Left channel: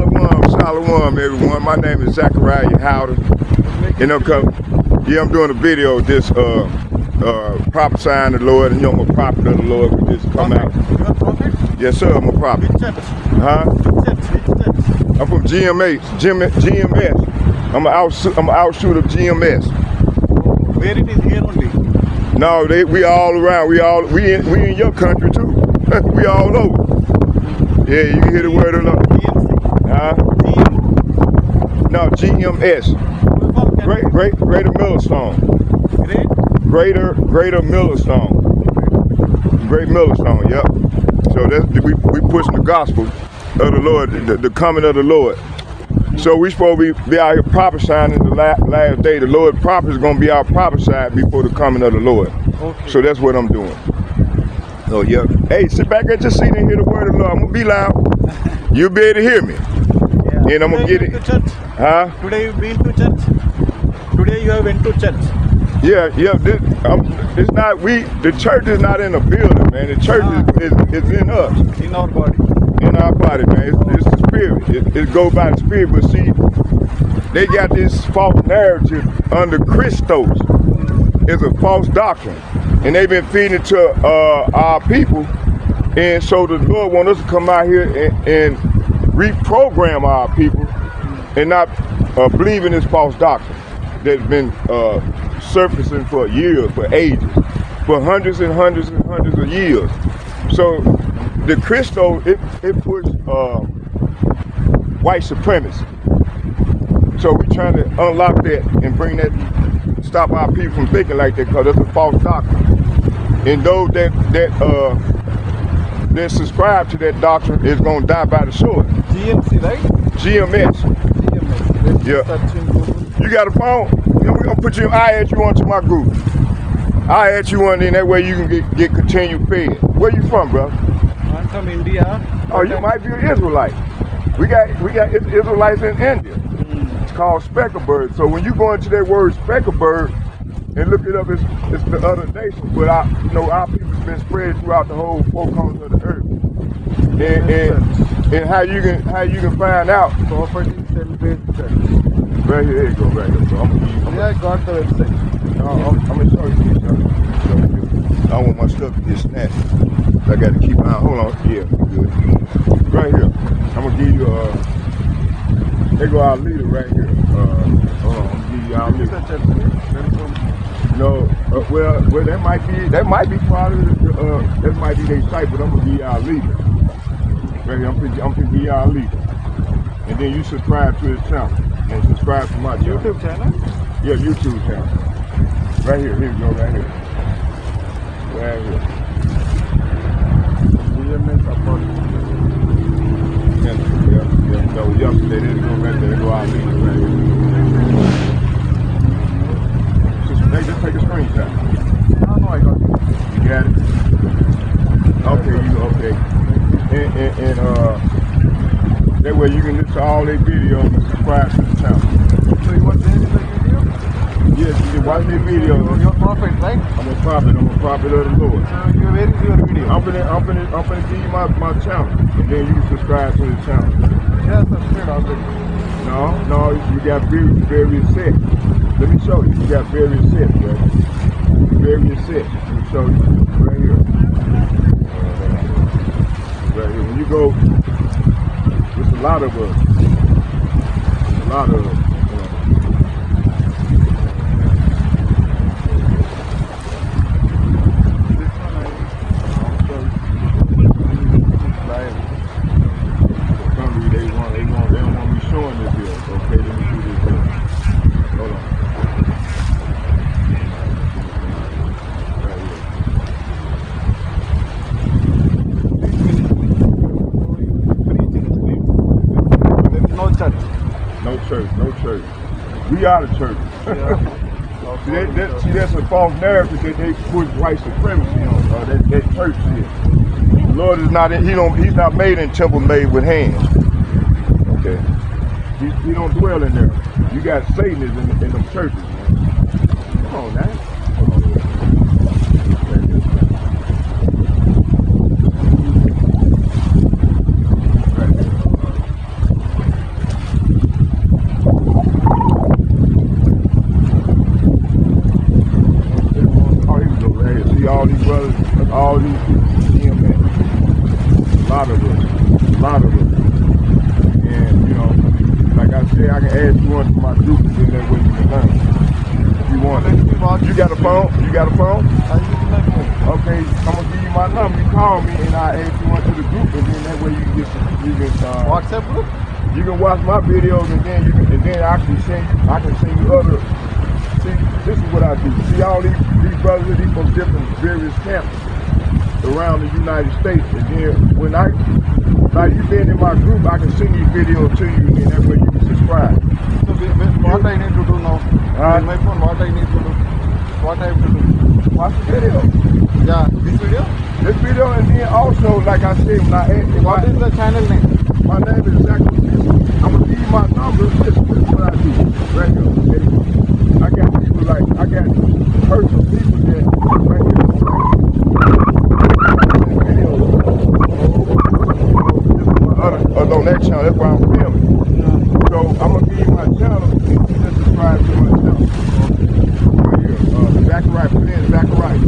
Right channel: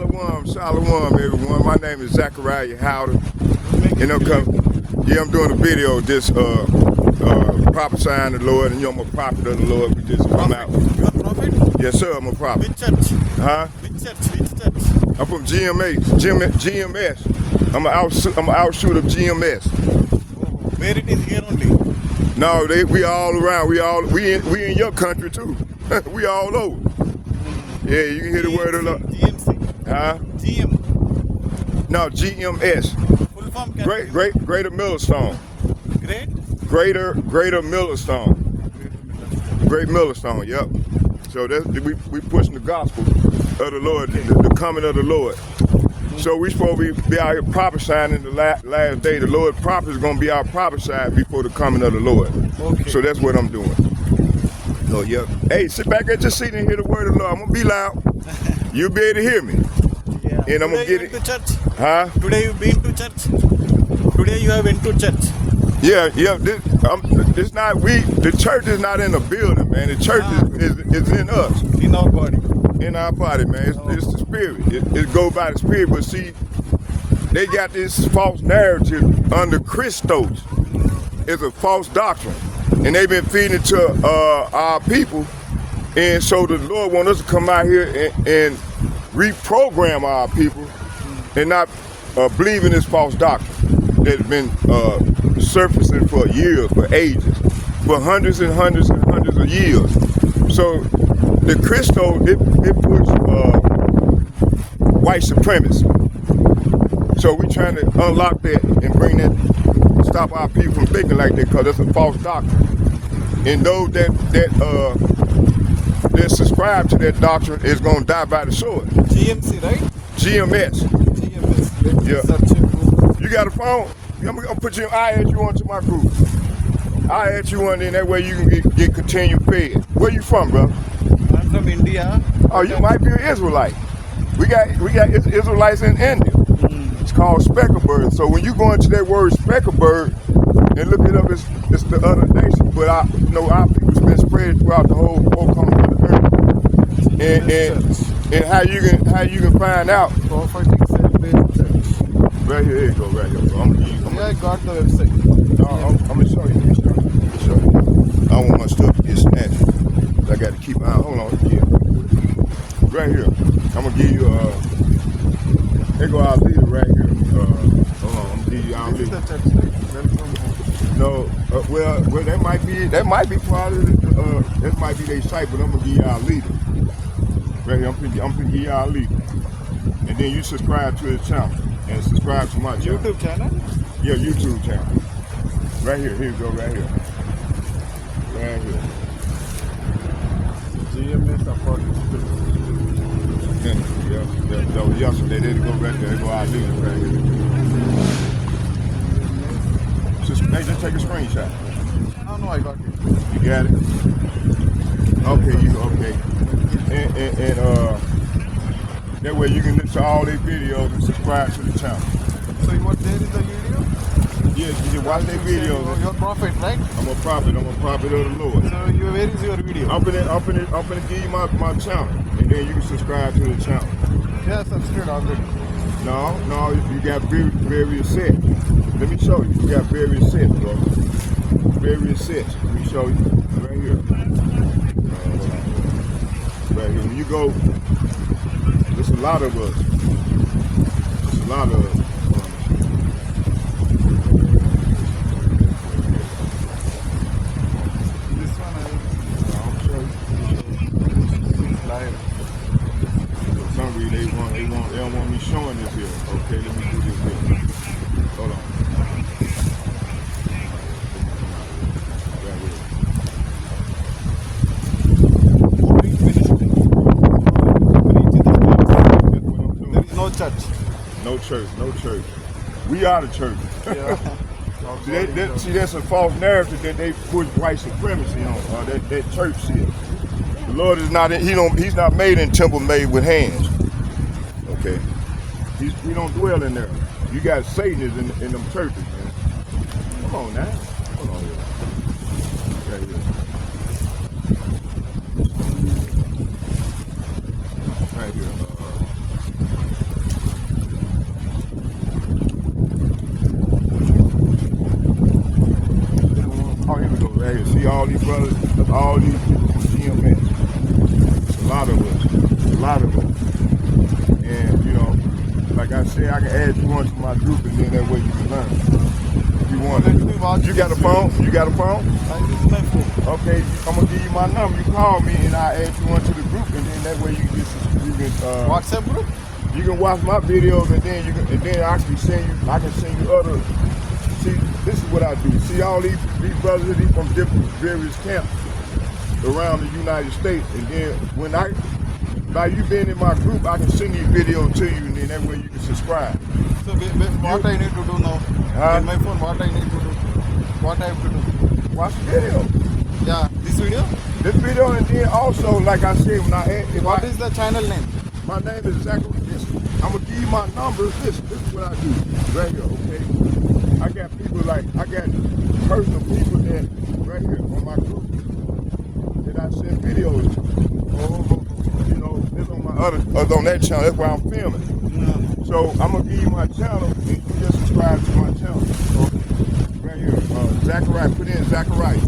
Shalom, everyone. My name is Zachariah Howder, and I'm doing a video of this prophesying the Lord, and I'm a prophet of the Lord. We just come out. You're a prophet? Yes, sir, I'm a prophet. Which church? Huh? Which church? I'm from GMS. I'm an outshoot of GMS. Where it is here only? No, we all around. We in your country too. We all over. Yeah, you can hear the word of the Lord. GMC? Huh? GM? No, GMS. Full form can Greater Millstone. Great? Greater Millstone. Great Millstone, yep. So that's we pushing the gospel of the Lord, the coming of the Lord. So we supposed to be out here prophesying in the last day. The Lord prophet is going to be out prophesying before the coming of the Lord. Okay. So that's what I'm doing. Oh, yeah. Hey, sit back at your seat and hear the word of the Lord. I'm going to be loud. You'll be able to hear me. Yeah. And I'm going to get it. To church? Huh? Today you been to church? Today you have went to church? Yeah. It's not, the church is not in a building, man. The church is in us. In our body. In our body, man. It's the spirit. It goes by the spirit. But see, they got this false narrative under Christos. It's a false doctrine. And they've been feeding it to our people. And so the Lord wants us to come out here and reprogram our people and not believe in this false doctrine that's been surfacing for years, for ages, for hundreds and hundreds and hundreds of years. So the Christo, it puts white supremacy. So we're trying to unlock that and bring that, stop our people from thinking like that, because that's a false doctrine. And those that subscribe to that doctrine is going to die by the sword. GMC, right? GMS. GMS. Yeah. You got a phone? We're going to put I add you onto my group. I add you on, and that way you can get continued fed. Where you from, bro? I'm from India. Oh, you might be an Israelite. We got Israelites in India. It's called specklebird. So when you go into that word specklebird and look it up, it's the other nation. But our people's been spread throughout the whole four corners of the earth. And how you can find out. Prophetic Faith Church. Right here, there you go, right there. I got the website. No, I'm gonna show you this stuff. I don't want my stuff to get snatched. I got to keep my hold on. Yeah, good. Right here. I'm gonna give you there go our leader right here. Hold on, give you our leader. No, well, that might be part of the, that might be their site, but I'm gonna give you our leader. Right here, I'm gonna give you our leader. And then you subscribe to the channel and subscribe to my channel. YouTube channel? Yeah, YouTube channel. Right here, here you go, right here. Right here. GMS support. Yeah, that was yesterday. There you go, right there. There go our leader, right here. Just take a screenshot. No, I got it. You got it? Okay. And that way you can listen to all their videos and subscribe to the channel. So you watch the video? Yes, you watch their videos. You're a prophet, right? I'm a prophet of the Lord. So where is your video? I'm gonna give you my channel, and then you subscribe to the channel. Yeah, subscribe already. No, you got various sets. Let me show you. You got various sets, bro. Various sets. Let me show you. Right here. Right here. When you go, there's a lot of us. There's a lot of us. No church. We are the church. Yeah. See, that's a false narrative that they put white supremacy on. That church shit. The Lord is not. He's not made in temple made with hands. Okay. He don't dwell in there. You got Satanists in them churches. Man. Come on now. Come on. Right here. say I can add you onto my group, and then that way you can learn. If you want it. You got a phone? You got a phone? I use my phone. Okay, I'm gonna give you my number. You call me, and I add you onto the group, and then that way you can WhatsApp group? you can watch my videos, and then I can send you other. See, this is what I do. See, all these brothers from different various campuses around the United States, and then when like you being in my group, I can send these videos to you, and then that way you can subscribe. So what I need to do now? On my phone, what I need to do? What I have to do? Watch the video. Yeah, this video? This video, and then also, like I said, when I add, What is the channel name? my name is exactly this. I'm gonna give you my number. This is what I do. Right here. Okay? I got people I got personal people that right here. I send videos. On that channel, that's why I'm filming. So I'm gonna give you my channel, and you can subscribe to my channel. Right here, Zachariah. Put in Zachariah.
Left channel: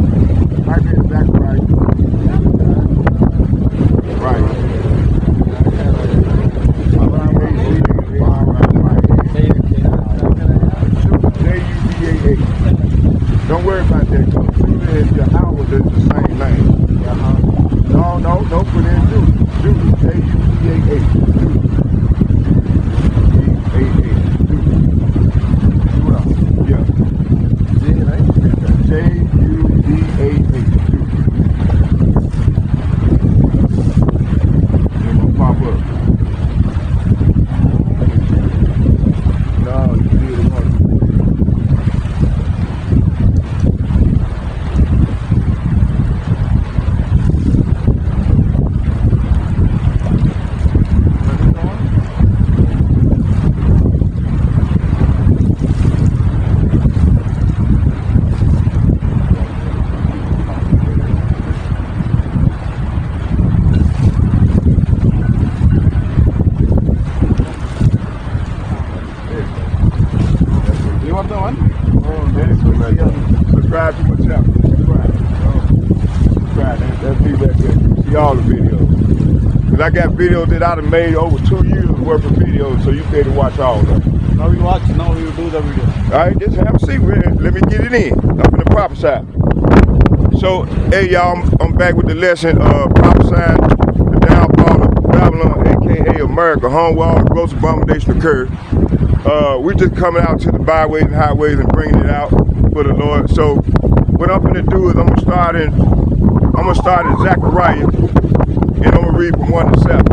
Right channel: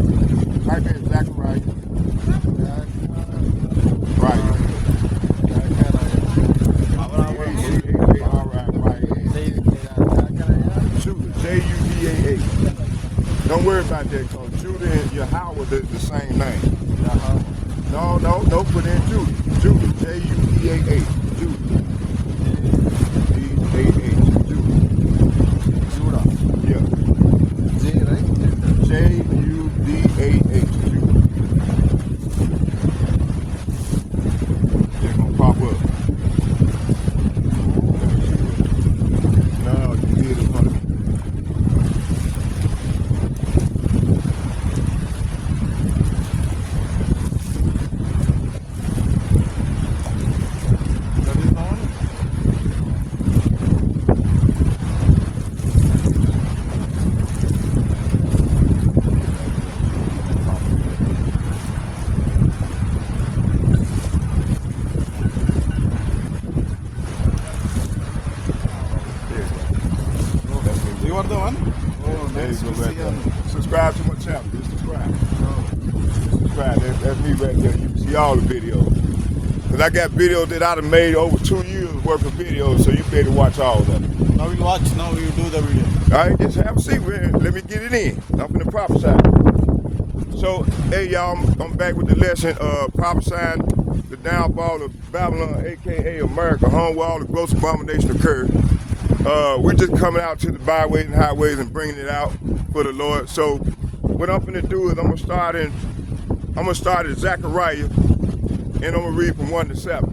Type in Zachariah. Right. Don't worry about that. Judah and Yahweh is the same name. No, don't put in Judah. Judah, J-U-D-A-H. Yeah. J, right? J-U-D-A-H. They're gonna pop up. No, you did it on You are the one? Subscribe to my channel. Subscribe. That's me right there. You can see all the videos. Because I got videos that I done made over 2 years worth of videos, so you can watch all of them. Now you watch, now you do the video. All right, just have a seat with it. Let me get it in. I'm in the prophesy. So, hey y'all, I'm back with the lesson prophesying the downfall of Babylon, aka America, home where all the gross abomination occurred. We're just coming out to the byways and highways and bringing it out for the Lord. So, what I'm gonna do is I'm gonna start in Zechariah, and I'm gonna read from 1 to 7.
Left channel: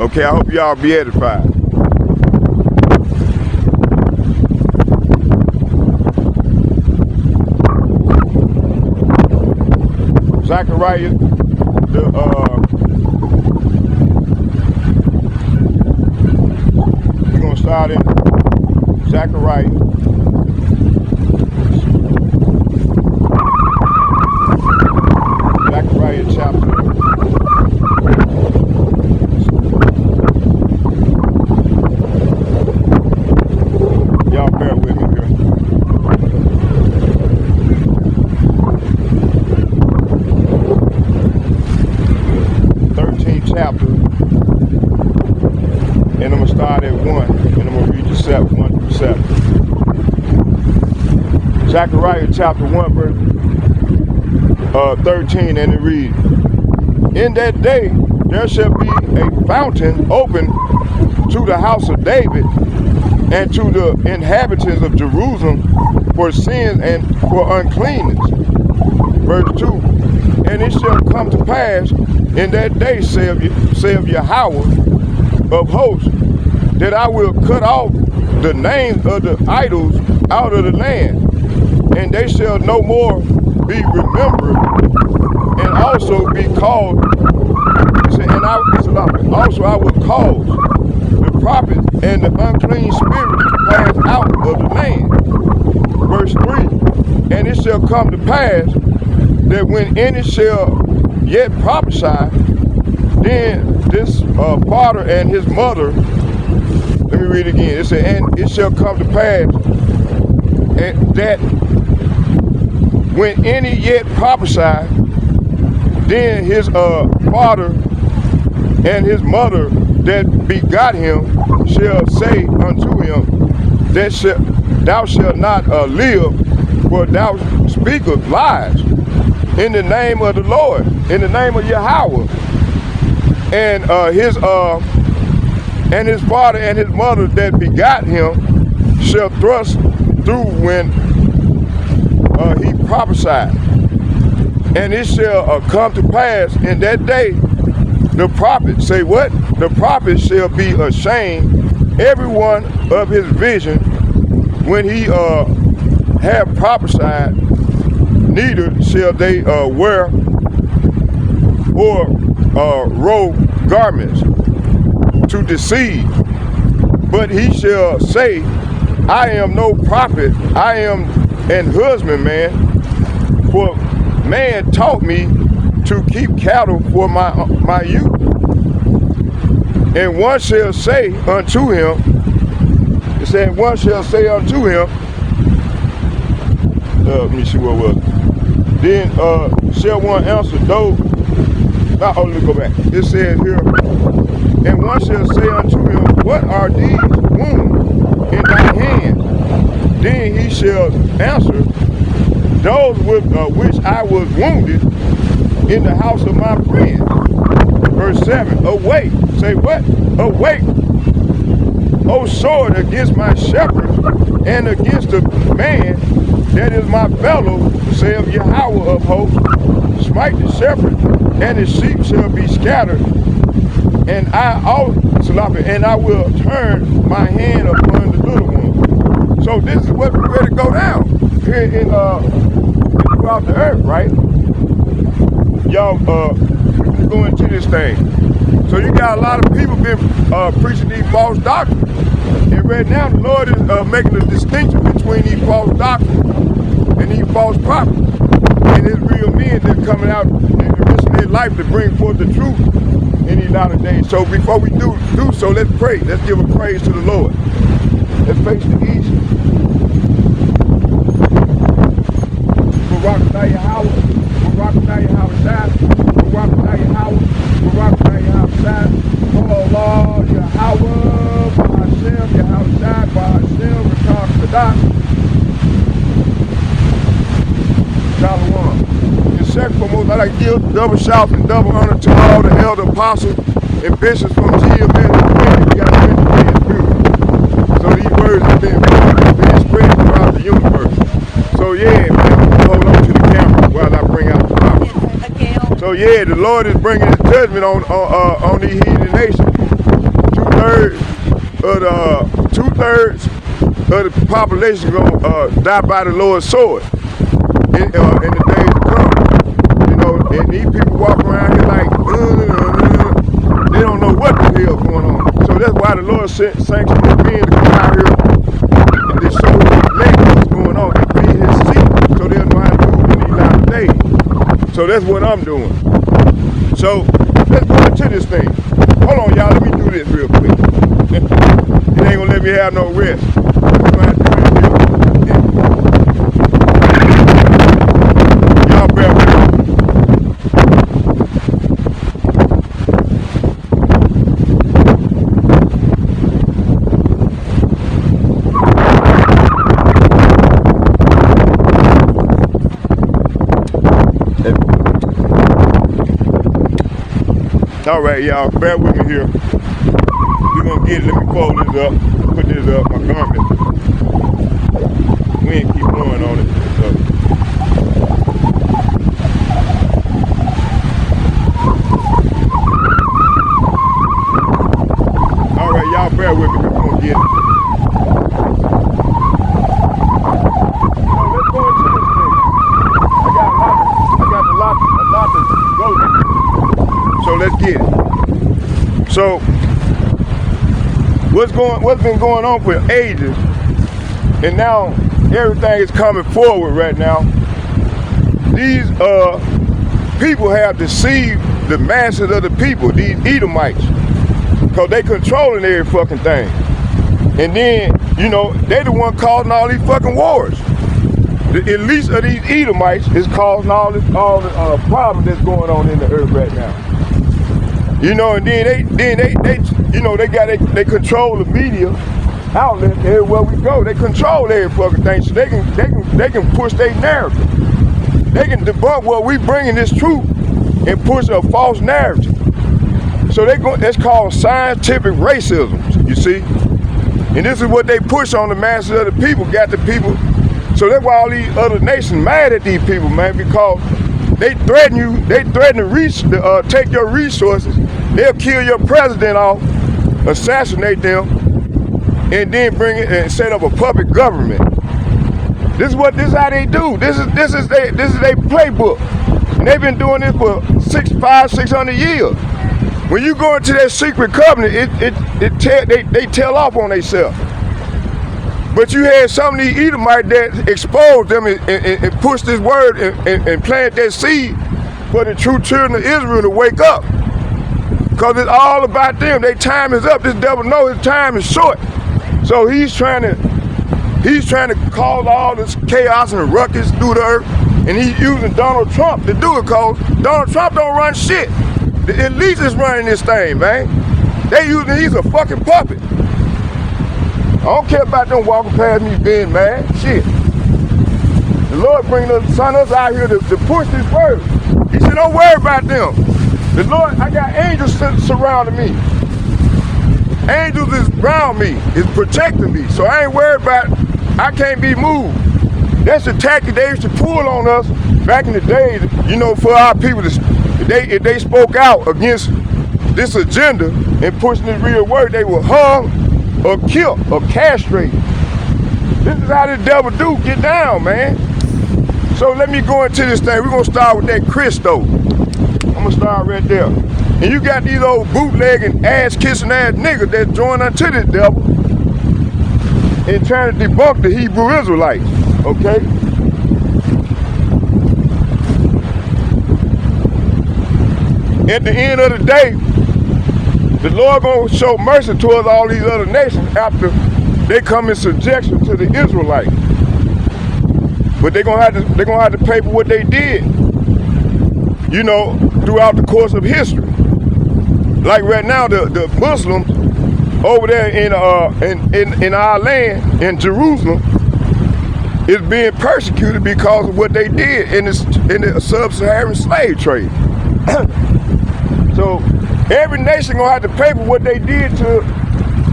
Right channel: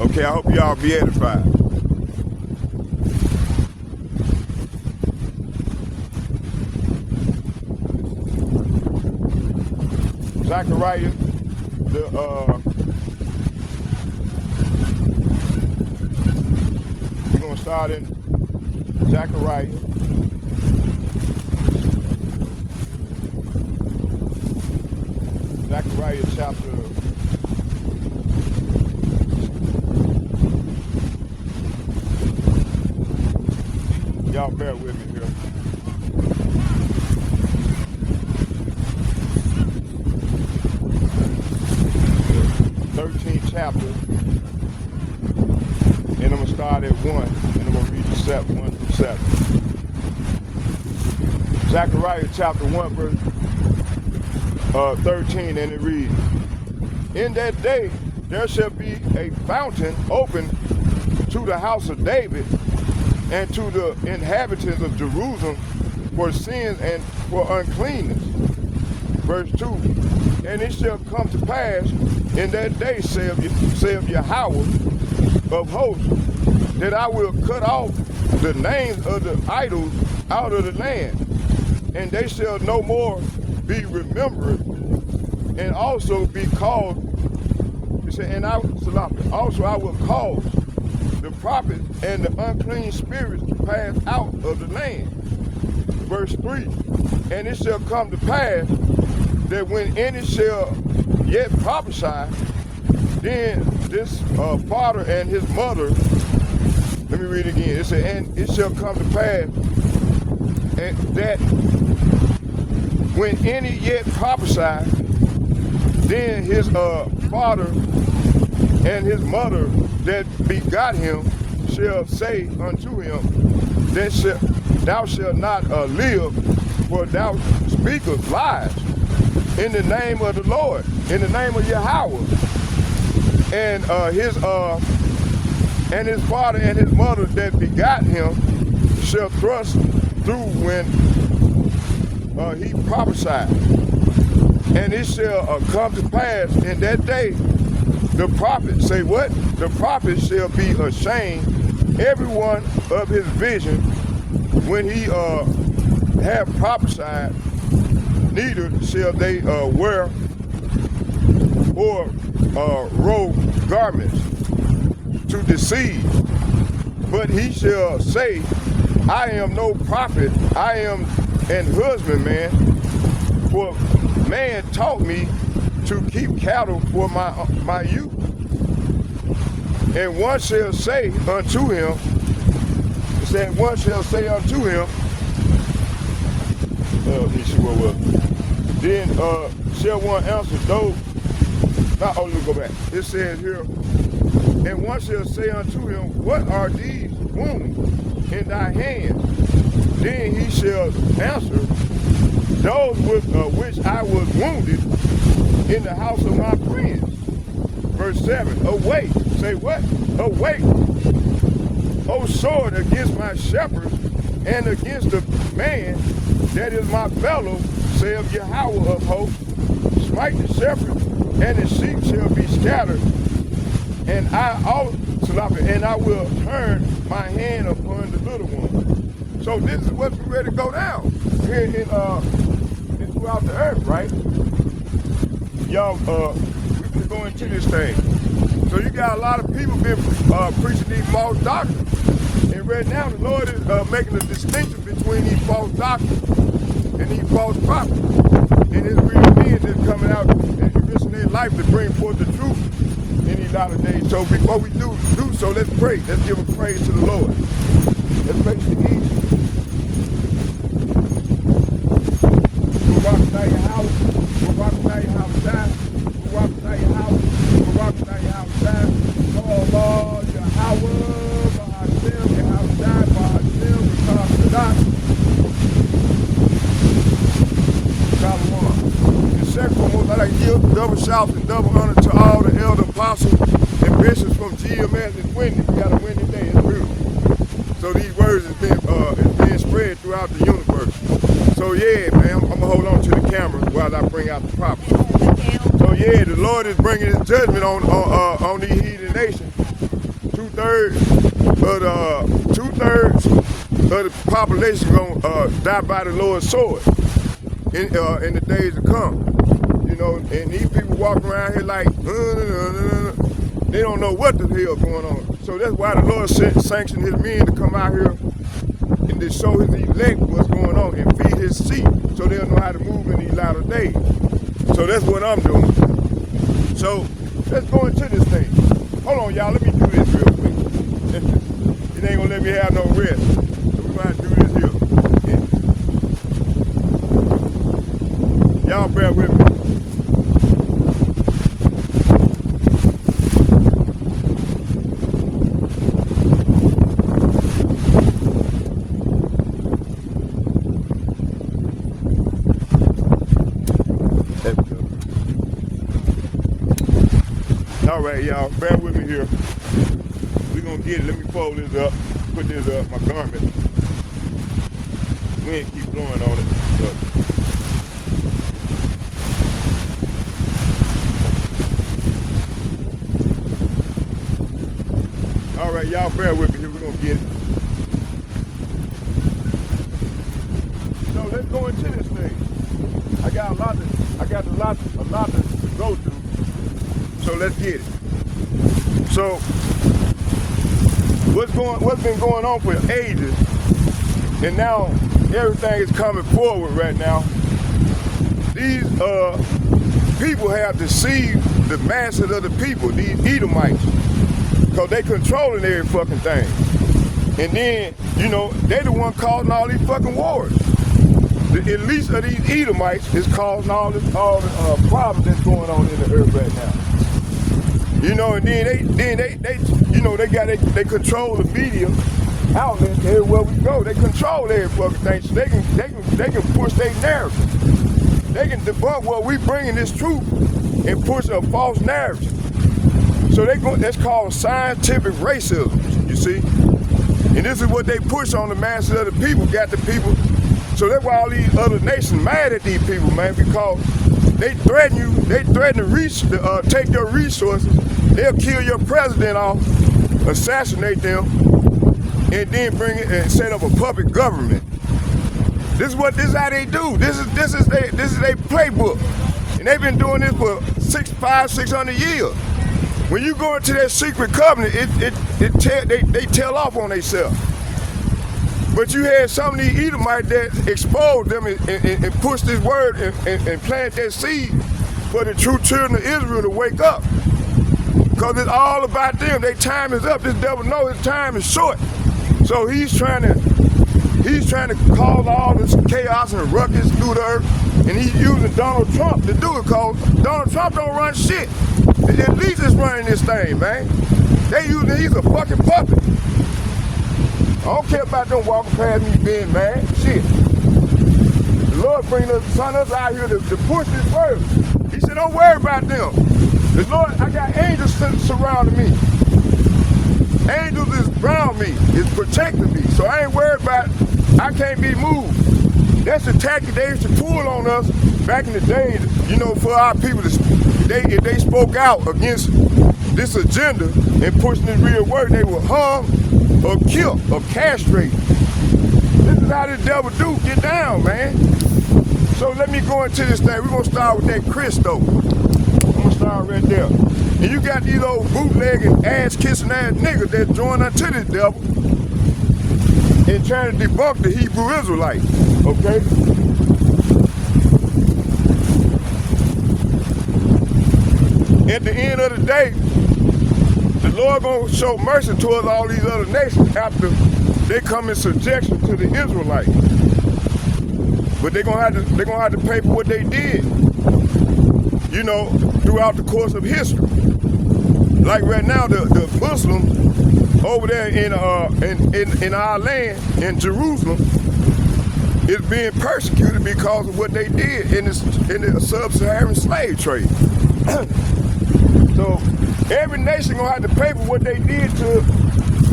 Okay, I hope y'all be edified. Zechariah, we're gonna start in Zechariah. Zechariah chapter 13th chapter, and I'm gonna start at 1, and I'm gonna read you 1 through 7. Zechariah chapter 1, verse 13, and it reads, "In that day there shall be a fountain open to the house of David and to the inhabitants of Jerusalem for sins and for uncleanness." Verse 2, "And it shall come to pass in that day, saith Yahweh of hosts, that I will cut off the names of the idols out of the land, and they shall no more be remembered, and also be called." And also I will cause the prophets and the unclean spirits to pass out of the land. Verse 3, "And it shall come to pass that when any shall yet prophesy, then this father and his mother," let me read it again. It said, "And it shall come to pass that when any yet prophesy, then his father and his mother that begot him shall say unto him, thou shalt not live, for thou speakest lies in the name of the Lord, in the name of Yahweh. And his father and his mother that begot him shall thrust through when he prophesied. And it shall come to pass in that day, the prophet, say what? The prophet shall be ashamed, every one of his vision, when he have prophesied, neither shall they wear or robe garments to deceive. But he shall say, I am no prophet, I am an husbandman, for man taught me to keep cattle for my youth. And one shall say unto him, it said, one shall say unto him, let me see what was. Then shall one answer, though, not only go back. It says here, and one shall say unto him, what are these wounds in thy hand? Then he shall answer, those with which I was wounded in the house of my friend. Verse 7, awake. Say what? Awake, O sword, against my shepherd and against the man that is my fellow, saith Yahweh of hosts. Smite the shepherd, and the sheep shall be scattered. And I will turn my hand upon the little one. So this is what's ready to go down here in throughout the earth, right? Y'all go into this thing. So you got a lot of people been preaching these false doctrines. And right now the Lord is making a distinction between these false doctrines and these false prophets. And it's real men that are coming out and risking their life to bring forth the truth in these latter days. So before we do so, let's pray. Let's give a praise to the Lord. Let's face the east. We'll rock without Yahweh. We'll rock without Yahweh side. We'll rock without Yahweh. We'll rock without Yahweh side. Oh Lord, Yahweh, by ourselves, Yahweh side, by ourselves, we talk to that. Shalom. And second foremost, I'd like to give double shouts and double honor to all the elder apostles and bishops from GMS. So these words have been spread throughout the universe. So yeah, man, I'm gonna hold on to the camera while I bring out the prophet. So yeah, the Lord is bringing his judgment on these heathen nations. Two-thirds of the population gonna die by the Lord's sword in the days to come. You know, and these people walk around here like, they don't know what the hell going on. So that's why the Lord sent sanctions on being to come out here and to show his elect what's going on and feed his sheep so they'll know how to move in these latter days. So that's what I'm doing. So let's go into this thing. Hold on, y'all. Let me do this real quick. It ain't gonna let me have no rest. Y'all bear with me. All right, y'all, bear with me here. We're gonna get it. Let me fold this up, put this up, my garment. We ain't keep blowing on it. So. All right, y'all, bear with me. We're gonna get it. Let's go into this thing. I got a lot to go to. So let's get it. So what's been going on for ages, and now everything is coming forward right now. These people have deceived the masses of the people, these Edomites, because they controlling every fucking thing. And then, you know, they the one causing all these fucking wars. The elite of these Edomites is causing all the problems that's going on in the earth right now. You know, and then they you know, they control the media outlet everywhere we go. They control every fucking thing, so they can push their narrative. They can debunk what we bringing this truth and push a false narrative. So that's called scientific racism, you see? And this is what they push on the masses of the people, got the people. So that's why all these other nations mad at these people, man, because they threaten you, they threaten to take your resources, they'll kill your president off, assassinate them, and then bring it and set up a puppet government. This is how they do. This is their playbook. And they've been doing this for 600 years. When you go into that secret covenant, they tell off on themselves. But you had some of these Edomites that exposed them and pushed this word and planted that seed for the true children of Israel to wake up. Because it's all about them. Their time is up. This devil knows his time is short. So he's trying to cause all this chaos and ruckus through the earth. And he's using Donald Trump to do it, because Donald Trump don't run shit. The elites is running this thing, man. He's a fucking puppet. I don't care about them walking past me being mad. Shit. The Lord bringing us out here to push this word. He said, don't worry about them. The Lord, I got angels surrounding me. Angels is around me, is protecting me. So I ain't worried about, I can't be moved. That's the tactic they used to pull on us back in the day, you know, for our people to, if they spoke out against this agenda and pushing this real word, they were hung or killed or castrated. This is how the devil do get down, man. So let me go into this thing. We're gonna start with that Christo. I'm gonna start right there. And you got these old bootlegging, ass-kissing ass niggas that join unto this devil and trying to debunk the Hebrew Israelites, okay? At the end of the day, the Lord gonna show mercy towards all these other nations after they come in subjection to the Israelites. But they're gonna have to pay for what they did, you know, throughout the course of history. Like right now, the Muslims over there in our land, in Jerusalem, is being persecuted because of what they did in the sub-Saharan slave trade. So every nation gonna have to pay for what they did to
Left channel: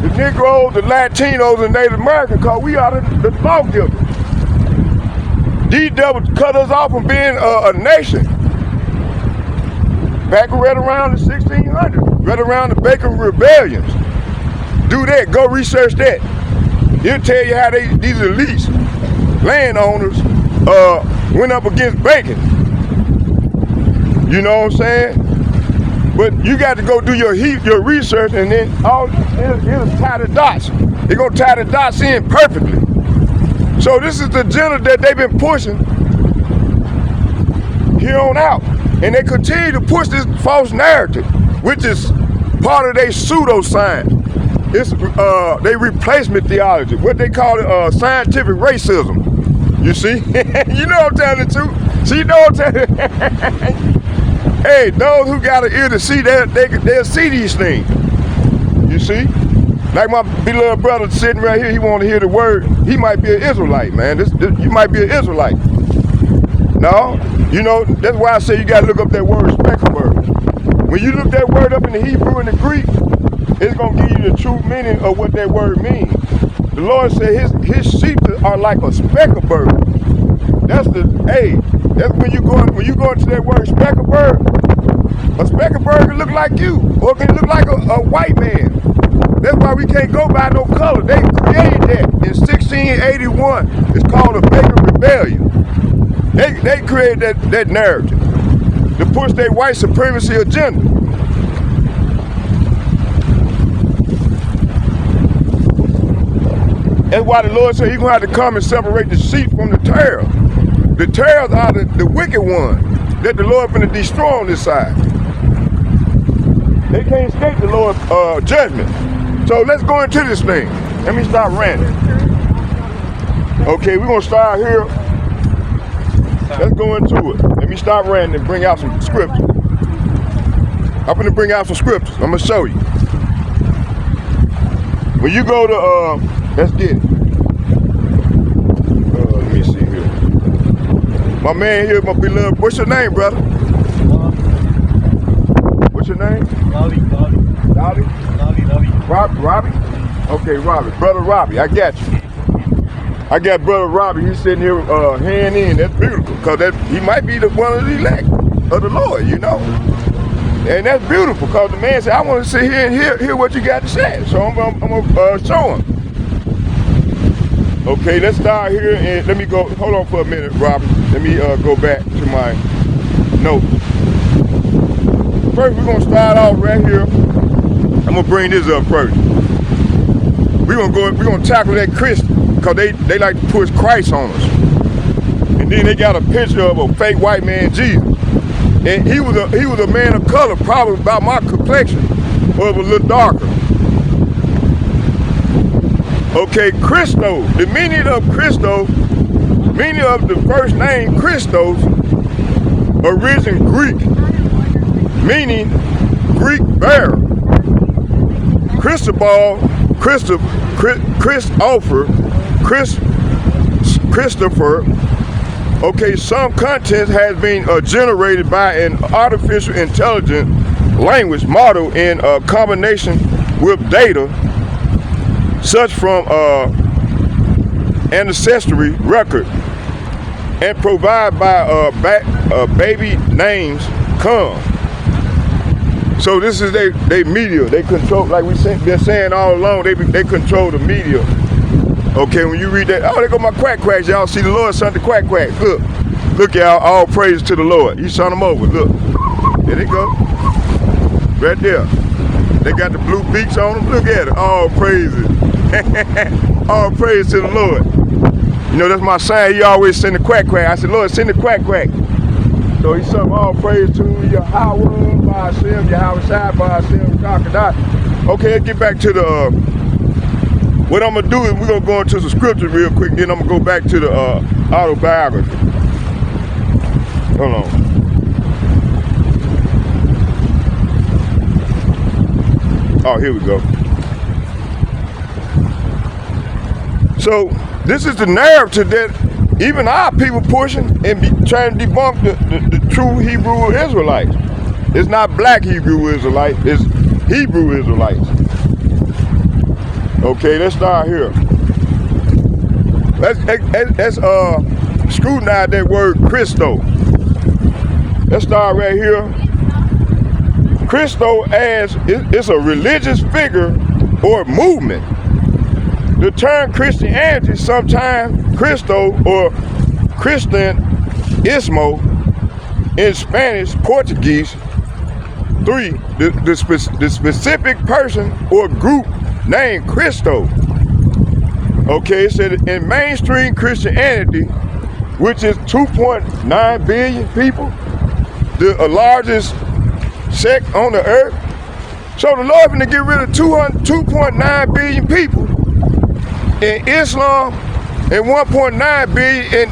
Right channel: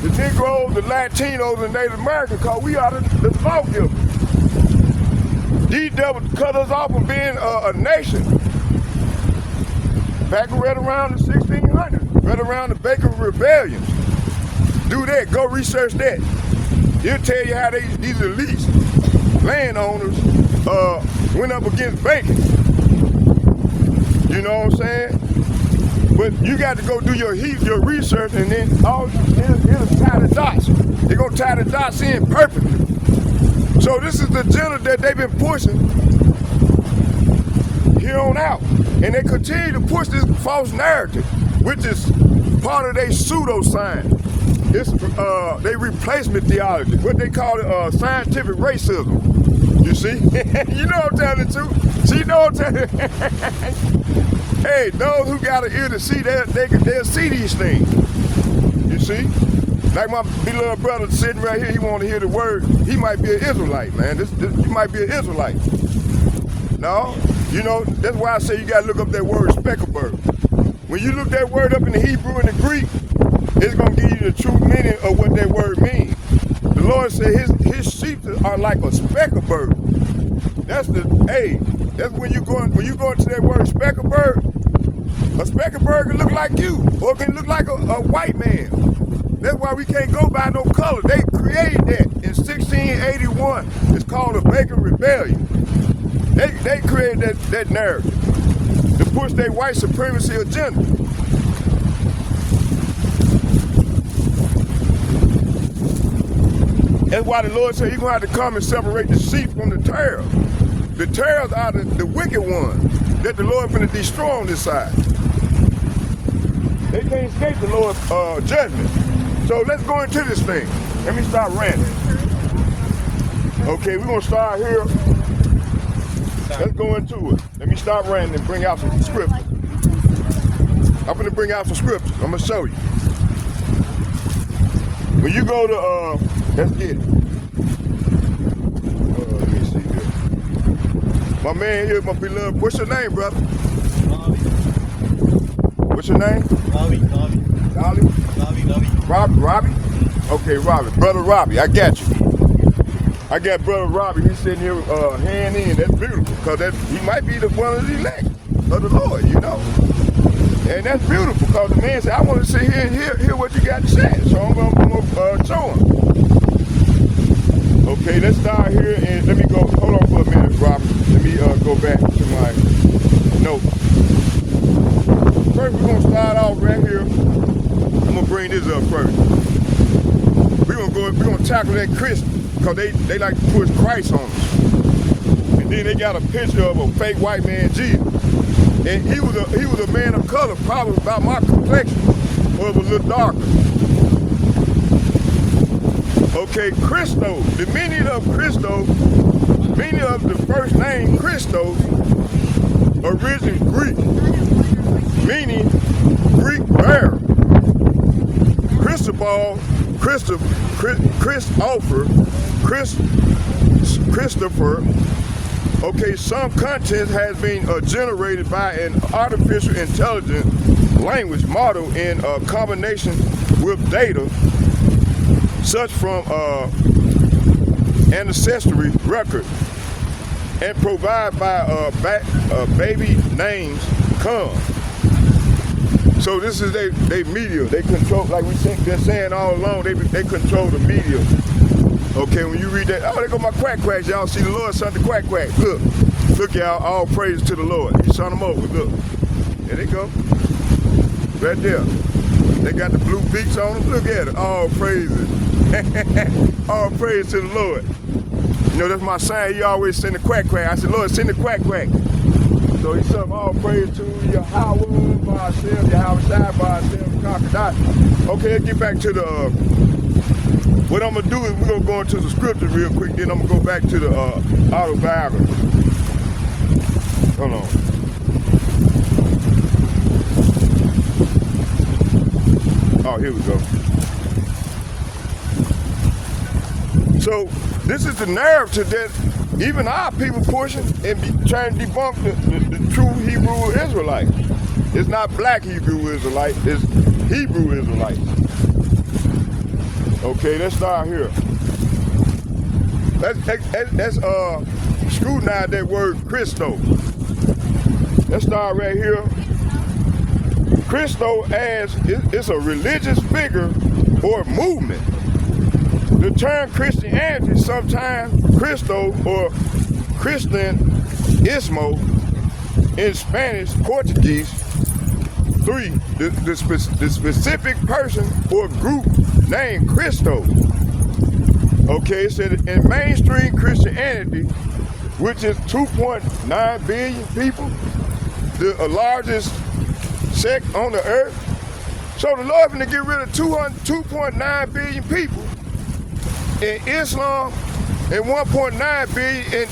the Negroes, the Latinos, and Native Americans, because we are the lawgivers. These devils cut us off from being a nation. Back right around the 1600s, right around the Bacon Rebellions. Do that, go research that. It'll tell you how these elites, landowners, went up against Bacon. You know what I'm saying? But you got to go do your research, and then it'll tie the dots. They're gonna tie the dots in perfectly. So this is the agenda that they've been pushing here on out. And they continue to push this false narrative, which is part of their pseudoscience. It's their replacement theology, what they call it scientific racism. You see? You know what I'm telling the truth. See, you know what I'm telling Hey, those who got an ear to see, they'll see these things. You see? Like my beloved brother sitting right here, he want to hear the word. He might be an Israelite, man. You might be an Israelite. No? You know, that's why I say you got to look up that word specklebird. When you look that word up in the Hebrew and the Greek, it's going to give you the true meaning of what that word means. The Lord said his sheep are like a speckled bird. That's when you go into that word speckled bird. A speckled bird can look like you, or it can look like a white man. That's why we can't go by no color. They created that in 1681. It's called the Bacon Rebellion. They created that narrative to push their white supremacy agenda. That's why the Lord said he's going to have to come and separate the sheep from the tares. The tares are the wicked ones that the Lord going to destroy on this side. They can't escape the Lord's judgment. So let's go into this thing. Let me start ranting. Okay, we're going to start here. Let's go into it. Let me start ranting and bring out some scripture. I'm gonna bring out some scriptures. I'm gonna show you. When you go to, let's get it. Let me see here. My man here, my beloved. What's your name, brother? What's your name? Ravi. Dolly? Ravi. Robbie? Okay, Robbie. Brother Robbie, I got you. I got Brother Robbie. He's sitting here hand in. That's beautiful. Because he might be one of the elect of the Lord, you know. And that's beautiful because the man said, I want to sit here and hear what you got to say. So I'm going to show him. Okay, let's start here and let me go. Hold on for a minute, Robbie. Let me go back to my notes. First, we're going to start off right here. I'm going to bring this up first. We're going to tackle that Christian because they like to push Christ on us. And then they got a picture of a fake white man, Jesus. And he was a man of color, probably about my complexion, or a little darker. Okay, Christos. The meaning of Christos, meaning of the first name Christos, origin Greek, meaning Greek bear. Christopher. Okay, some content has been generated by an artificial intelligence language model in combination with data, such from ancestry record, and provided by baby names come. So this is they media. They control, like we've been saying all along, they control the media. Okay, when you read that, oh, there go my quack quacks. Y'all see the Lord sent the quack quack. Look, y'all, all praise to the Lord. He sent them over. Look, there they go. Right there. They got the blue beaks on them. Look at it. All praises. All praise to the Lord. You know, that's my son. He always send the quack quack. I said, Lord, send the quack quack. So he sung all praise to Yahweh, Ba'ashem, Yahweh Shai, Ba'ashem, Crocodile. Okay, let's get back to the, what I'm going to do is we're going to go into the scriptures real quick, then I'm going to go back to the autobiography. Hold on. Oh, here we go. So this is the narrative that even our people pushing and trying to debunk the true Hebrew Israelites. It's not black Hebrew Israelites, it's Hebrew Israelites. Okay, let's start here. Let's scrutinize that word Christo. Let's start right here. Christo as it's a religious figure or movement. The term Christianity, sometimes Christo or Cristianismo in Spanish, Portuguese. 3, the specific person or group named Christo. Okay, it said in mainstream Christianity, which is 2.9 billion people, the largest sect on the earth. So the Lord going to get rid of 2.9 billion people. In Islam, and 1.9 billion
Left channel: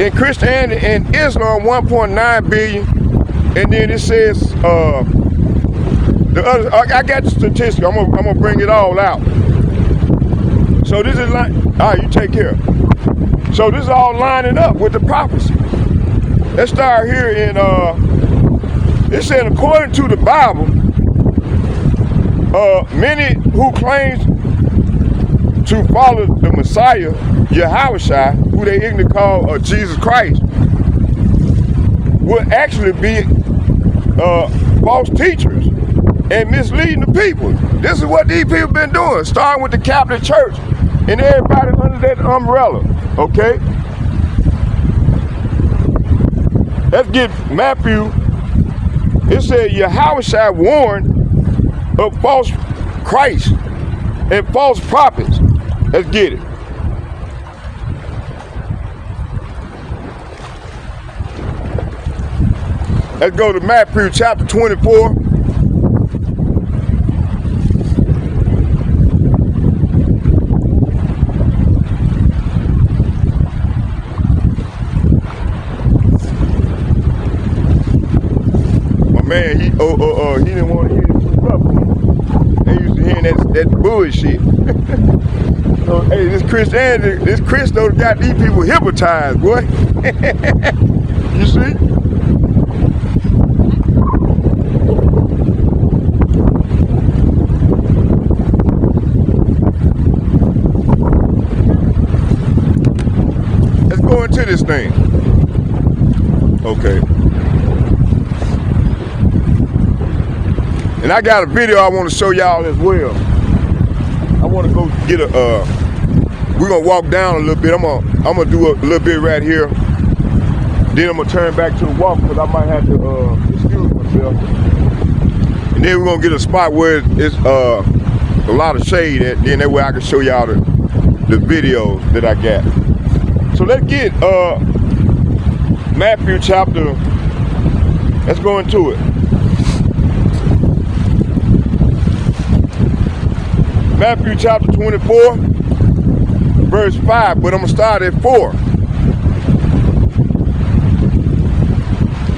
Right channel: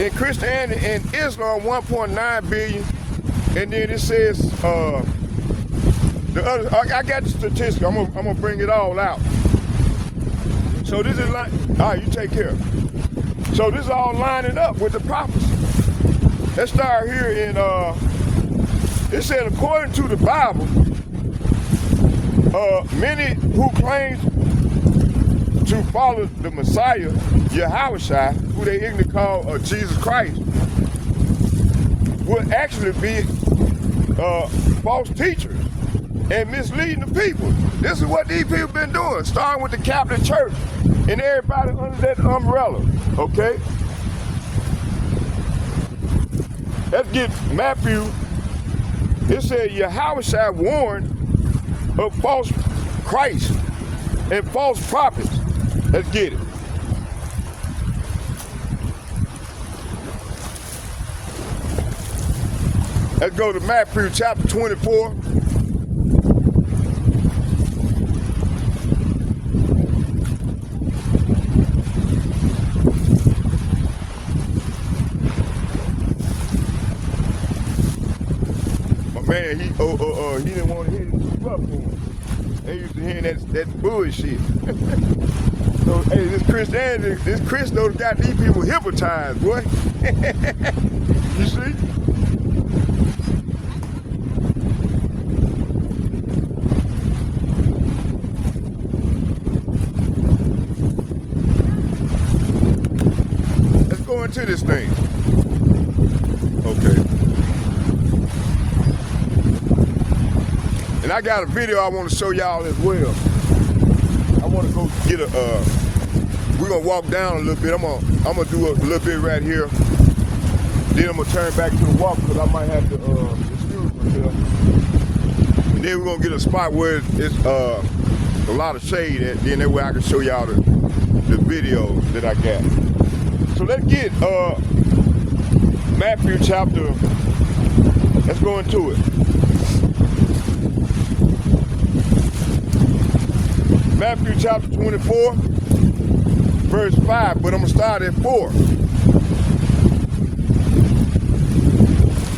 in Christianity and Islam, 1.9 billion. And then it says the other. I got the statistics. I'm gonna bring it all out. So this is like, all right, you take care. So this is all lining up with the prophecy. Let's start here in. It said according to the Bible, many who claim to follow the Messiah, Yahushua, who they ignorantly call Jesus Christ, will actually be false teachers and misleading the people. This is what these people been doing, starting with the Catholic Church and everybody under that umbrella, okay? Let's get Matthew. It said Yahushua warned of false Christ and false prophets. Let's get it. Let's go to Matthew chapter 24. My man saying he didn't want to hear this stuff. They used to hear that bullshit. So hey, this Christianity, this Christo got these people hypnotized, boy. You see? Let's go into this thing. Okay. And I got a video I want to show y'all as well. I want to go get a, we're gonna walk down a little bit. I'm gonna do a little bit right here. Then I'm gonna turn back to the walk because I might have to excuse myself. And then we're gonna get a spot where it's a lot of shade at, then that way I can show y'all the videos that I got. So let's get Matthew chapter, let's go into it. Matthew chapter 24, verse 5, but I'm gonna start at 4.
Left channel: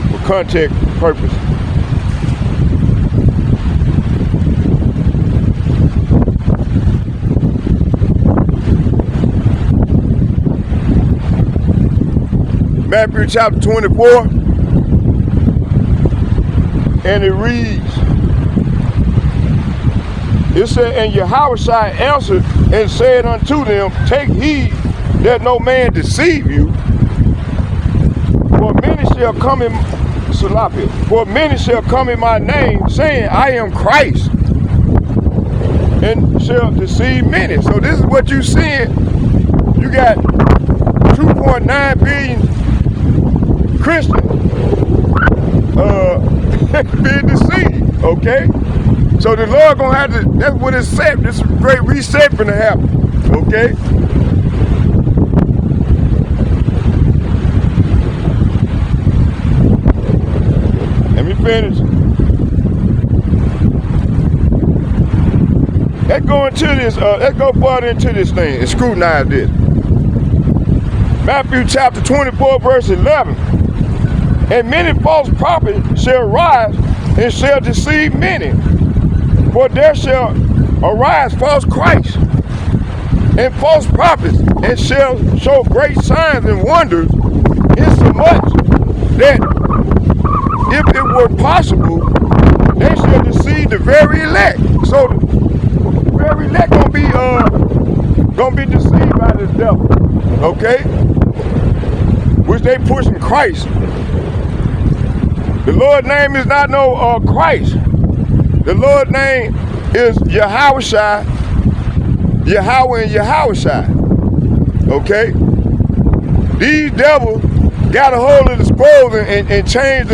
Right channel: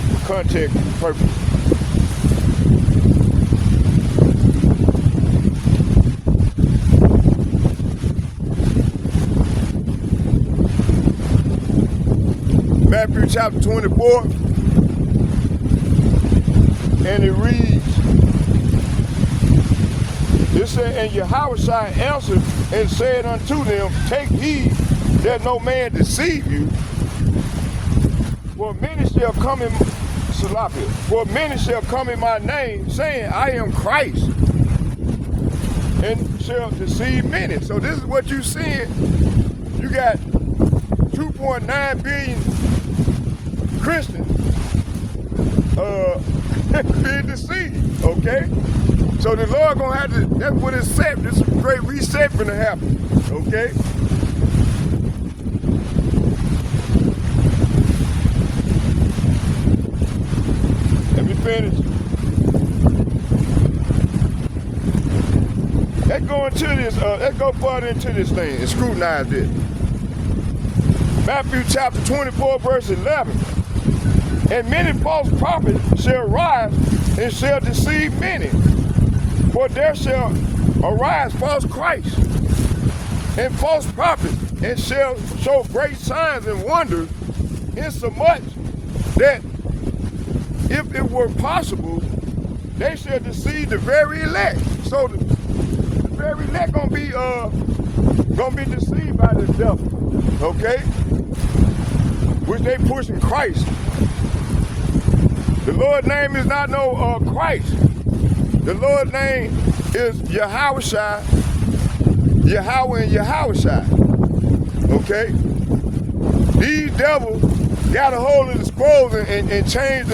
For context purpose. Matthew chapter 24, and it reads, it said, and Yahushua answered and said unto them, take heed that no man deceive you, for many shall come in my name, saying, I am Christ, and shall deceive many. So this is what you seeing. You got 2.9 billion Christians being deceived, okay? So the Lord gonna have to, that's what it said, this great reset gonna happen, okay? Let me finish. Let's go into this, let's go further into this thing and scrutinize this. Matthew chapter 24, verse 11. And many false prophets shall rise and shall deceive many. For there shall arise false Christs and false prophets, and shall show great signs and wonders, insomuch that if it were possible, they shall deceive the very elect. So the very elect gonna be deceived by this devil, okay? Which they pushing Christ. The Lord's name is not no Christ. The Lord's name is Yahushua, Yahweh and Yahushua. Okay? These devils got a hold of the scrolls and changed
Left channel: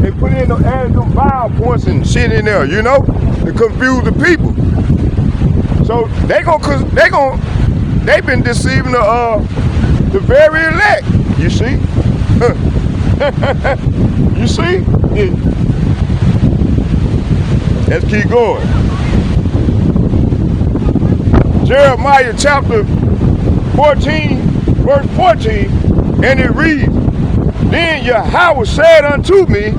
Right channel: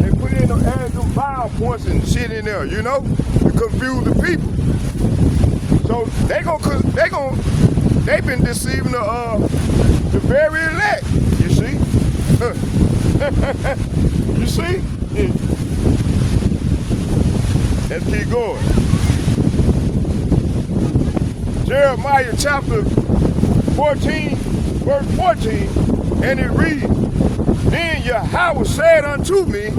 they put in them, added some vowel points and shit in there, you know, to confuse the people. So they've been deceiving the very elect, you see? You see? Yeah. Let's keep going. Jeremiah chapter 14, verse 14, and it reads, then Yahweh said unto me,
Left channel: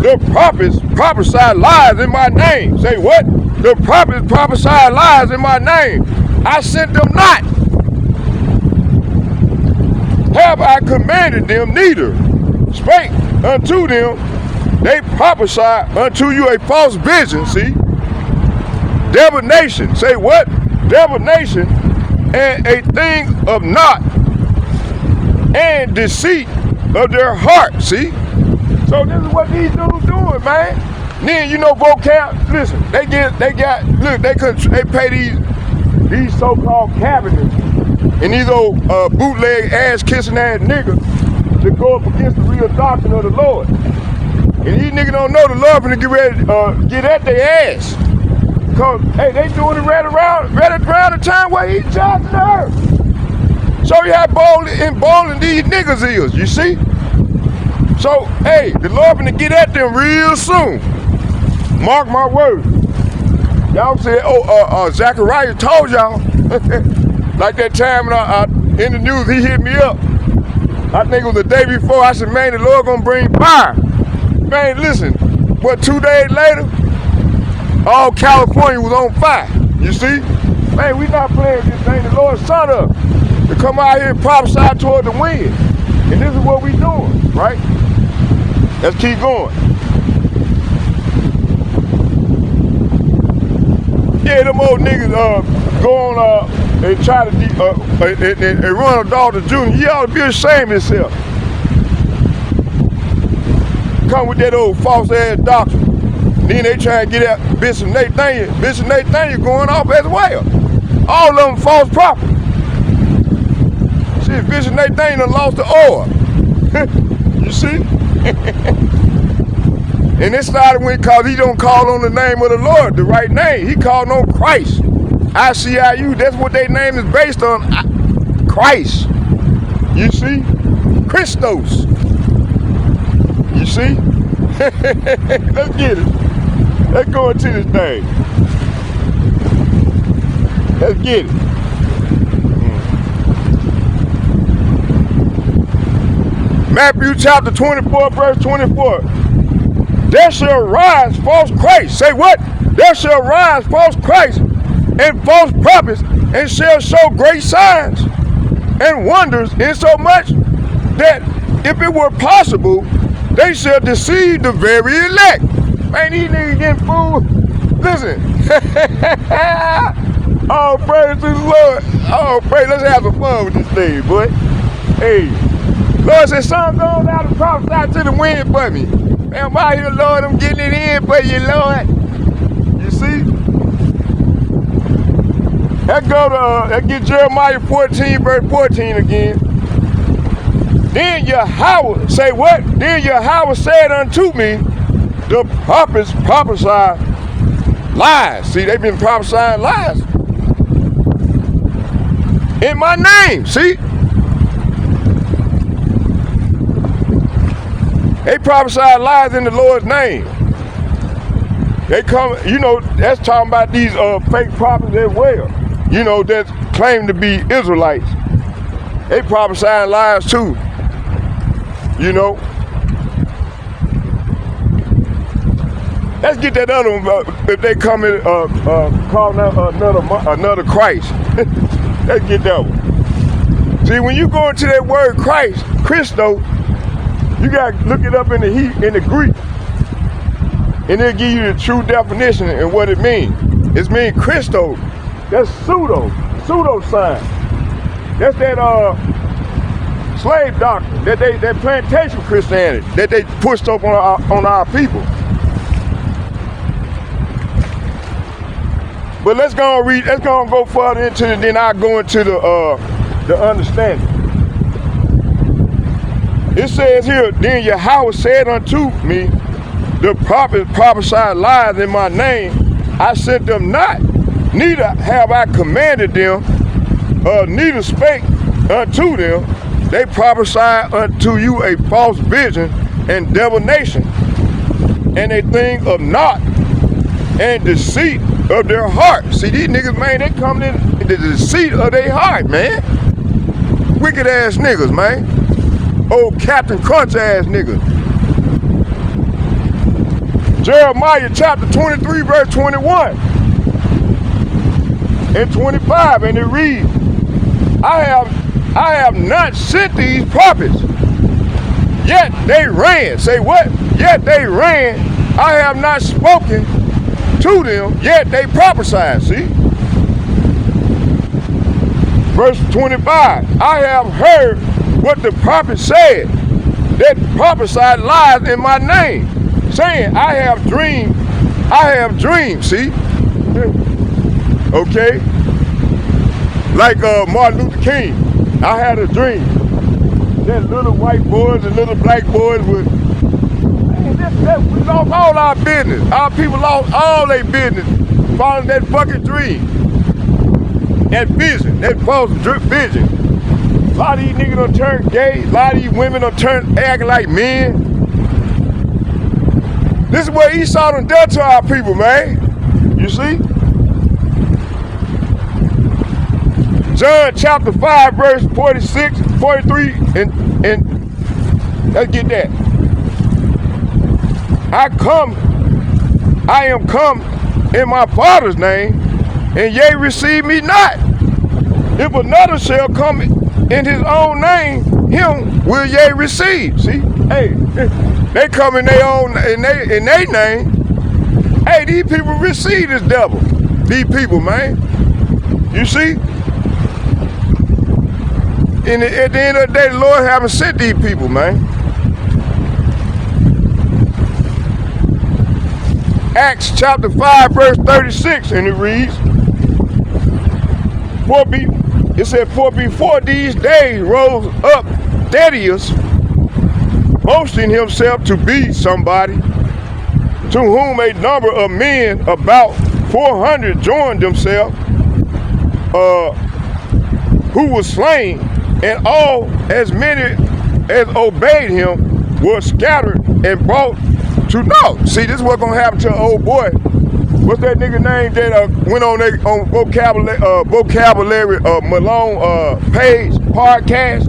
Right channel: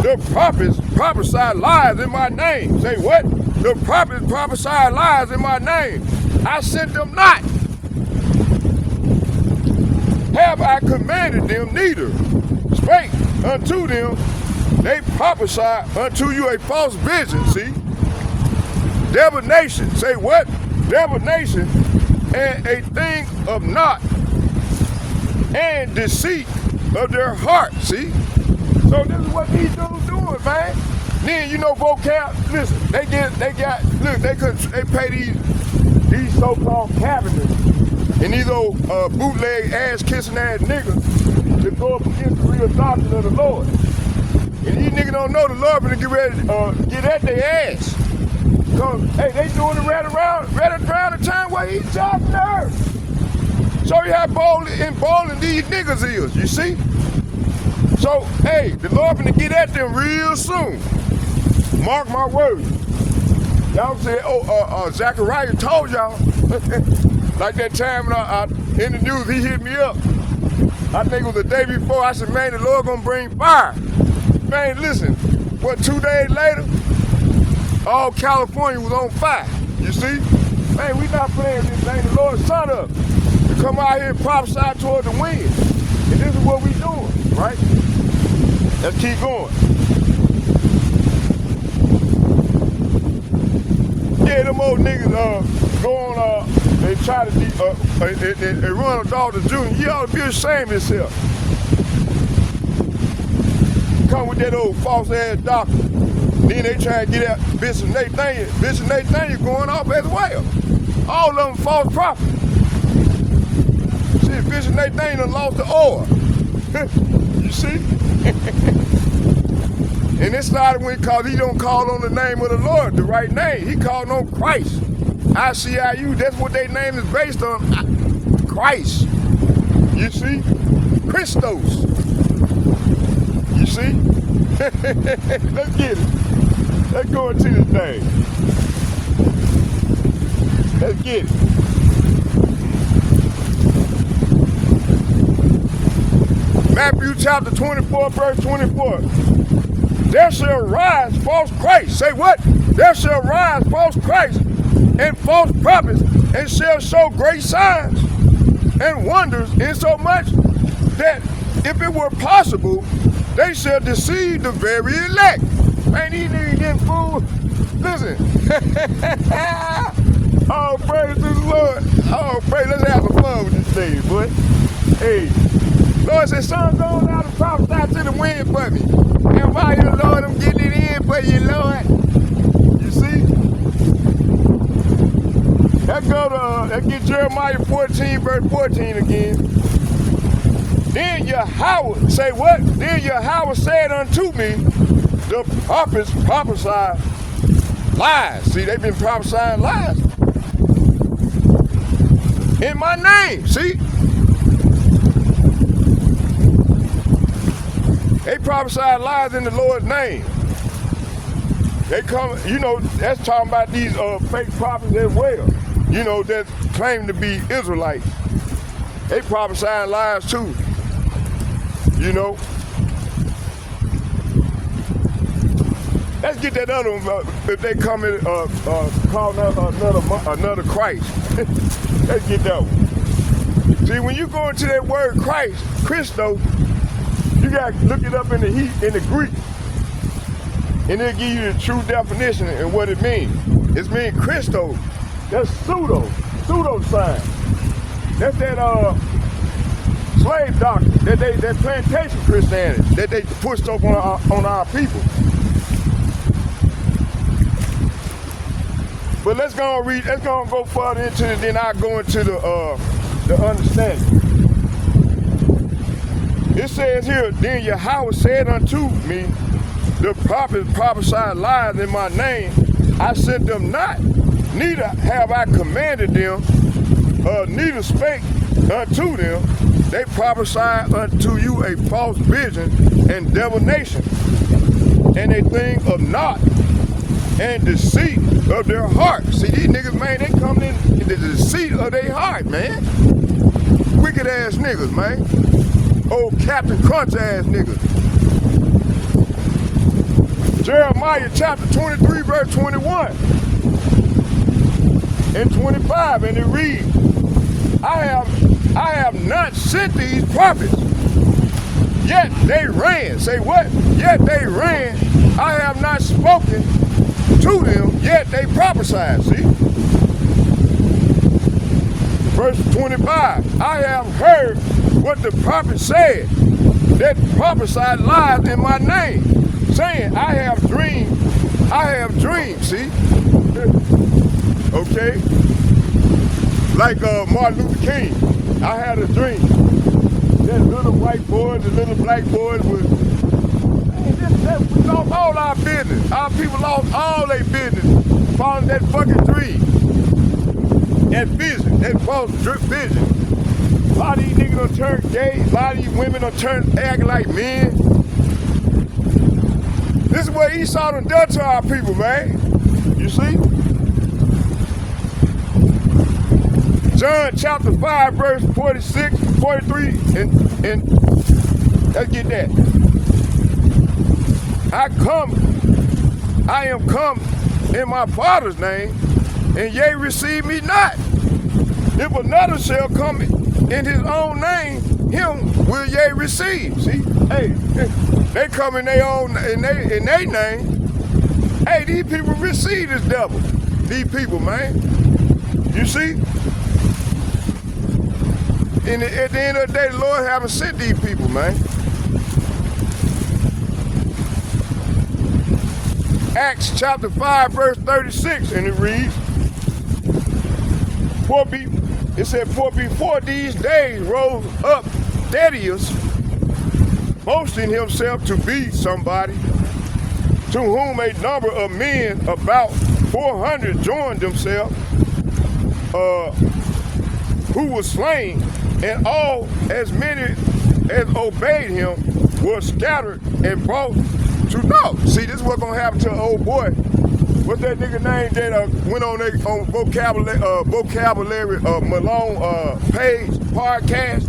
the prophets prophesy lies in my name. Say what? The prophets prophesy lies in my name. I sent them not. Have I commanded them neither? Spake unto them, they prophesy unto you a false vision, see? Divination, say what? Divination, and a thing of naught, and deceit of their heart, see? So this is what these dudes doing, man. Then you know vocab, listen, they pay these so-called cabinets and these old bootleg ass-kissing ass niggas to go up against the real doctrine of the Lord. And these niggas don't know the Lord finna get ready to get at their ass. Cause, hey, they doing it right around the time where he's judging the earth. Show you how bold these niggas is, you see? So, hey, the Lord finna get at them real soon. Mark my words. Y'all said, Zachariah told y'all. Like that time when in the news, he hit me up. I think it was the day before. I said, man, the Lord gonna bring fire. Man, listen, what, 2 days later, all California was on fire. You see? Man, we not playing this thing. The Lord sent us to come out here and prophesy toward the wind. And this is what we doing, right? Let's keep going. Yeah, them old niggas go on and try to and run a daughter junior. He ought to be ashamed of himself. Come with that old false ass doctrine. Then they try to get at Bishop Nathaniel. Bishop Nathaniel going off as well. All of them false prophets. See, Bishop Nathaniel done lost the oil. You see? And it started because he don't call on the name of the Lord, the right name. He called on Christ. ICIU, that's what their name is based on. Christ. You see? Christos. You see? Let's get it. Let's go into this thing. Let's get it. Matthew chapter 24, verse 24. There shall rise false Christ. Say what? There shall rise false Christ and false prophets, and shall show great signs and wonders, insomuch that if it were possible, they shall deceive the very elect. Man, these niggas getting fooled. Listen. Oh, praise to the Lord. Oh, praise. Let's have some fun with this thing, boy. Hey. Lord said, son, go out and prophesy to the wind for me. And by your Lord, I'm getting it in for you, Lord. You see? Let's get Jeremiah 14, verse 14 again. Then Yahweh, say what? Then Yahweh said unto me, the prophets prophesy lies. See, they've been prophesying lies. In my name, see? They prophesy lies in the Lord's name. They come, you know, that's talking about these fake prophets as well. You know, that claim to be Israelites. They prophesy lies too. You know. Let's get that other one, if they come in, call another Christ. Let's get that one. See, when you go into that word Christ, Christo, you got to look it up in the Greek. And it'll give you the true definition and what it means. It means Christo. That's pseudo-science. That's that slave doctrine, that plantation Christianity that they pushed up on our people. But let's go and read. Let's go and go further into it. Then I'll go into the understanding. It says here, then Yahweh said unto me, the prophets prophesied lies in my name. I sent them not, neither have I commanded them, neither spake unto them. They prophesied unto you a false vision and divination, and a thing of naught, and deceit of their heart. See, these niggas, man, they come in the deceit of their heart, man. Wicked ass niggas, man. Old Captain Crunch ass niggas. Jeremiah chapter 23, verse 21 and 25, and it reads, I have not sent these prophets, yet they ran. Say what? Yet they ran. I have not spoken to them, yet they prophesied. See? Verse 25, I have heard what the prophet said, that prophesied lies in my name, saying, I have dreamed, see? Okay? Like Martin Luther King, I had a dream that little white boys and little black boys would, we lost all our business. Our people lost all their business following that fucking dream. That vision, that false vision. A lot of these niggas done turn gay. A lot of these women done turn acting like men. This is what Esau done done to our people, man. You see? John chapter 5, verse 46, 43, and let's get that. I come I am come in my Father's name, and ye receive me not. If another shall come in his own name, him will ye receive. See, hey, they come in their own in their name. Hey, these people receive this devil. These people, man. You see? And at the end of the day, the Lord haven't sent these people, man. Acts chapter 5, verse 36, and it reads, For before these days rose up Thaddeus, boasting himself to be somebody, to whom a number of men, about 400, joined themselves, who was slain, and all as many as obeyed him were scattered and brought to naught. See, this is what's gonna happen to an old boy. What's that nigga name that went on vocabulary Malone page podcast?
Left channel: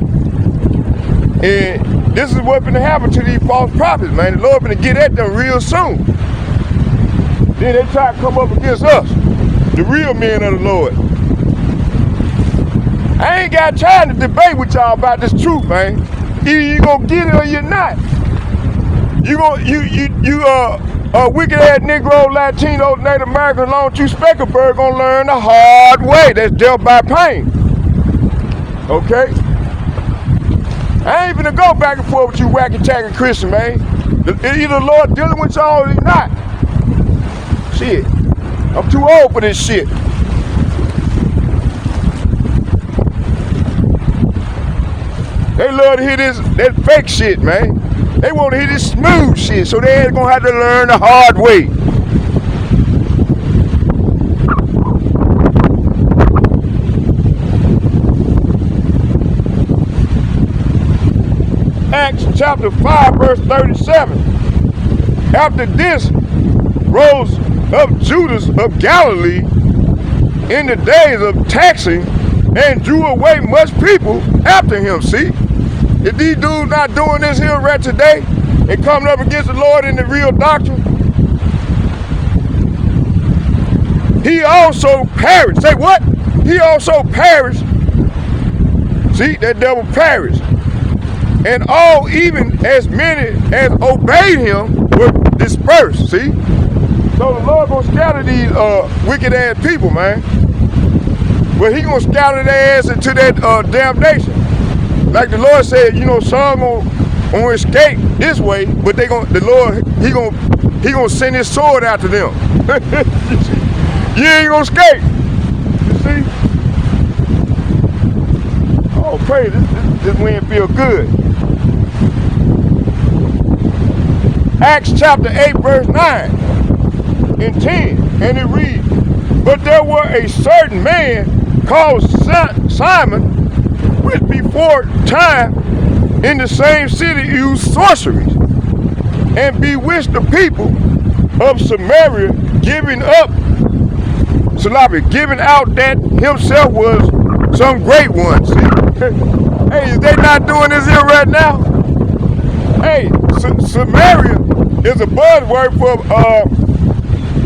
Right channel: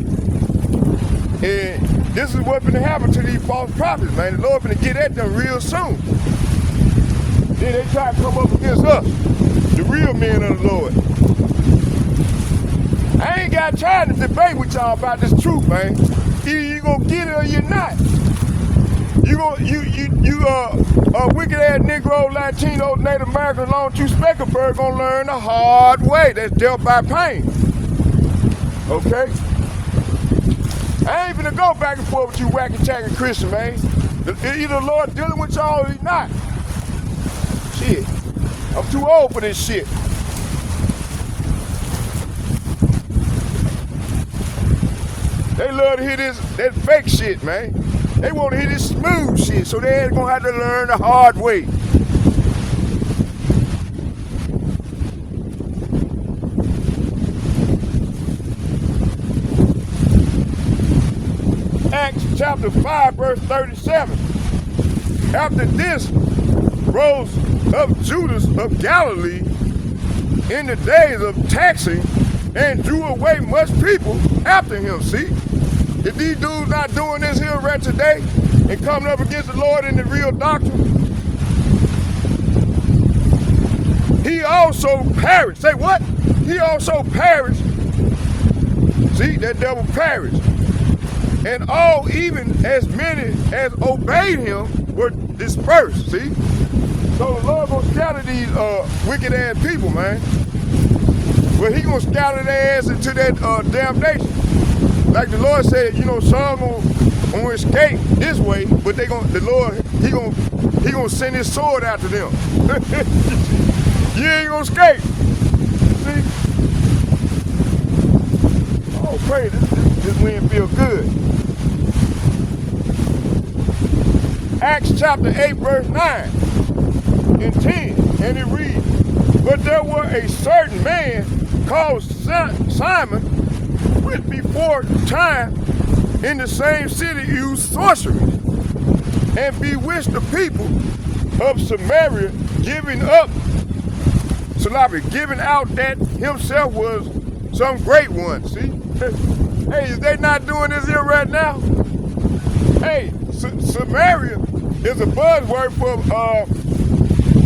And this is what's gonna happen to these false prophets, man. The Lord gonna get at them real soon. Then they try to come up against us, the real men of the Lord. I ain't got time to debate with y'all about this truth, man. Either you gonna get it or you're not. You wicked ass Negro, Latino, Native American, along with you Speckelberg gonna learn the hard way. That's dealt by pain. Okay? I ain't gonna go back and forth with you wacky tagging Christian, man. Either the Lord dealing with y'all or he's not. Shit. I'm too old for this shit. They love to hear that fake shit, man. They want to hear this smooth shit, so they ain't gonna have to learn the hard way. Acts chapter 5, verse 37. After this rose up Judas of Galilee in the days of taxing and drew away much people after him. See? If these dudes not doing this here right today and coming up against the Lord in the real doctrine, he also perished. Say what? He also perished. See, that devil perished. And all, even as many as obeyed him, were dispersed. See? So the Lord gonna scatter these wicked ass people, man. Well, he gonna scatter their ass into that damnation. Like the Lord said, you know, some gonna escape this way, but the Lord, he gonna send his sword after them. You ain't gonna escape. You see? Oh, praise, this wind feel good. Acts chapter 8, verse 9 and 10, and it reads, But there were a certain man called Simon, which before time in the same city used sorceries, and bewitched the people of Samaria, giving out that himself was some great one. See? Hey, they not doing this here right now? Hey, Samaria is a buzzword for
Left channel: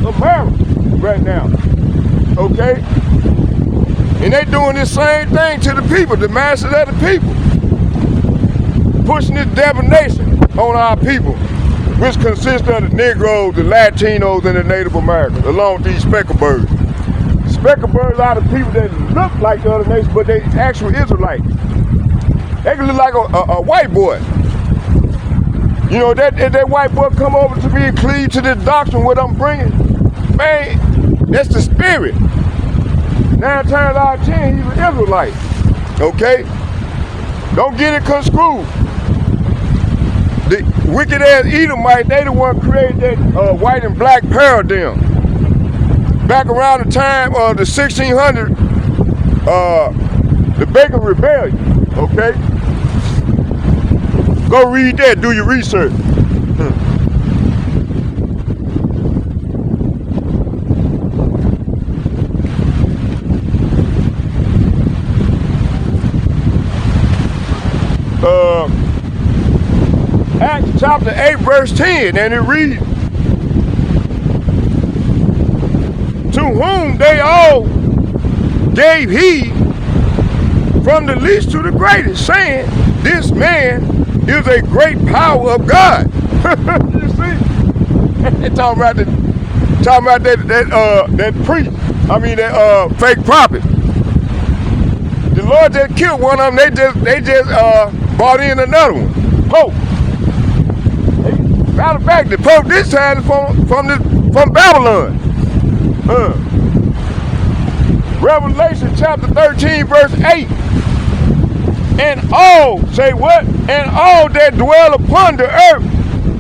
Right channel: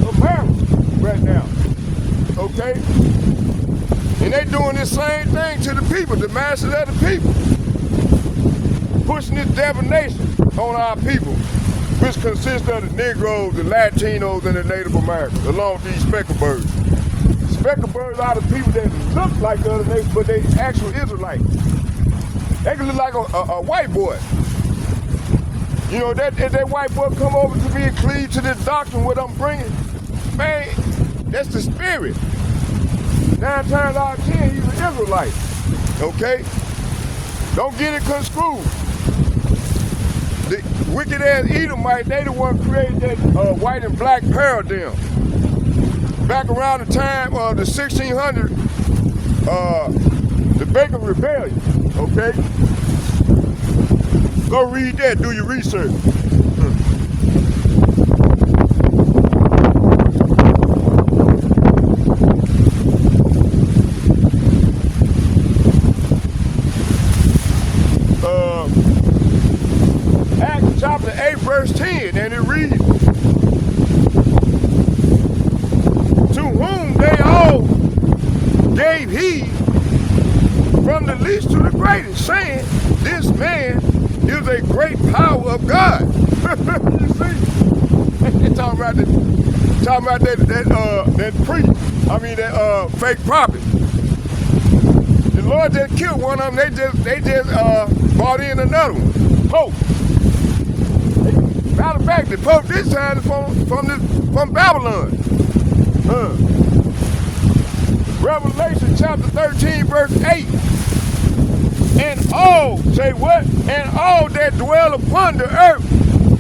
America right now. Okay? And they doing this same thing to the people, the masses of the people. Pushing this divination on our people, which consists of the Negroes, the Latinos, and the Native Americans, along with these Specklebirds. Specklebirds are the people that look like the other nations, but they actually Israelites. They can look like a white boy. You know, that white boy come over to me and cleave to this doctrine, what I'm bringing, man, that's the spirit. 9 times out of 10, he's an Israelite. Okay? Don't get it construed. The wicked ass Edomite, they the one created that white and black paradigm. Back around the time of the 1600s, the Bacon Rebellion. Okay? Go read that, do your research. Acts chapter 8, verse 10, and it reads, whom they all gave heed from the least to the greatest, saying, this man is a great power of God. You see? talking about that priest, that fake prophet. The Lord just killed one of them, they just brought in another one, Pope. Matter of fact, the Pope this time is from Babylon. Revelation chapter 13, verse 8. And all, say what? And all that dwell upon the earth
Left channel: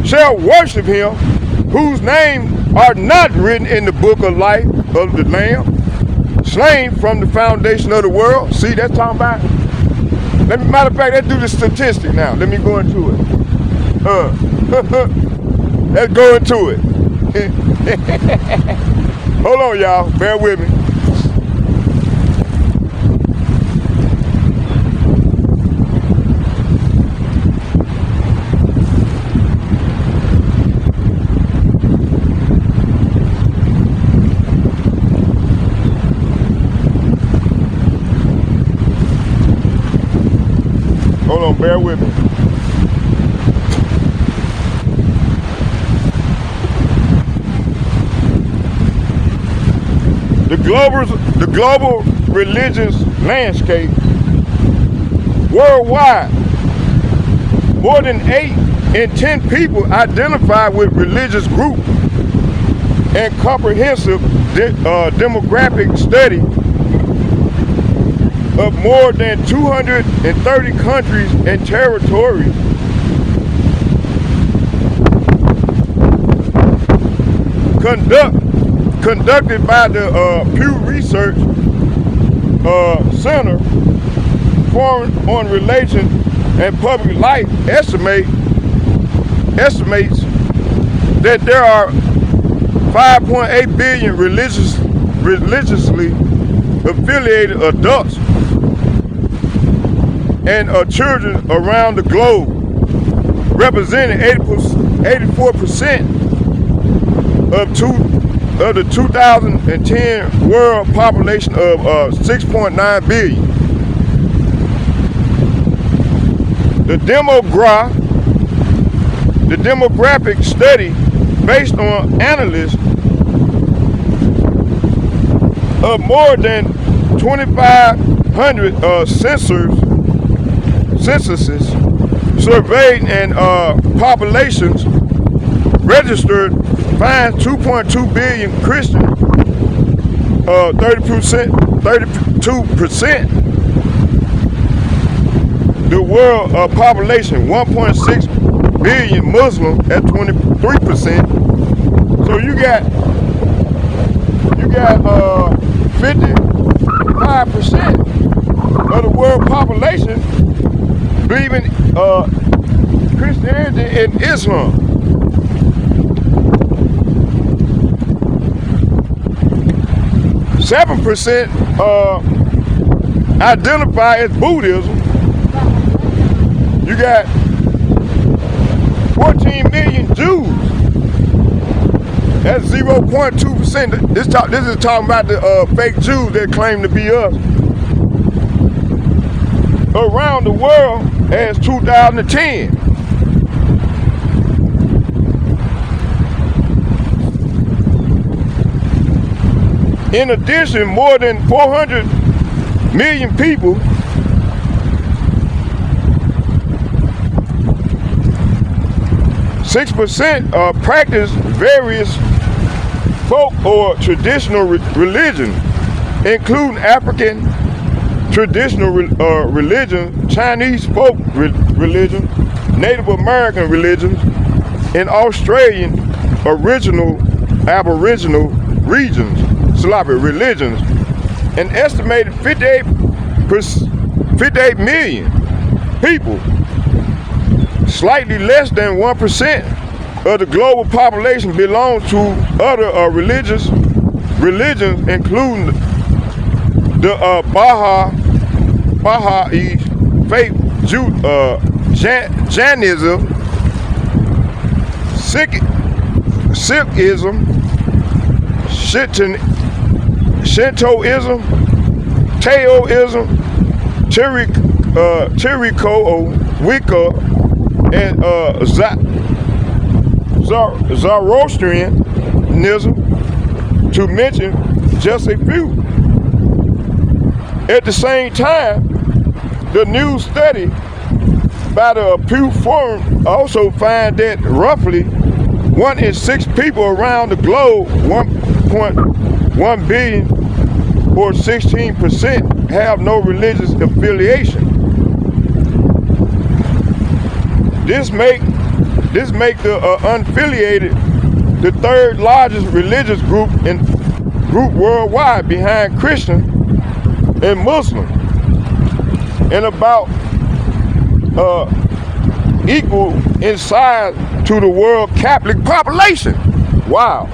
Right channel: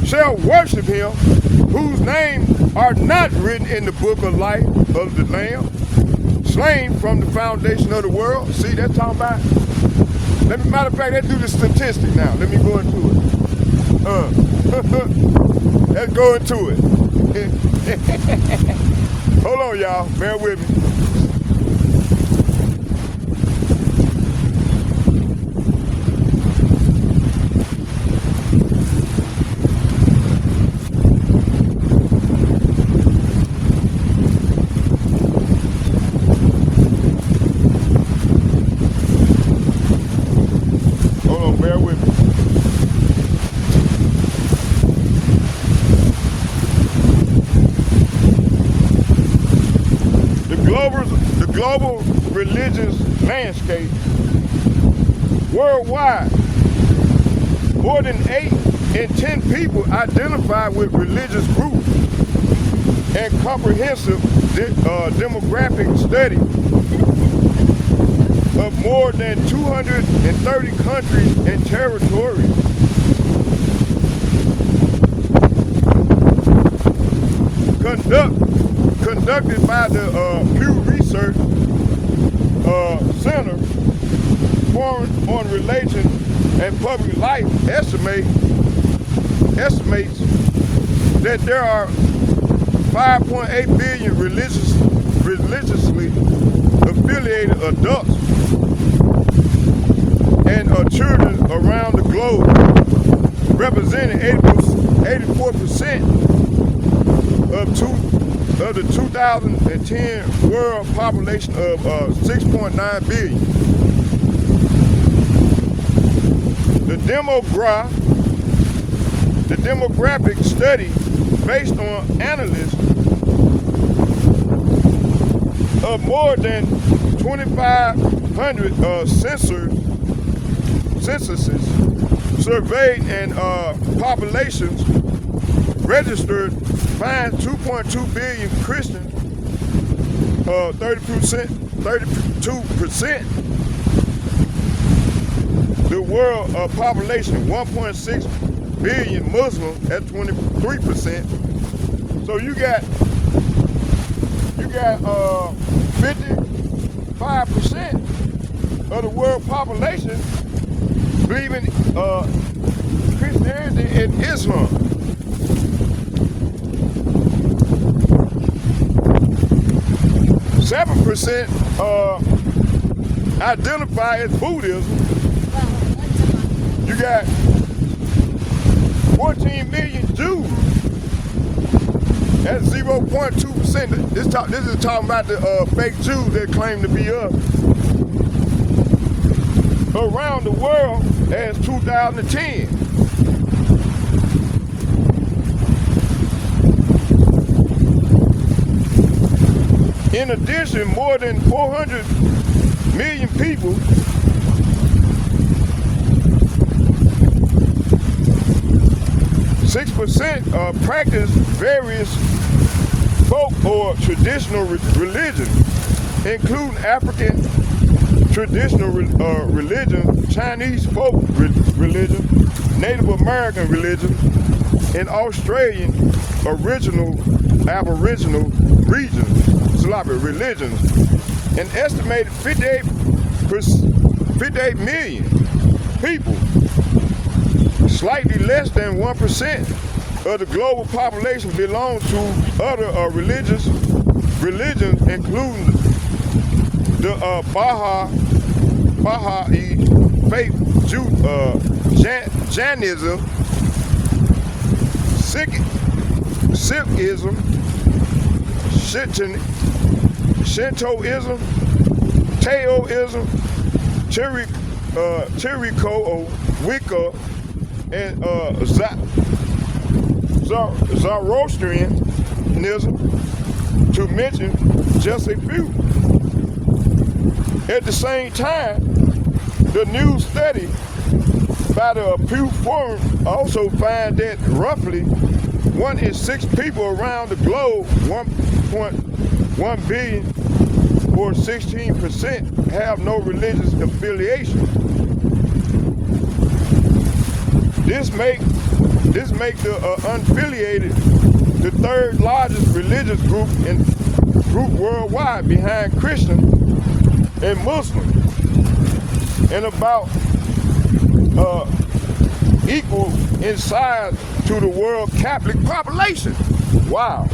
shall worship him, whose names are not written in the book of life of the Lamb, slain from the foundation of the world. See, that's talking about. Matter of fact, let's do the statistic now. Let me go into it. Let's go into it. Hold on, y'all. Bear with me. Hold on, bear with me. The global religious landscape worldwide, more than 8 in 10 people identify with religious groups, and comprehensive demographic study of more than 230 countries and territories conducted by the Pew Research Center on Religion and Public Life estimates that there are 5.8 billion religiously affiliated adults and children around the globe, representing 84% of the 2010 world population of 6.9 billion. The demographic study, based on analysis of more than 2,500 censuses surveyed and populations registered, finds 2.2 billion Christians, 32%. The world population, 1.6 billion Muslim at 23%. So you got 55% of the world population believing Christianity and Islam. Seven percent identify as Buddhism. You got 14 million Jews. That's 0.2%. This is talking about the fake Jews that claim to be us. Around the world as 2010. In addition, more than 400 million people practice various folk or traditional religions, including African traditional religion, Chinese folk religion, Native American religions, and Australian Aboriginal regions, religions. An estimated 58 million people, slightly less than 1% of the global population, belong to other religions, including the Baha'i faith, Jainism, Sikhism, Shintoism, Taoism, Tiriko, Wicca, and Zoroastrianism, to mention just a few. At the same time, the new study by the Pew Forum also find that roughly 1 in 6 people around the globe, 1.1 billion or 16%, have no religious affiliation. This make the unaffiliated the third largest religious group worldwide, behind Christian and Muslim, and about equal in size to the world Catholic population. Wow.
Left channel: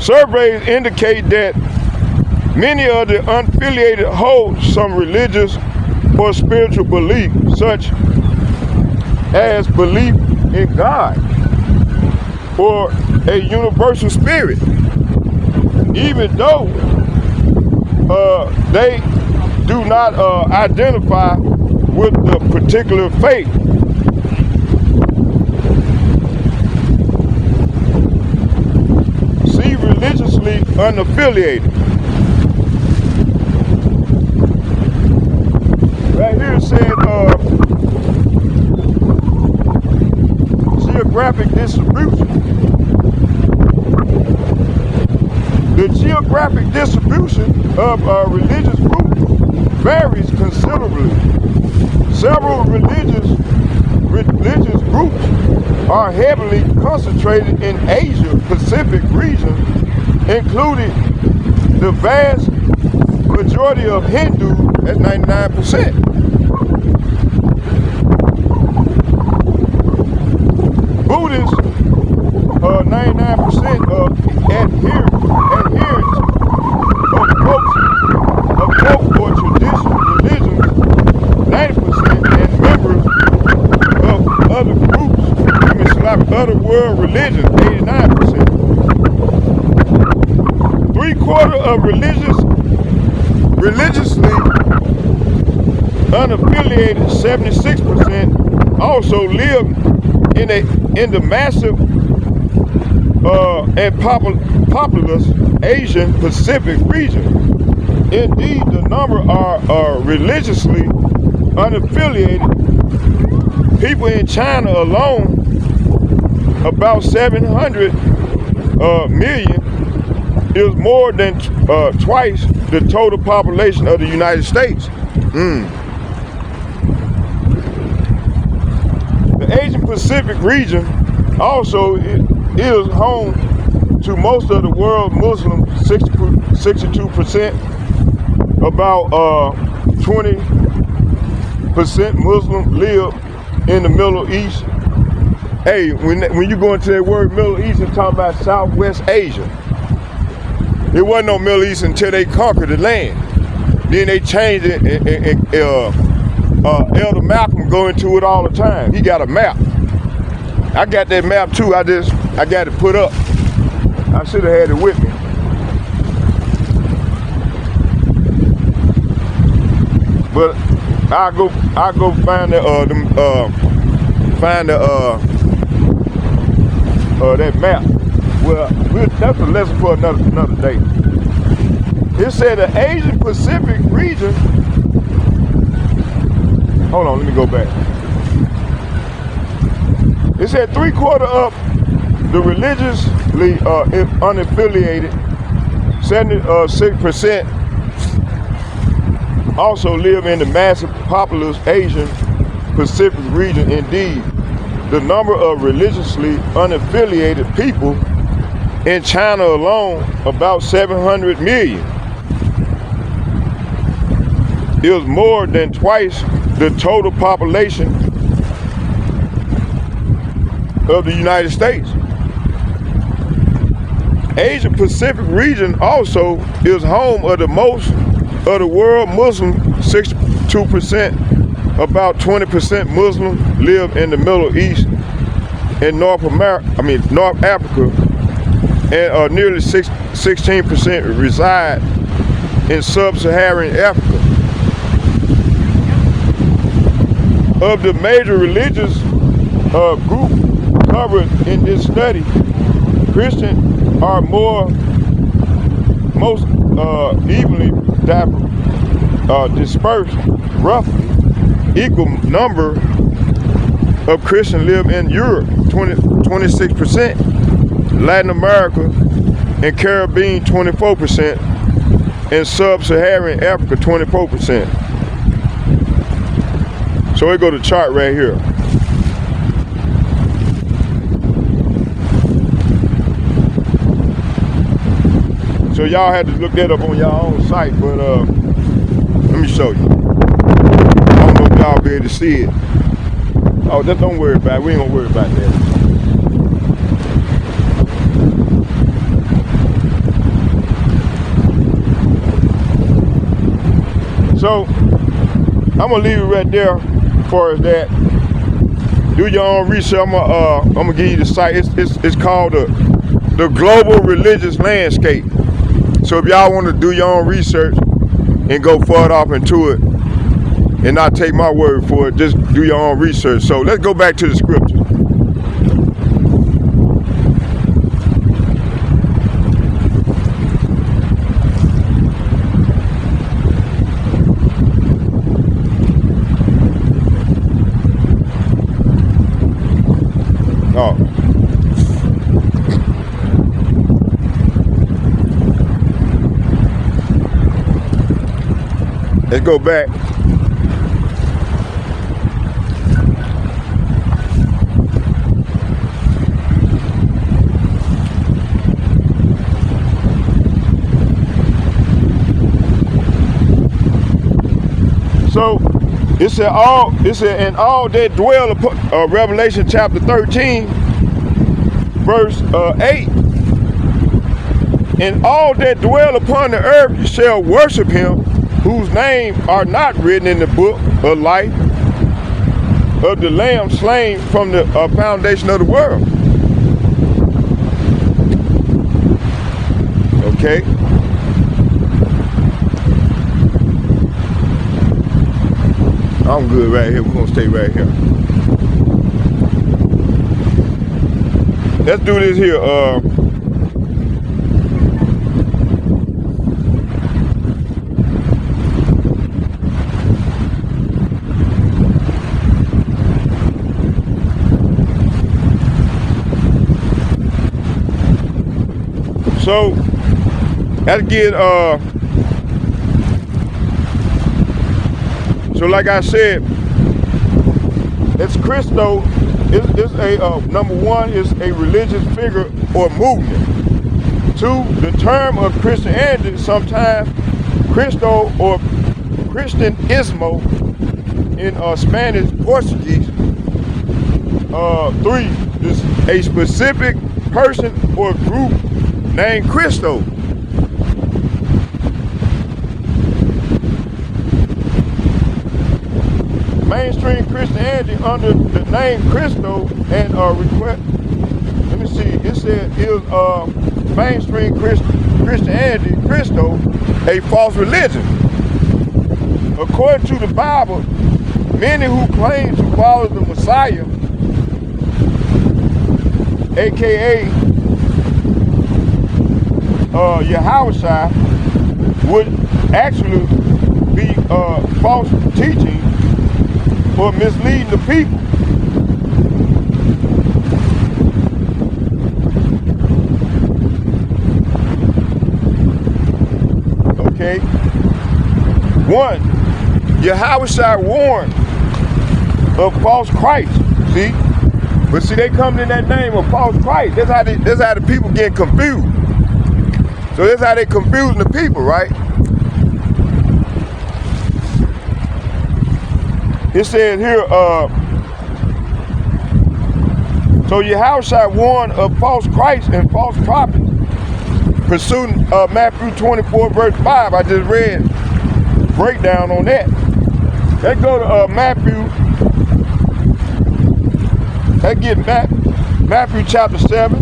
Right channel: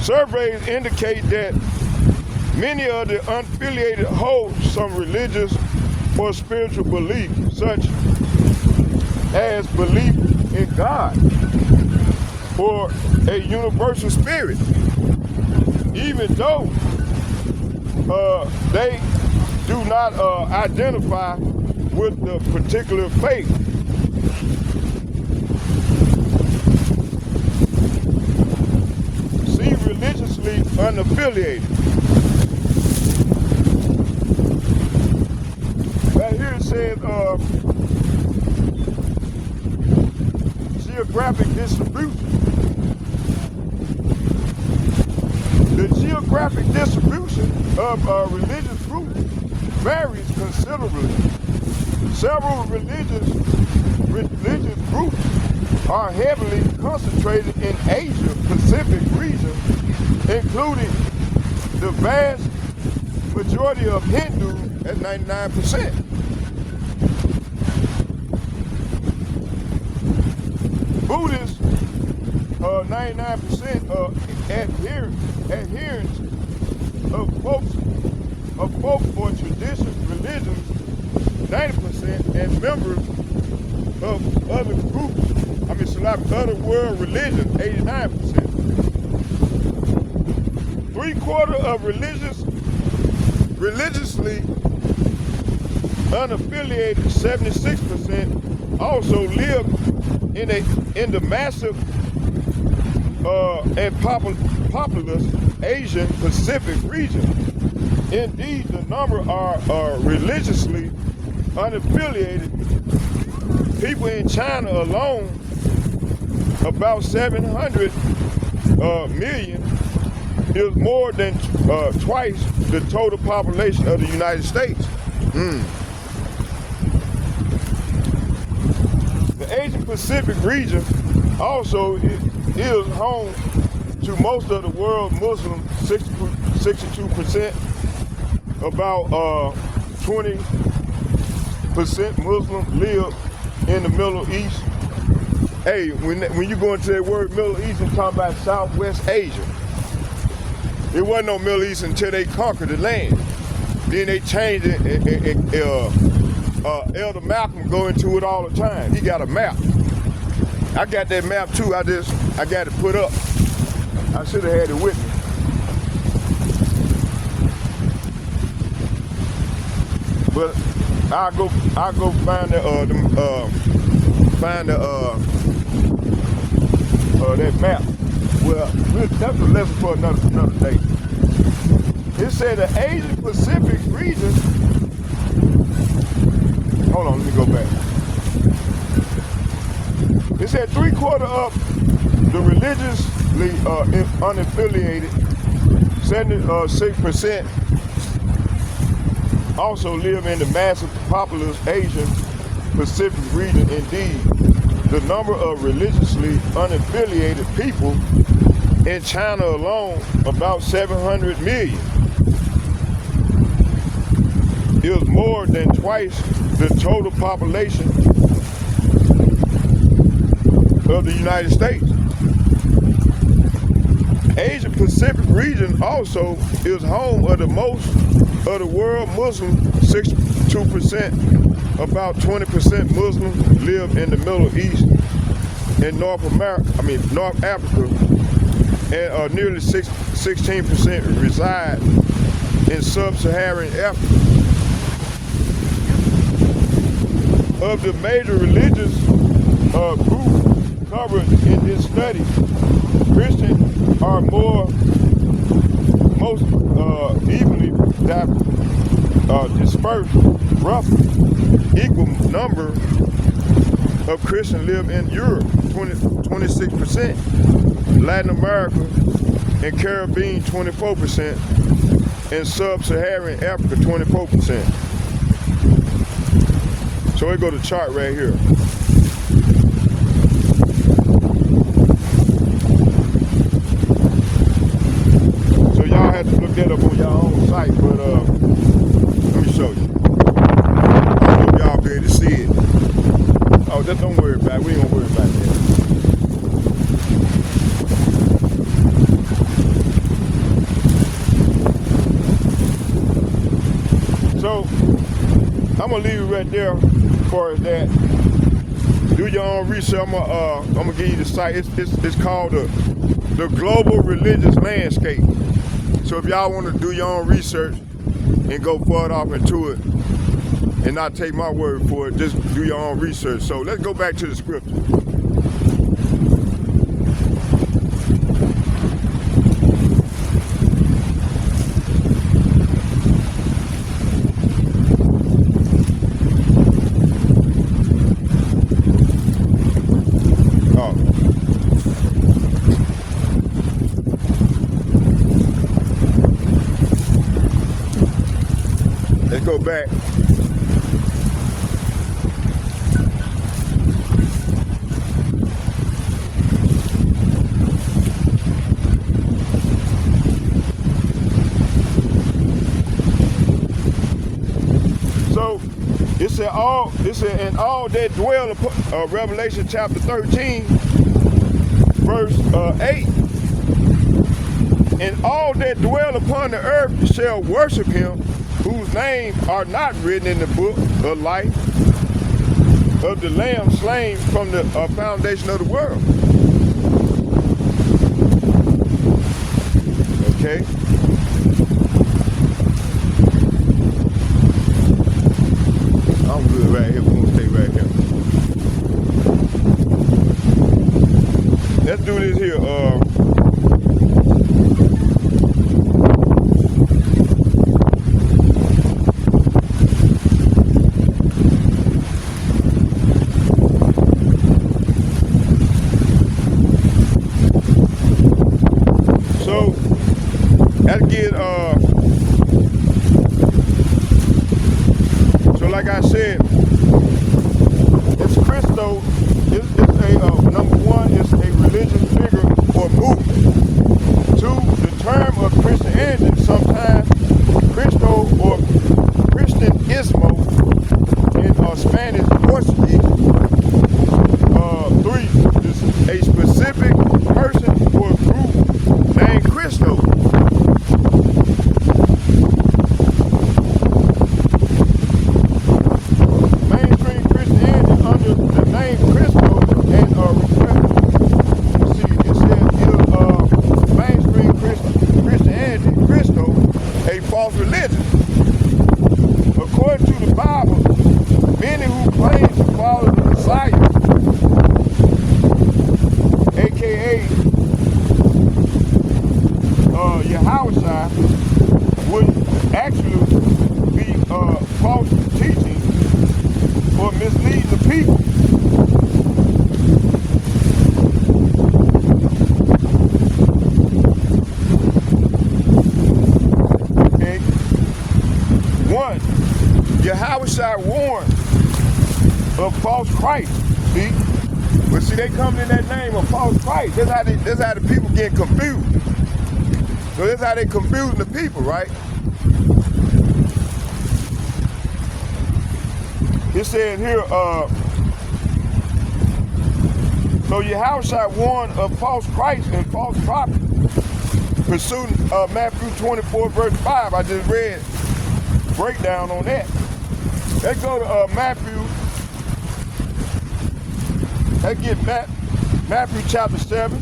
Surveys indicate that many of the unaffiliated hold some religious or spiritual belief, such as belief in God or a universal spirit, even though they do not identify with the particular faith. See religiously unaffiliated. Right here it said geographic distribution. The geographic distribution of religious groups varies considerably. Several religious groups are heavily concentrated in Asia Pacific region, including the vast majority of Hindus at 99%. Buddhists, 99% of adherents of folk or traditional religions, 90%, and members of other groups, other world religions, 89%. 3/4 of religiously unaffiliated, 76%, also live in the massive and populous Asian Pacific region. Indeed, the number are religiously unaffiliated people in China alone, about 700 million, is more than twice the total population of the United States. The Asian Pacific region also is home to most of the world Muslim, 62%, about 20% Muslim live in the Middle East. Hey, when you go into that word Middle East, it's talking about Southwest Asia. It wasn't no Middle East until they conquered the land. Then they changed it, and Elder Malcolm go into it all the time. He got a map. I got that map too. I got it put up. I should have had it with me. But I go find that map. Well, that's a lesson for another day. It said the Asian Pacific region. Hold on, let me go back. It said 3/4 of the religiously unaffiliated, 76%, also live in the massive populous Asian Pacific region. Indeed, the number of religiously unaffiliated people in China alone, about 700 million, is more than twice the total population of the United States. Asia Pacific region also is home of the most of the world Muslim, 62%, about 20% Muslim live in the Middle East and North Africa, and nearly 16% reside in sub-Saharan Africa. Of the major religious groups covered in this study, Christians are most evenly dispersed. Roughly equal number of Christians live in Europe, 26%, Latin America and Caribbean, 24%, and sub-Saharan Africa, 24%. So we go to chart right here. So y'all had to look that up on your own site, but let me show you. I hope y'all be able to see it. Oh, just don't worry about it. We ain't gonna worry about that. So I'm gonna leave it right there as far as that. Do your own research. I'm gonna give you the site. It's called the Global Religious Landscape. So if y'all want to do your own research and go further off into it and not take my word for it, just do your own research. So let's go back to the scripture. Oh. Let's go back. So it said and all that dwell upon Revelation chapter 13, verse 8. And all that dwell upon the earth shall worship him, whose name are not written in the book of life of the Lamb slain from the foundation of the world. Okay. I'm good right here. We're gonna stay right here. Let's do this here. So let's get so like I said, it's Christo. It's a number one, it's a religious figure or movement. Two, the term of Christianity, sometimes Cristo or Cristianismo in Spanish, Portuguese. Three, is a specific person or group named Cristo. Mainstream Christianity under the name Cristo and let me see, it said mainstream Christianity, Cristo, a false religion. According to the Bible, many who claim to follow the Messiah, aka Yahushua, would actually be false teaching or misleading the people. Okay. One, Yahushua warned of false Christ. See? But see, they come in that name of false Christ. That's how the people get confused. So that's how they confusing the people, right? It says here, so Yahushua warned of false Christ and false prophets. Pursuing Matthew 24 verse 5, I just read breakdown on that. Let's go to Matthew. Let's get Matthew chapter 7.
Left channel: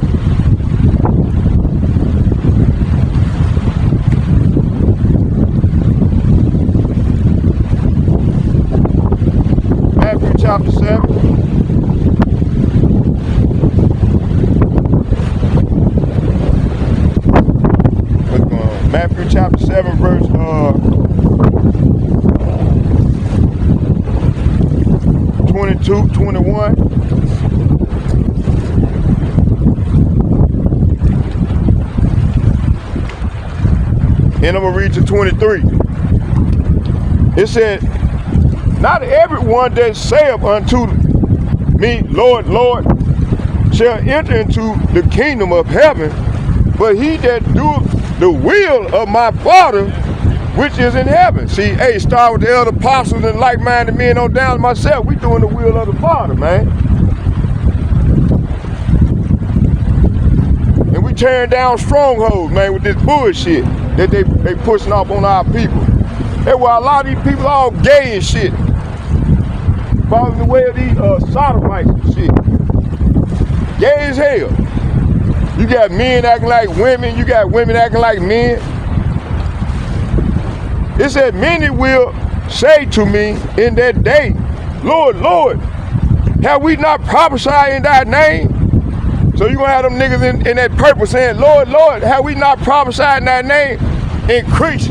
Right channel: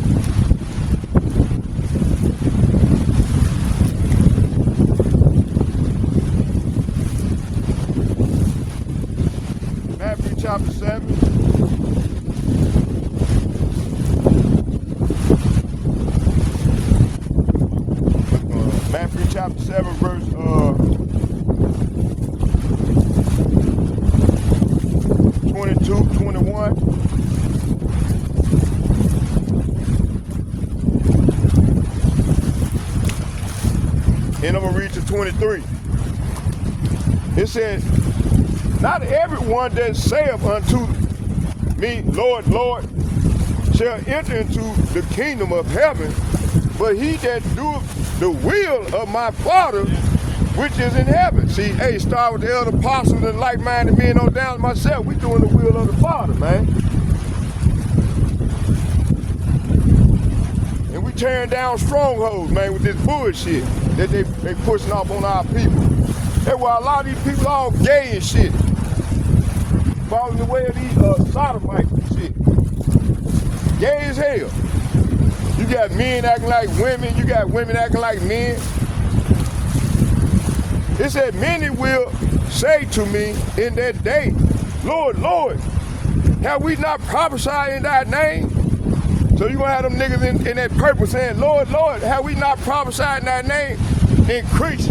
Matthew chapter 7, verse 22, 21. And I'm going to read to 23. It said, not everyone that saith unto me, Lord, Lord, shall enter into the kingdom of heaven, but he that doeth the will of my Father which is in heaven. See, hey, start with the elder apostles and like-minded men on down to myself. We doing the will of the Father, man. And we tearing down strongholds, man, with this bullshit that they pushing off on our people. That's why a lot of these people all gay and shit. Following the way of these sodomites and shit. Gay as hell. You got men acting like women, you got women acting like men. It said, many will say to me in that day, Lord, Lord, have we not prophesied in thy name? So you gonna have them niggas in that purpose saying, Lord, Lord, have we not prophesied in thy name? In Christ.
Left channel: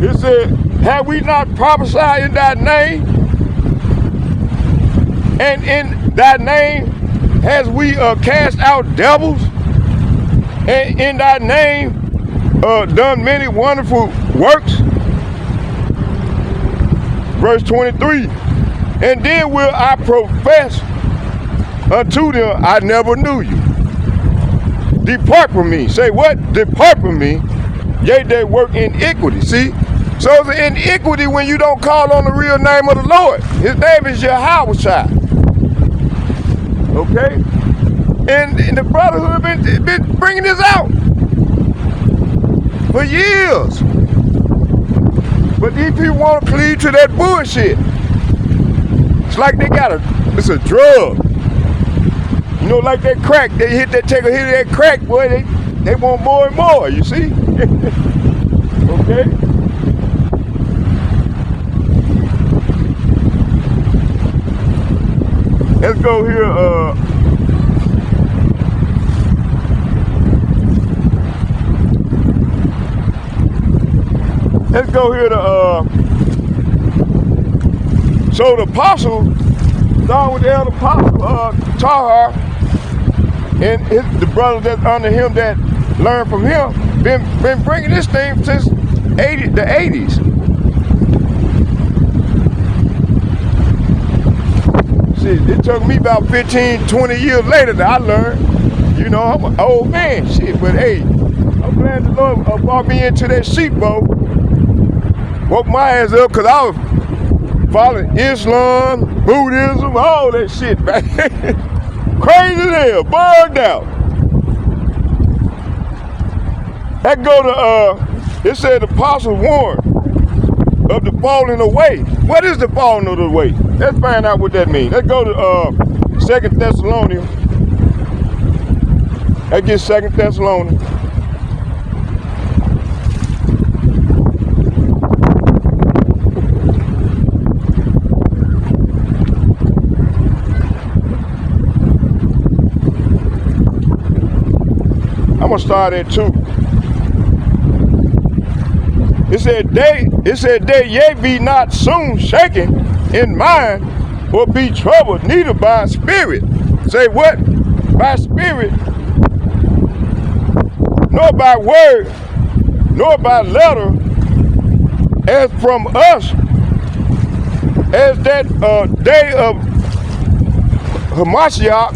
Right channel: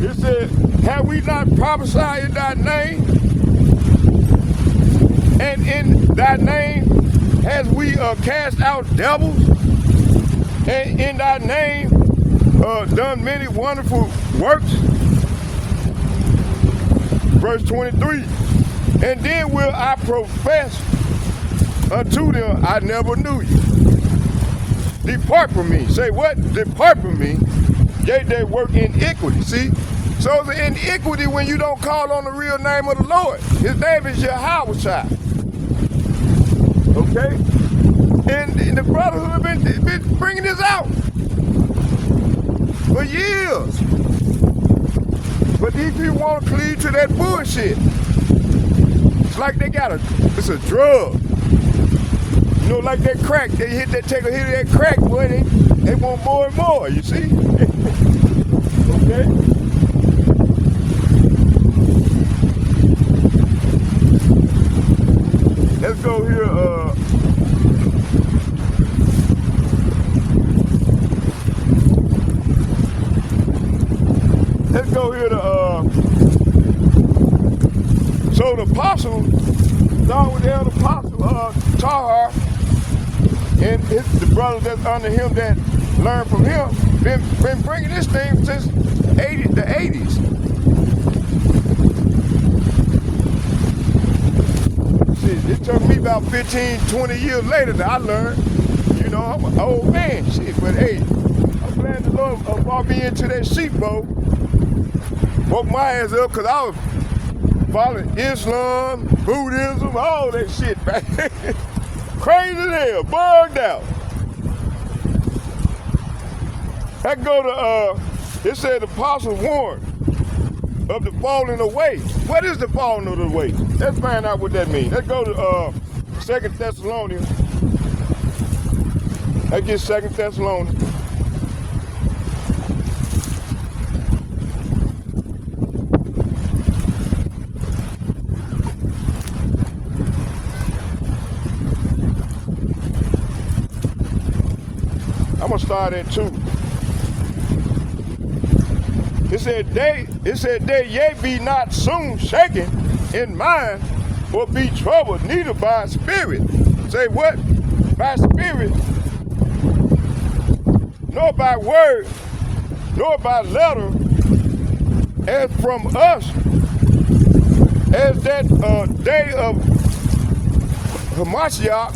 It said, have we not prophesied in thy name? And in thy name has we cast out devils? And in thy name done many wonderful works? Verse 23, and then will I profess unto them, I never knew you. Depart from me. Say what? Depart from me, ye that work iniquity. See? So it's an iniquity when you don't call on the real name of the Lord. His name is Yahweh. Okay? And the brotherhood been bringing this out for years. But these people want to cleave to that bullshit. It's like it's a drug. You know, like that crack, they take a hit of that crack, boy, they want more and more, you see? Okay? Let's go here, let's go here to, so the apostle, along with the elder apostle, Tahar, and the brothers that's under him that learned from him, been bringing this thing since the 80s. See, it took me about 15, 20 years later that I learned. You know, I'm an old man, shit, but hey, I'm glad the Lord brought me into that sheepfold. Woke my ass up, because I was following Islam, Buddhism, all that shit, man. Crazy as hell, burned out. That go to, it said the apostle warned of the falling away. What is the falling of the way? Let's find out what that means. Let's go to 2 Thessalonians. Let's get 2 Thessalonians. I'm gonna start at 2. It said they ye be not soon shaken in mind or be troubled, neither by spirit. Say what? By spirit, nor by word, nor by letter, as from us, as that day of Hamashiach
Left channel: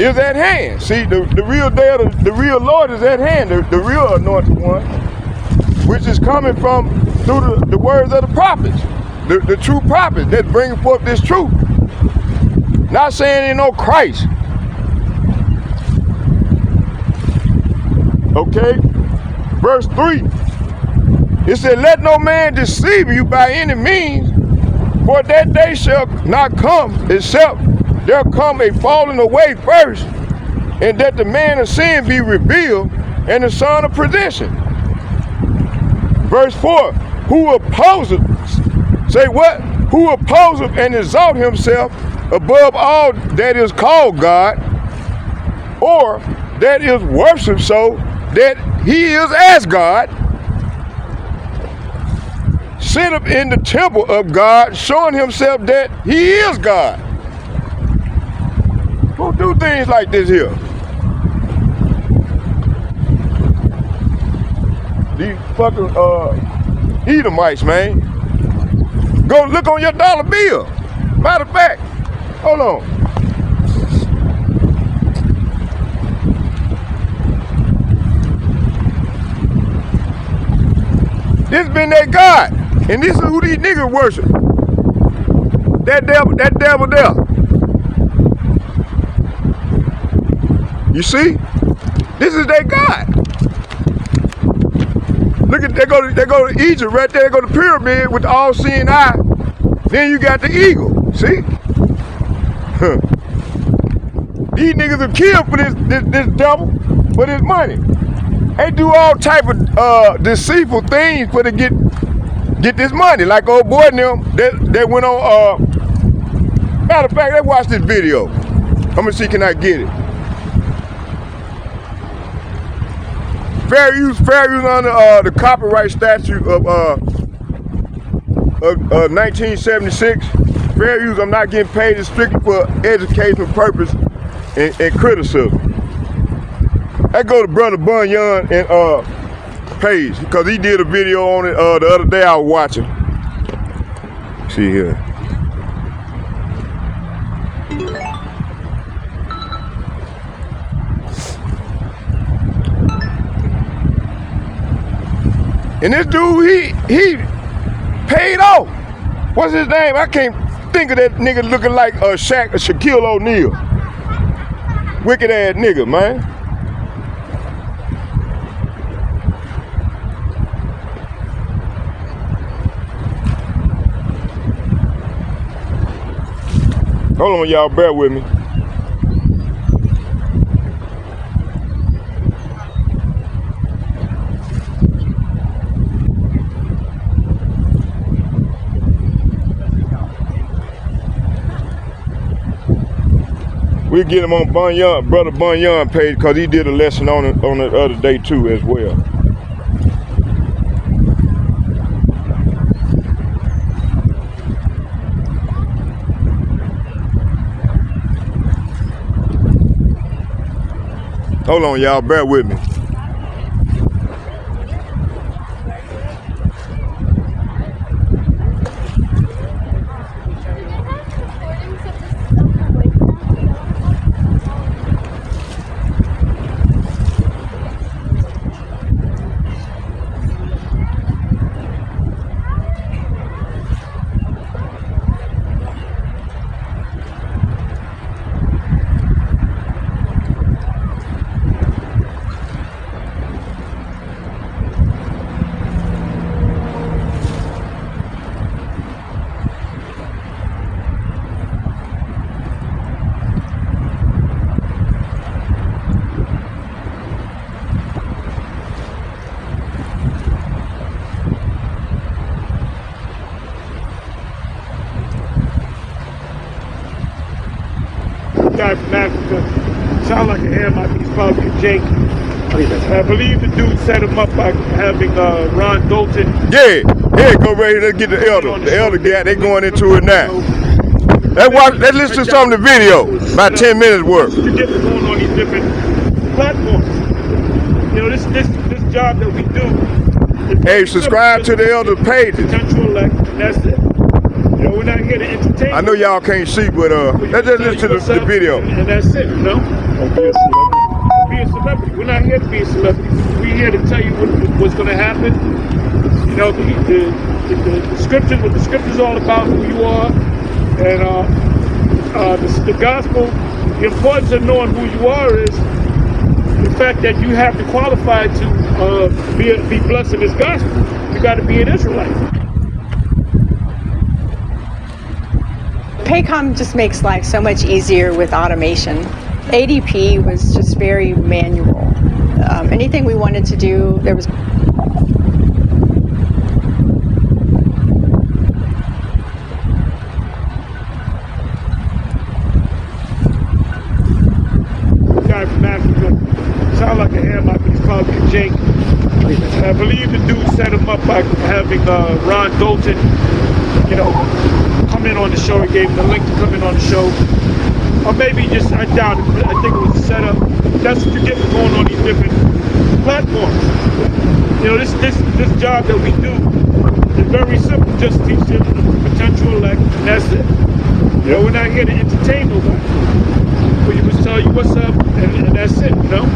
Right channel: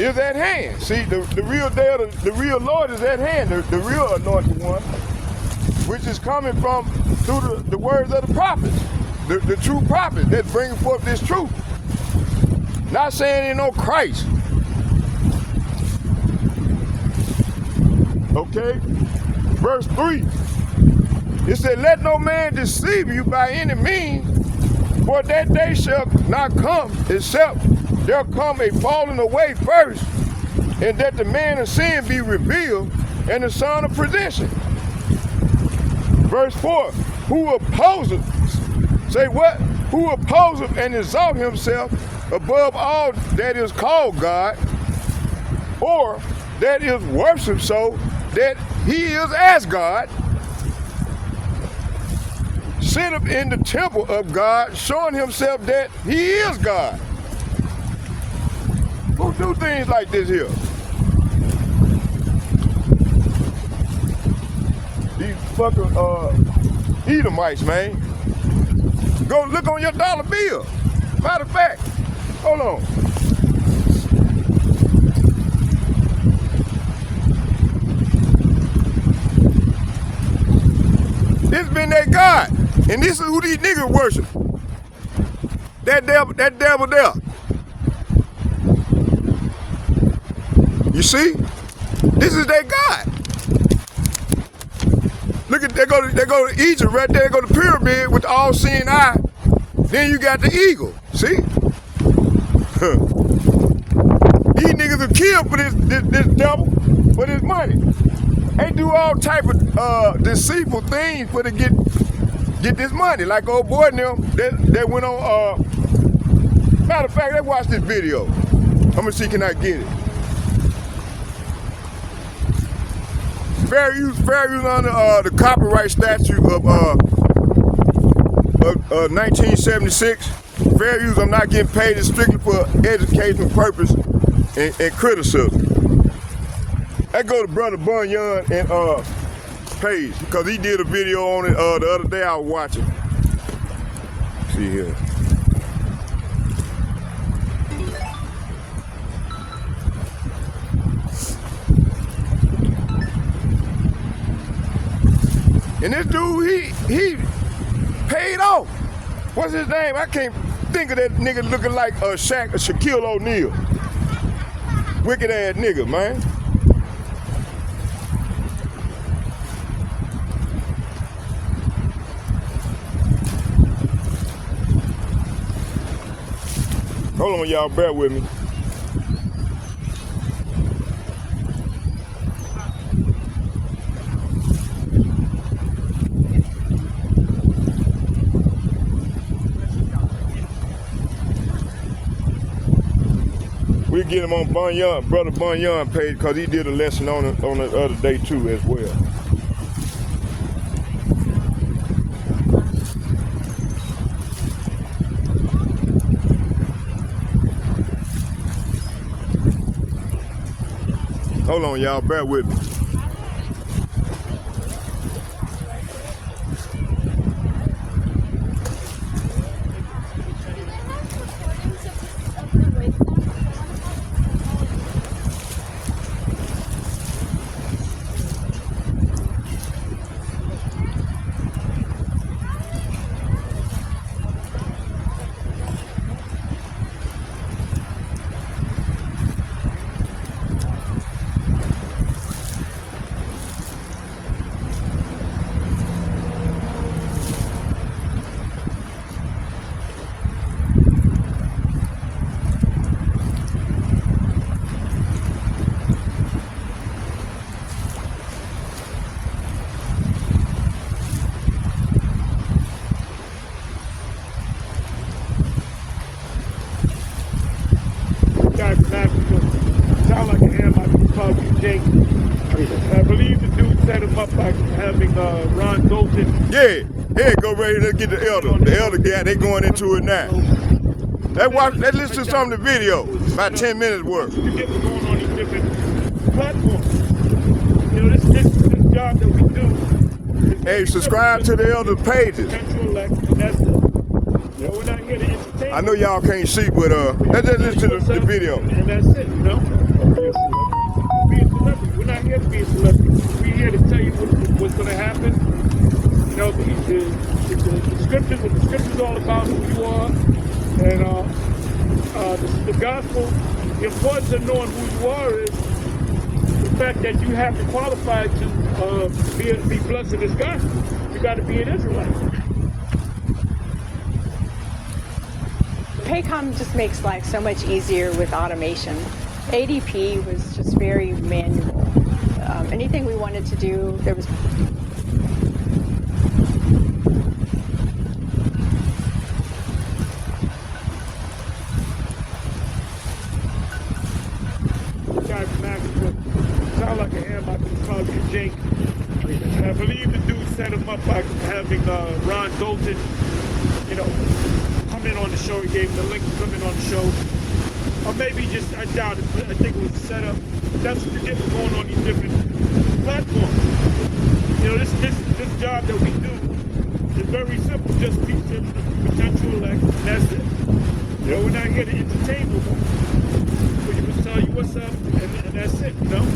is at hand. See, the real day of the real Lord is at hand, the real anointed one, which is coming from through the words of the prophets, the true prophets that bring forth this truth. Not saying ain't no Christ. Okay? Verse 3. It said, let no man deceive you by any means, for that day shall not come, except there come a falling away first, and that the man of sin be revealed, and the son of perdition. Verse 4, who opposeth, say what? Who opposeth and exalt himself above all that is called God, or that is worship so that he is as God, set up in the temple of God, showing himself that he is God. Who do things like this here? These fucking Edomites, man. Go look on your dollar bill. Matter of fact, hold on. This been their God. And this is who these niggas worship. That devil there. You see? This is their God. Look at, they go to Egypt right there, they go to the pyramid with the all-seeing eye. Then you got the eagle, see? These niggas are killed for this devil, for this money. They do all type of deceitful things for to get this money. Like old boy and them, they went on, matter of fact, they watched this video. I'm gonna see, can I get it? Fair use under the copyright statute of 1976. Fair use, I'm not getting paid, it's strictly for educational purpose and criticism. That go to Brother Bunyan and Page, because he did a video on it the other day I was watching. See here. And this dude, he paid off. What's his name? I can't think of that nigga looking like Shaquille O'Neal. Wicked ass nigga, man. Hold on, y'all, bear with me. We'll get him on Bunyan, Brother Bunyan page, because he did a lesson on it on the other day too as well. Hold on, y'all, bear with me. Guy from Africa. Sound like a ham, like he's probably Jake. I believe the dude set him up by having Ron Dalton. Yeah, go right here, let's get the elder. The elder guy, they going into it now. Let's listen to some of the video, about 10 minutes worth. To get going on these different platforms. You know, this job that we do. Hey, subscribe to the elder pages. Potential elect, that's it. You know, we're not here to entertain. I know y'all can't see, but let's just listen to the video. And that's it, you know? Be a celebrity. We're not here to be a celebrity. We're here to tell you what's going to happen. You know, the scriptures, what the scriptures all about, who you are, and the gospel. The importance of knowing who you are is the fact that you have to qualify to be blessed in this gospel. You got to be an Israelite. Paycom just makes life so much easier with automation. ADP was just very manual. Anything we wanted to do, there was Guy from Africa. the ham, I think it's probably a Jake. And I believe the dude set him up by having Ron Dalton, you know, come in on the show. He gave him the link to come in on the show. Or maybe just, I doubt it, but I think it was a setup. That's what you get for going on these different platforms. You know, this job that we do is very simple. Just teach them the potential elect, and that's it. You know, we're not here to entertain nobody. We just tell you what's up, and that's it, you know?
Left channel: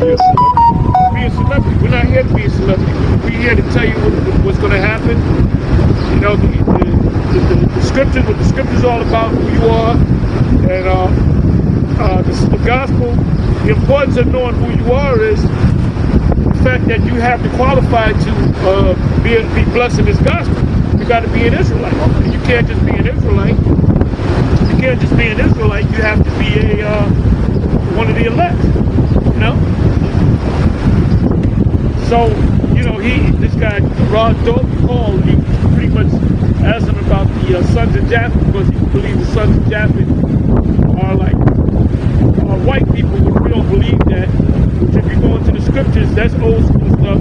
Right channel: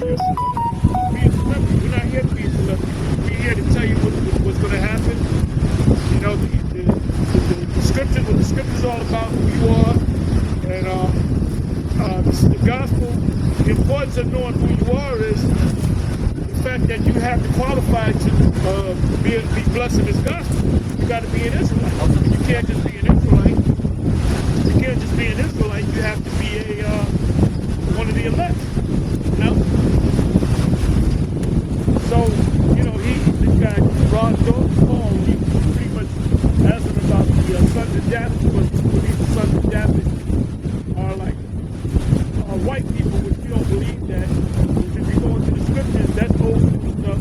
Be a celebrity. Be a celebrity. We're not here to be a celebrity. We're here to tell you what's going to happen. You know, the scriptures, what the scriptures all about, who you are, and the gospel. The importance of knowing who you are is the fact that you have to qualify to be blessed in this gospel. You got to be an Israelite. You can't just be an Israelite. You can't just be an Israelite. You have to be one of the elect. You know. So you know this guy Ron Dalton called. He pretty much asked him about the sons of Japheth, because he believes the sons of Japheth are like white people. We don't believe that. Which, if you go into the scriptures, that's old school stuff.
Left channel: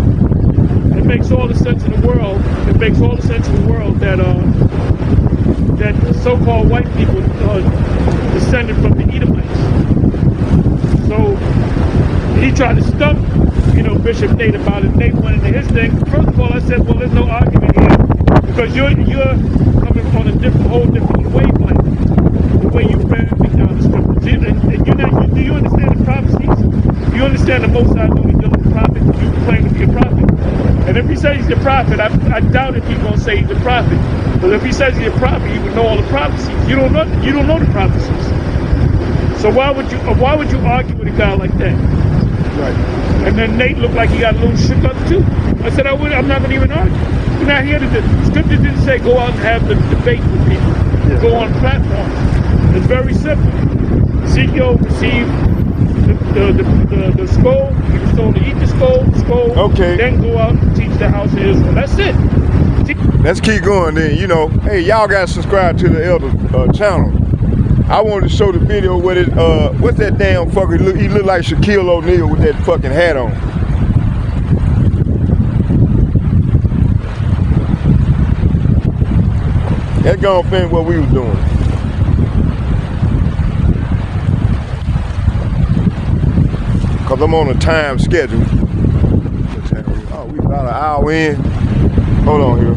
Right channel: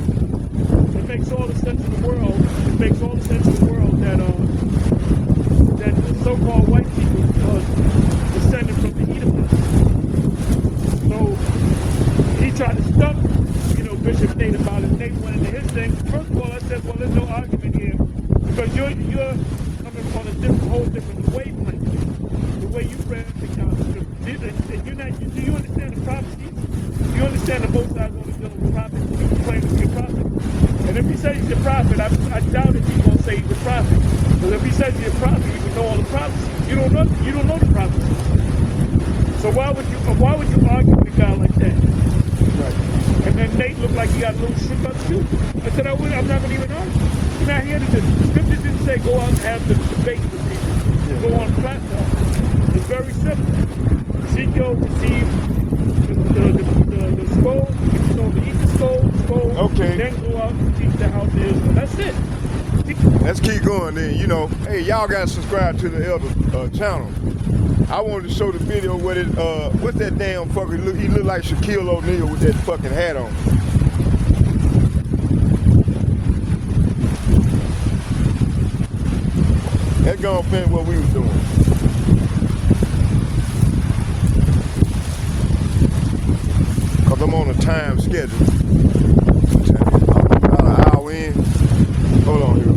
It makes all the sense in the world. It makes all the sense in the world that that so-called white people are descended from the Edomites. So he tried to stump, you know, Bishop Nate about it. Nate went into his thing. First of all, I said, well, there's no argument here, because you're coming on a whole different wavelength, the way you break down the scriptures. And do you understand the prophecies? Do you understand the Most High knew to deal with the prophet? You claim to be a prophet. And if he says he's a prophet, I doubt if he's going to say he's a prophet. Because if he says he's a prophet, he would know all the prophecies. You don't know the prophecies. So why would you argue with a guy like that? Right. And then Nate looked like he got a little shook up too. I said, I'm not going to even argue. We're not here to do. Scripture didn't say go out and have the debate with people. Yeah. Go on platforms. It's very simple. Ezekiel received the scroll. He was told to eat the scroll. Okay. Then go out and teach the house of Israel. That's it. Let's keep going then. You know, hey, y'all got to subscribe to the Elder channel. I wanted to show the video with it. What's that damn fucker? He look like Shaquille O'Neal with that fucking hat on. That gonna fit what we was doing. Cause I'm on a time schedule. About an hour in. Hold on here.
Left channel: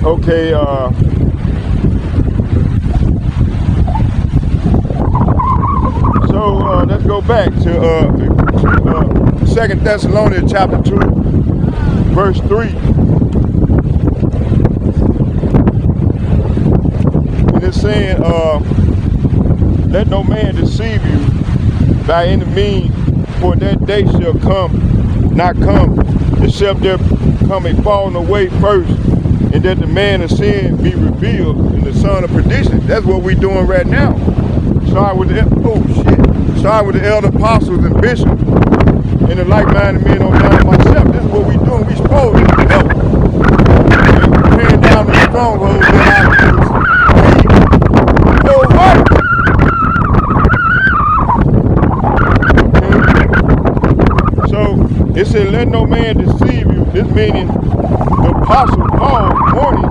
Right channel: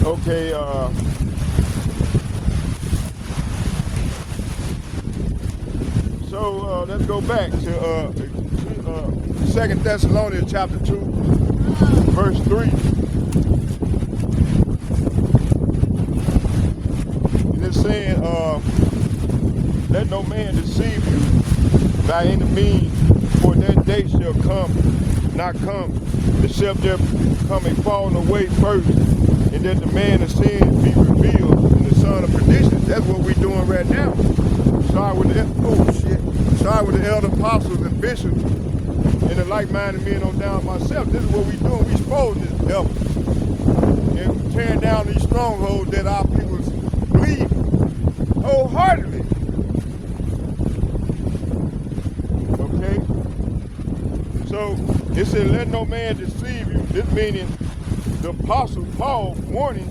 Okay, so let's go back to 2 Thessalonians chapter 2, verse 3. And it's saying, let no man deceive you by any means, for that day shall not come, except there come a falling away first, and that the man of sin be revealed, and the son of perdition. That's what we're doing right now. Start with the elder apostles and bishops, and the like-minded men on down myself. That's what we're doing. We supposed to help. And we're tearing down the strongholds that our okay? So it said, let no man deceive you. This meaning the apostle Paul is warning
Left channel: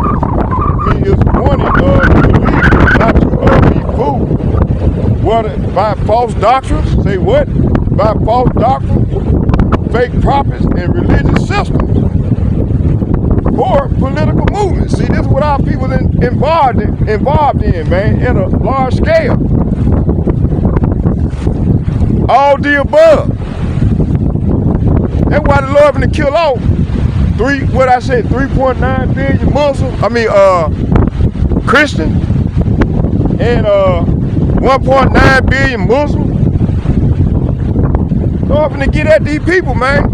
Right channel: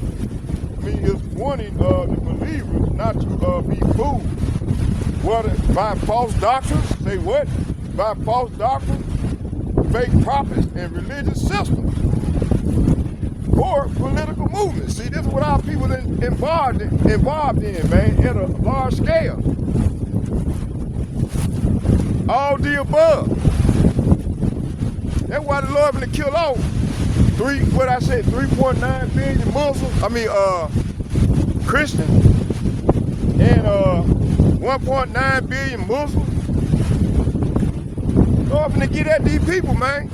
believers not to be fooled. What? By false doctrines? Say what? By false doctrines, fake prophets, and religious systems, or political movements. See, this is what our people involved in, man, at a large scale. All the above. That's why the Lord finna kill off 3.9 billion Muslims, Christians, and 1.9 billion Muslims. Go up and get at these people, man.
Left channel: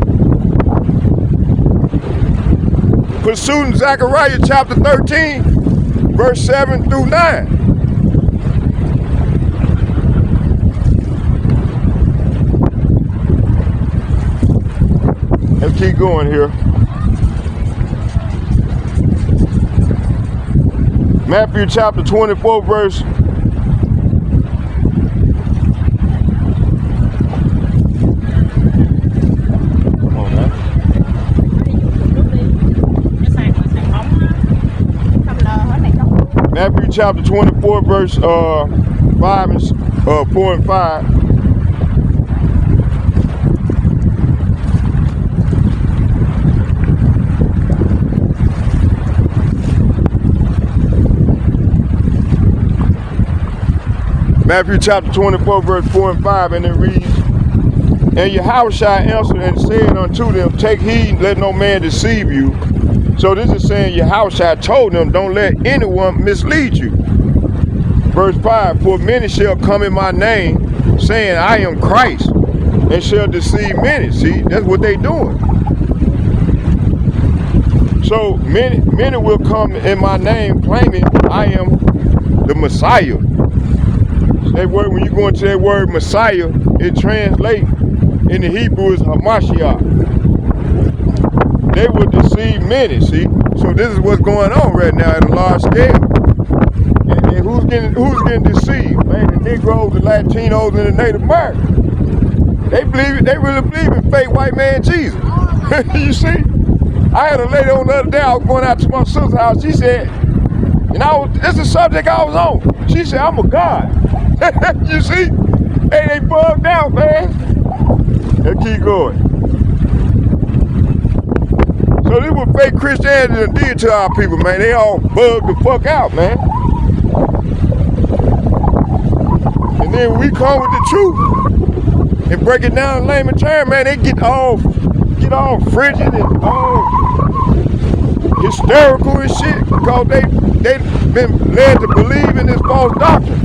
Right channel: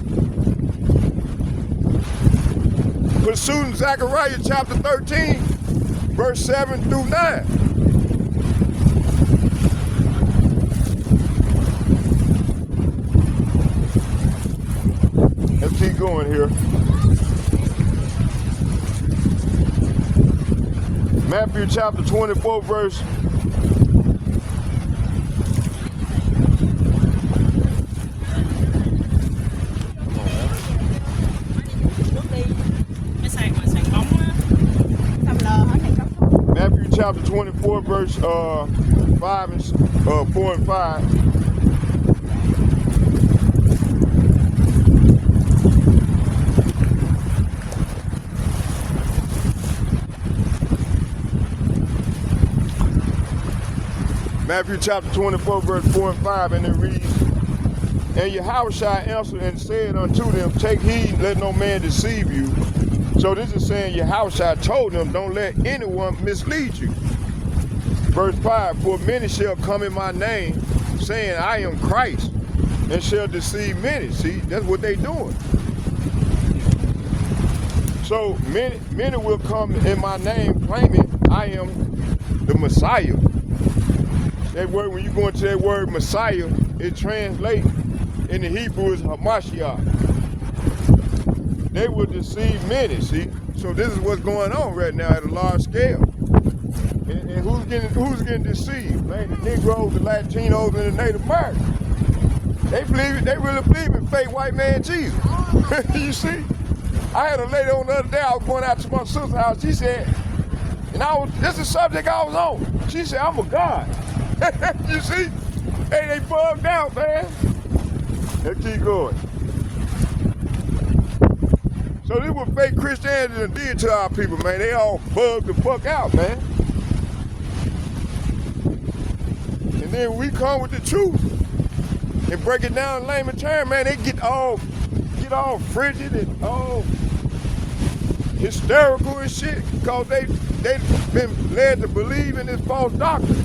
Pursuing Zechariah chapter 13, verse 7 through 9. Let's keep going here. Matthew chapter 24, verse. Matthew chapter 24, verse 4 and 5. Matthew chapter 24, verse 4 and 5, and it reads, And Yahushua answered and said unto them, Take heed, let no man deceive you. So this is saying Yahushua told them, don't let anyone mislead you. Verse 5, For many shall come in my name, saying, I am Christ, and shall deceive many. See, that's what they doing. So many will come in my name, claiming I am the Messiah. That word, when you go into that word Messiah, it translates in the Hebrew as Hamashiach. They will deceive many, see? So this is what's going on right now at a large scale. And who's getting deceived? Man, the Negroes, the Latinos, and the Native Americans. They really believe in fake white man Jesus. You see? I had a lady on the other day, I was going out to my sister's house, she said, this is the subject I was on. She said, I'm a God. You see? Hey, they bugged out, man. Let's keep going. So this is what fake Christianity did to our people, man. They all bugged the fuck out, man. And then when we come with the truth and break it down in layman terms, man, they get all frigid and all hysterical and shit because they've been led to believe in this false doctrine.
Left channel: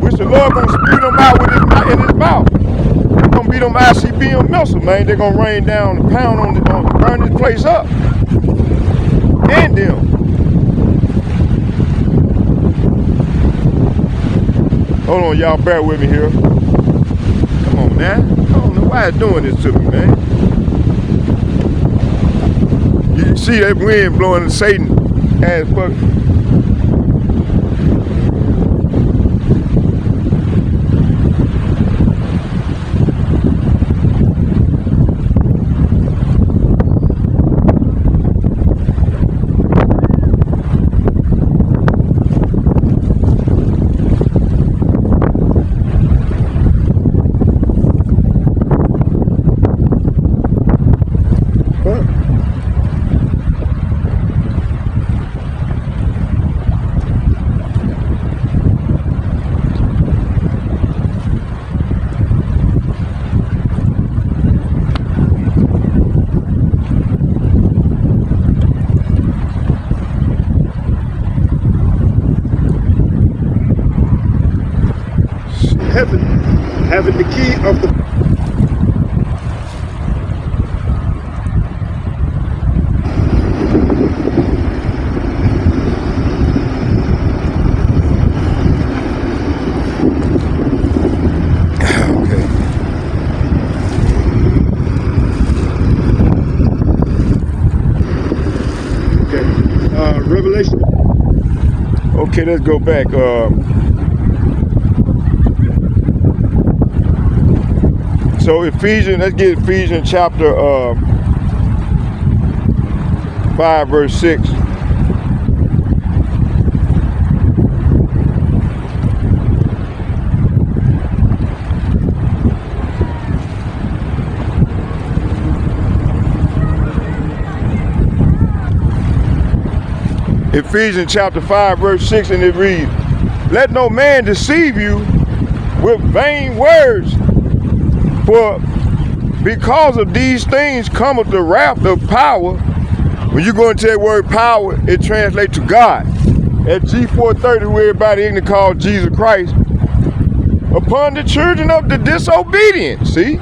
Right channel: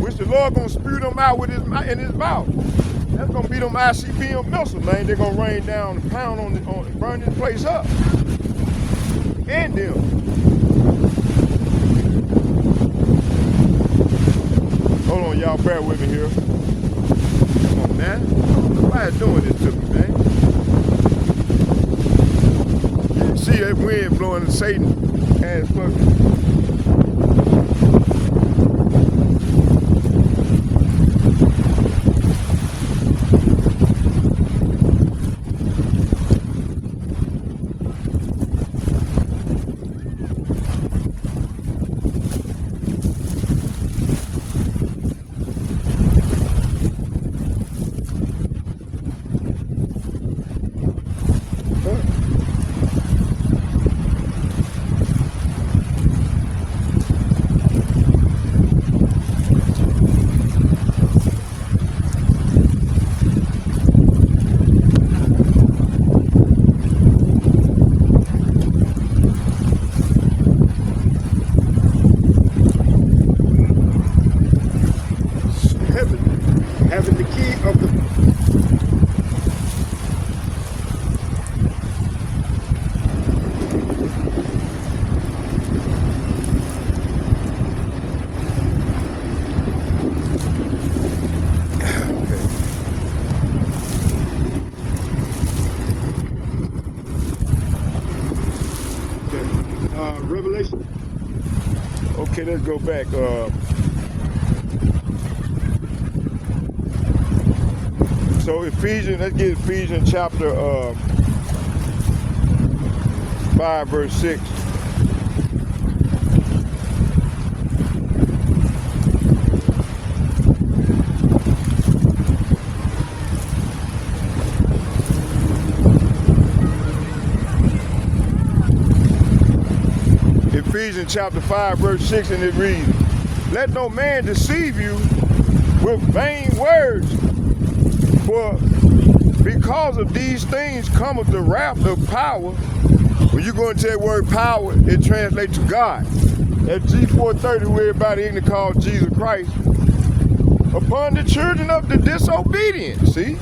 Which the Lord gonna spew them out in his mouth. They're gonna be them ICBM missiles, man. They're gonna rain down and pound on burn this place up. And them. Hold on, y'all, bear with me here. Come on, man. I don't know why it's doing this to me, man. You see that wind blowing Satan ass fuck. Having the key of the Revelation. Okay, let's go back. So Ephesians, let's get Ephesians chapter 5, verse 6. Ephesians chapter 5, verse 6, and it reads, Let no man deceive you with vain words, for because of these things cometh the wrath of power. When you go into that word power, it translates to God. at G430, who everybody ignorant called Jesus Christ, upon the children of the disobedient, see?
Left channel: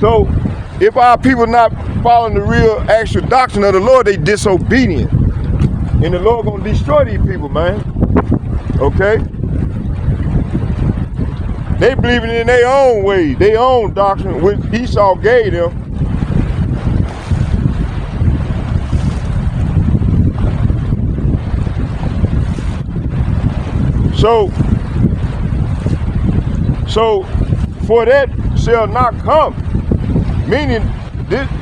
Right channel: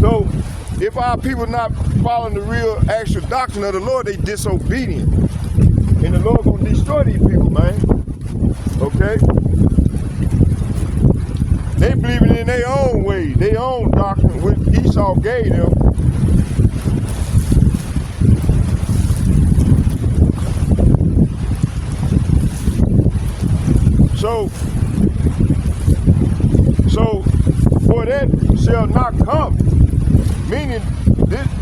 So, if our people not following the real actual doctrine of the Lord, they disobedient. And the Lord gonna destroy these people, man. Okay? They believing in their own way, their own doctrine, which Esau gave them. So for that shall not come, meaning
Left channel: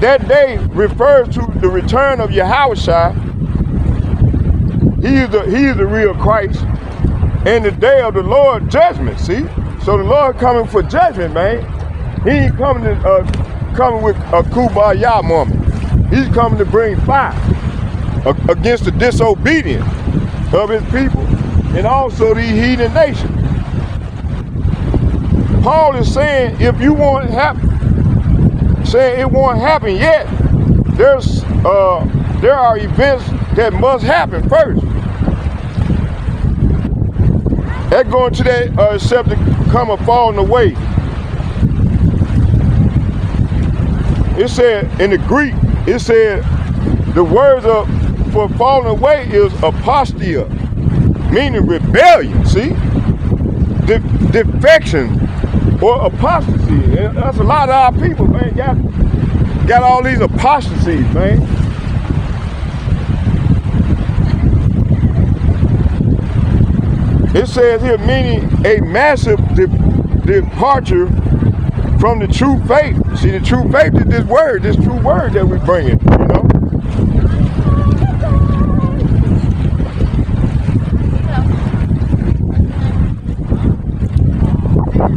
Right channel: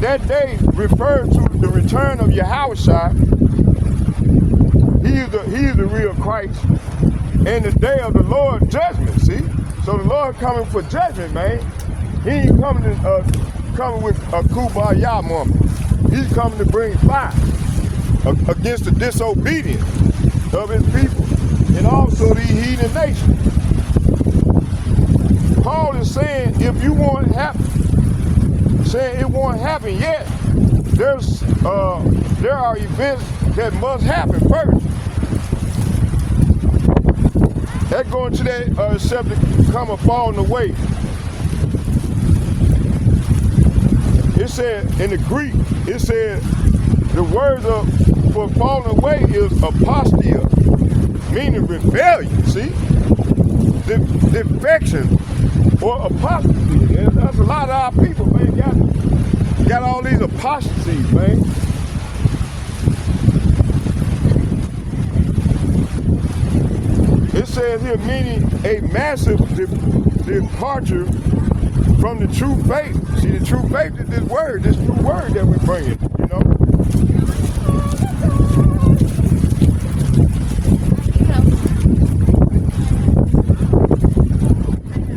that day refers to the return of Yahushua. He is the real Christ, and the day of the Lord judgment. See, so the Lord coming for judgment, man. He ain't coming with a kumbaya moment. He's coming to bring fire against the disobedience of his people and also these heathen nations. Paul is saying, if you want it happen, saying it won't happen yet, there are events that must happen first. That going to that except to come a falling away. It said in the Greek, it said the word for falling away is apostia, meaning rebellion. See, defection or apostasy. And that's a lot of our people, man. Got all these apostasies, man. It says here, meaning a massive departure from the true faith. See, the true faith is this true word that we bring in, you know?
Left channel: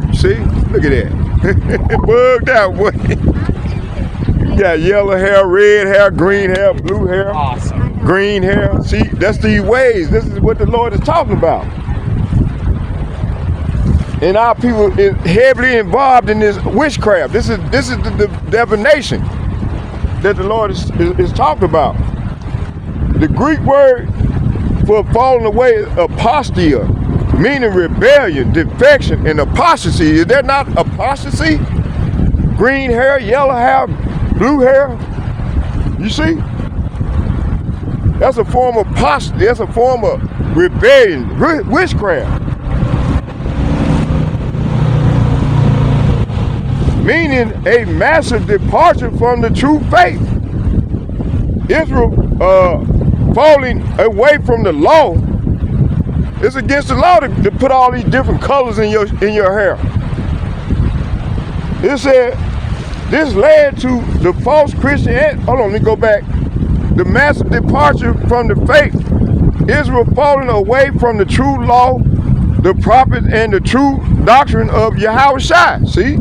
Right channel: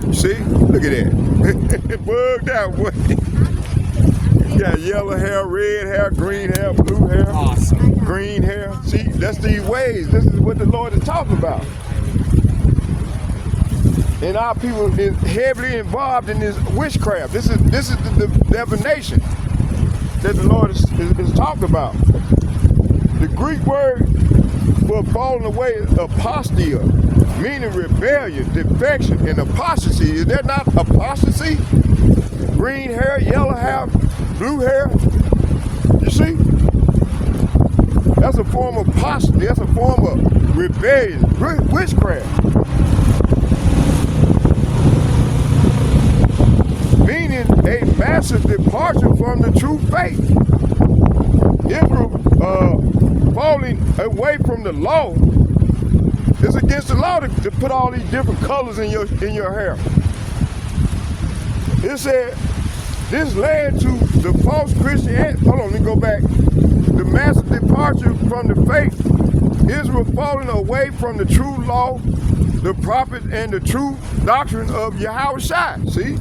You see? Look at that. Bugged out, boy. You got yellow hair, red hair, green hair, blue hair, awesome. Green hair. See, that's these ways. This is what the Lord is talking about. And our people is heavily involved in this witchcraft. This is the divination that the Lord is talking about. The Greek word for falling away is apostia, meaning rebellion, defection, and apostasy. Is that not apostasy? Green hair, yellow hair, blue hair. You see? That's a form of apostasy. That's a form of rebellion, witchcraft. Meaning a massive departure from the true faith. Israel falling away from the law. It's against the law to put all these different colors in your hair. It said this led to the false Christian. Hold on, let me go back. The massive departure from the faith. Israel falling away from the true law, the prophets, and the true doctrine of Yahushua. See?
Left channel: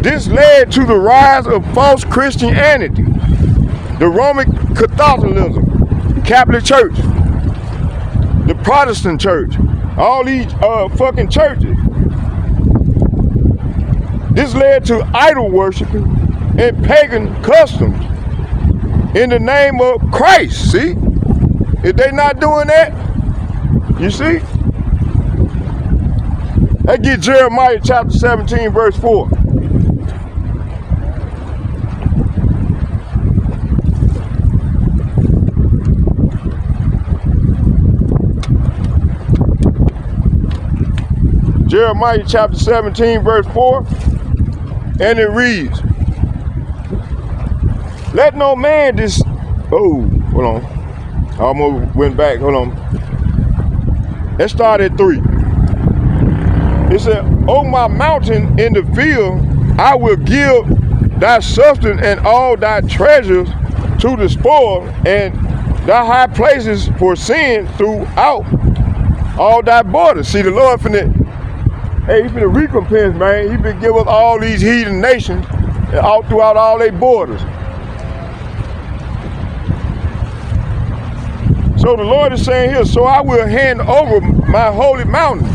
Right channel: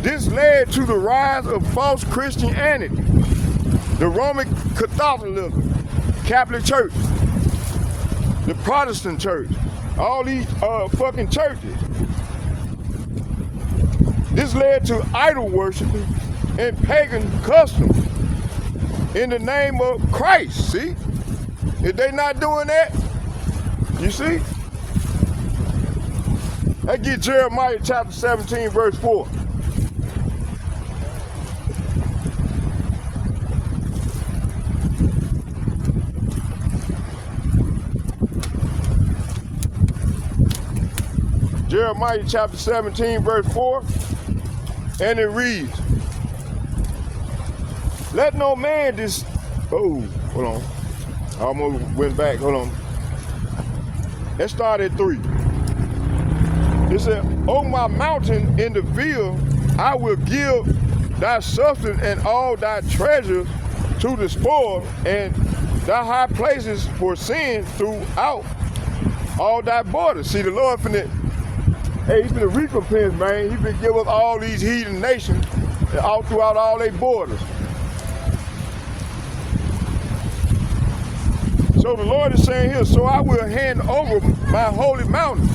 This led to the rise of false Christianity, the Roman Catholicism, Catholic Church, the Protestant Church, all these fucking churches. This led to idol worshiping and pagan customs in the name of Christ, see? If they not doing that, you see? Let's get Jeremiah chapter 17, verse 4. Jeremiah chapter 17, verse 4, and it reads, let no man hold on. I almost went back, hold on. Let's start at 3. It said, O my mountain in the field, I will give thy substance and all thy treasures to the spoil, and thy high places for sin throughout all thy borders. See, the Lord finna, hey, he's finna recompense, man. He finna give us all these heathen nations all throughout all their borders. So the Lord is saying here, so I will hand over my holy mountain.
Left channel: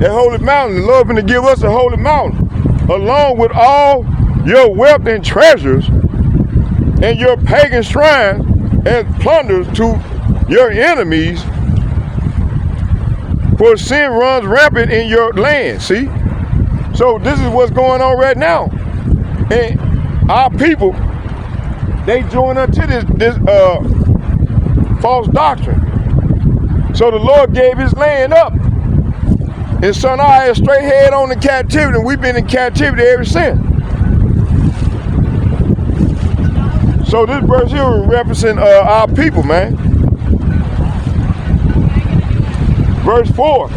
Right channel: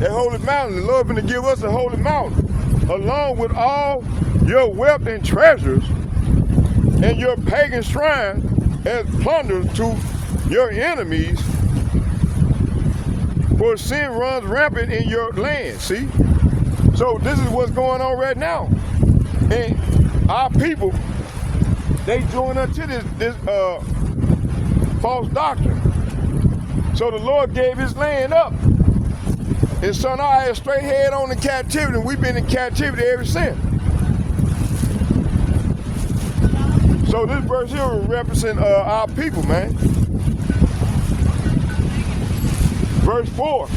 That holy mountain, the Lord finna give us a holy mountain, along with all your wealth and treasures, and your pagan shrines and plunders to your enemies, for sin runs rampant in your land. See? So this is what's going on right now. And our people, they join unto this false doctrine. So the Lord gave his land up. And so now I had straight head on in captivity, and we've been in captivity ever since. So this verse here will represent our people, man. Verse 4,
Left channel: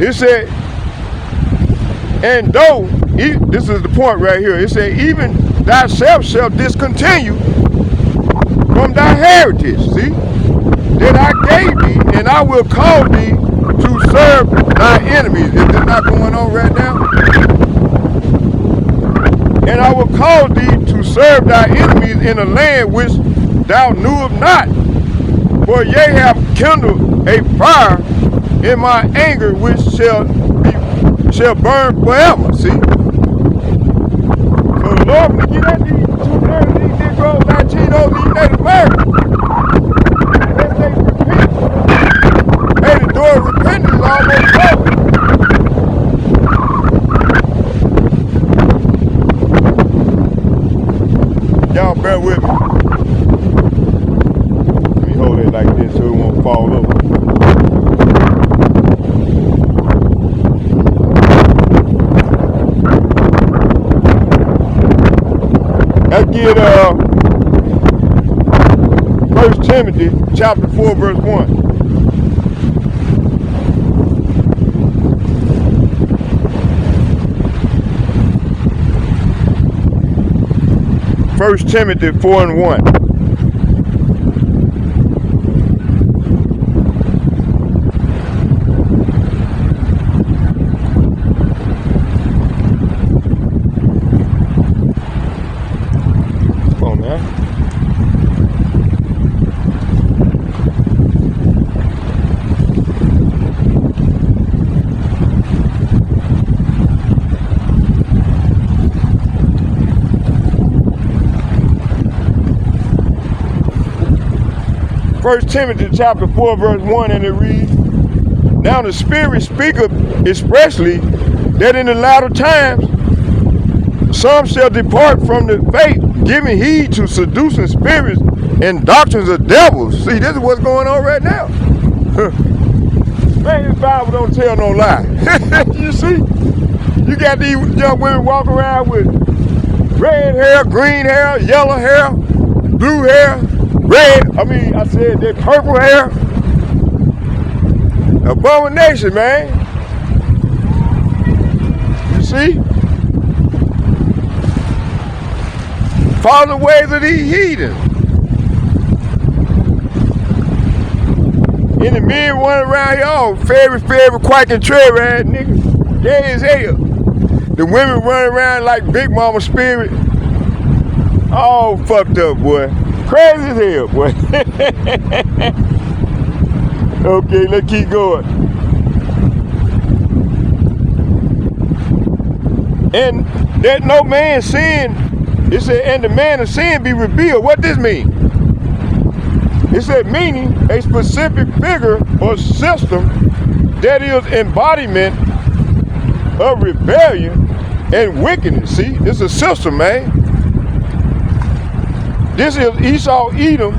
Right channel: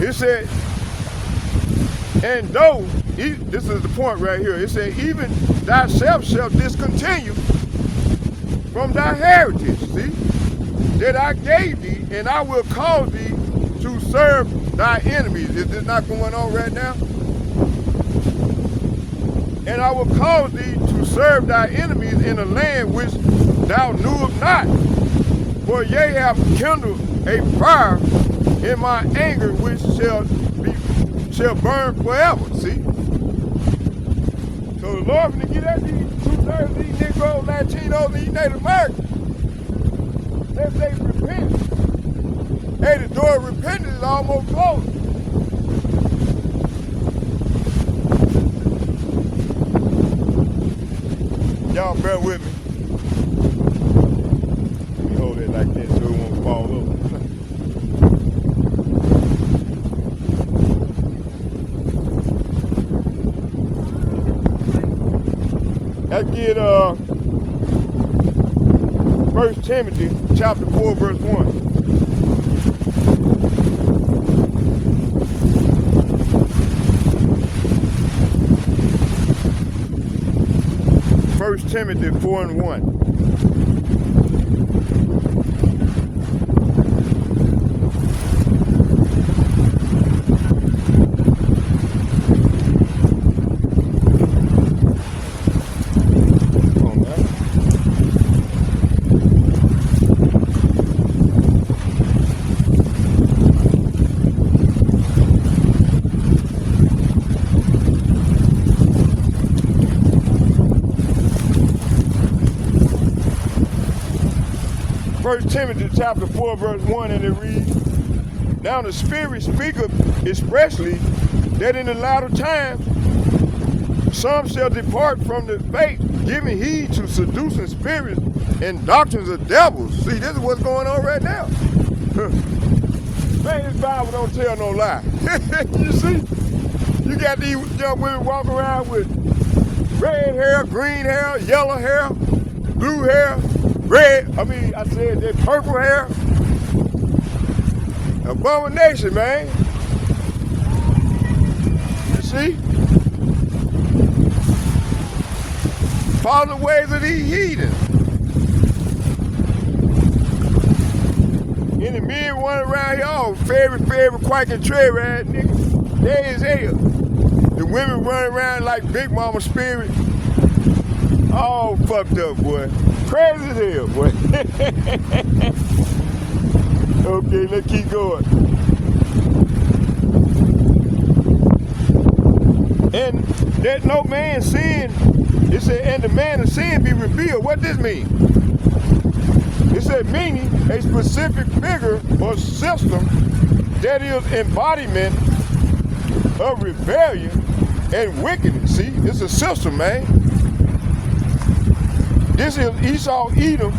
it said, and though, this is the point right here, it said, even thyself shall discontinue from thy heritage, see, that I gave thee, and I will cause thee to serve thy enemies. Is this not going on right now? And I will cause thee to serve thy enemies in a land which thou knewest not. For ye have kindled a fire in my anger, which shall burn forever. See? So the Lord will get at these 2/3 of these Negroes, 19 of these Native Americans. If they repent, hey, the door of repentance is almost open. Y'all bear with me. Let me hold it like this so it won't fall over. Let's get 1 Timothy chapter 4, verse 1. First Timothy 4 and 1. First Timothy chapter 4, verse 1, and it reads, now the Spirit speaketh expressly that in the latter times some shall depart from the faith, giving heed to seducing spirits and doctrines of devils. See, this is what's going on right now. Man, this Bible don't tell no lie. You see? You got these young women walking around with red hair, green hair, yellow hair, blue hair, I said that purple hair. Abomination, man. You see? Follow the ways of these heathens. And the men running around here, all fairy, quack and traitor ass niggas. Gay as hell. The women running around like Big Mama Spirit. All fucked up, boy. Crazy as hell, boy. Okay, let's keep going. And that no man sin, it said, and the man of sin be revealed. What this mean? It said, meaning a specific figure or system that is embodiment of rebellion and wickedness. See, this is a system, man. This is Esau Edom,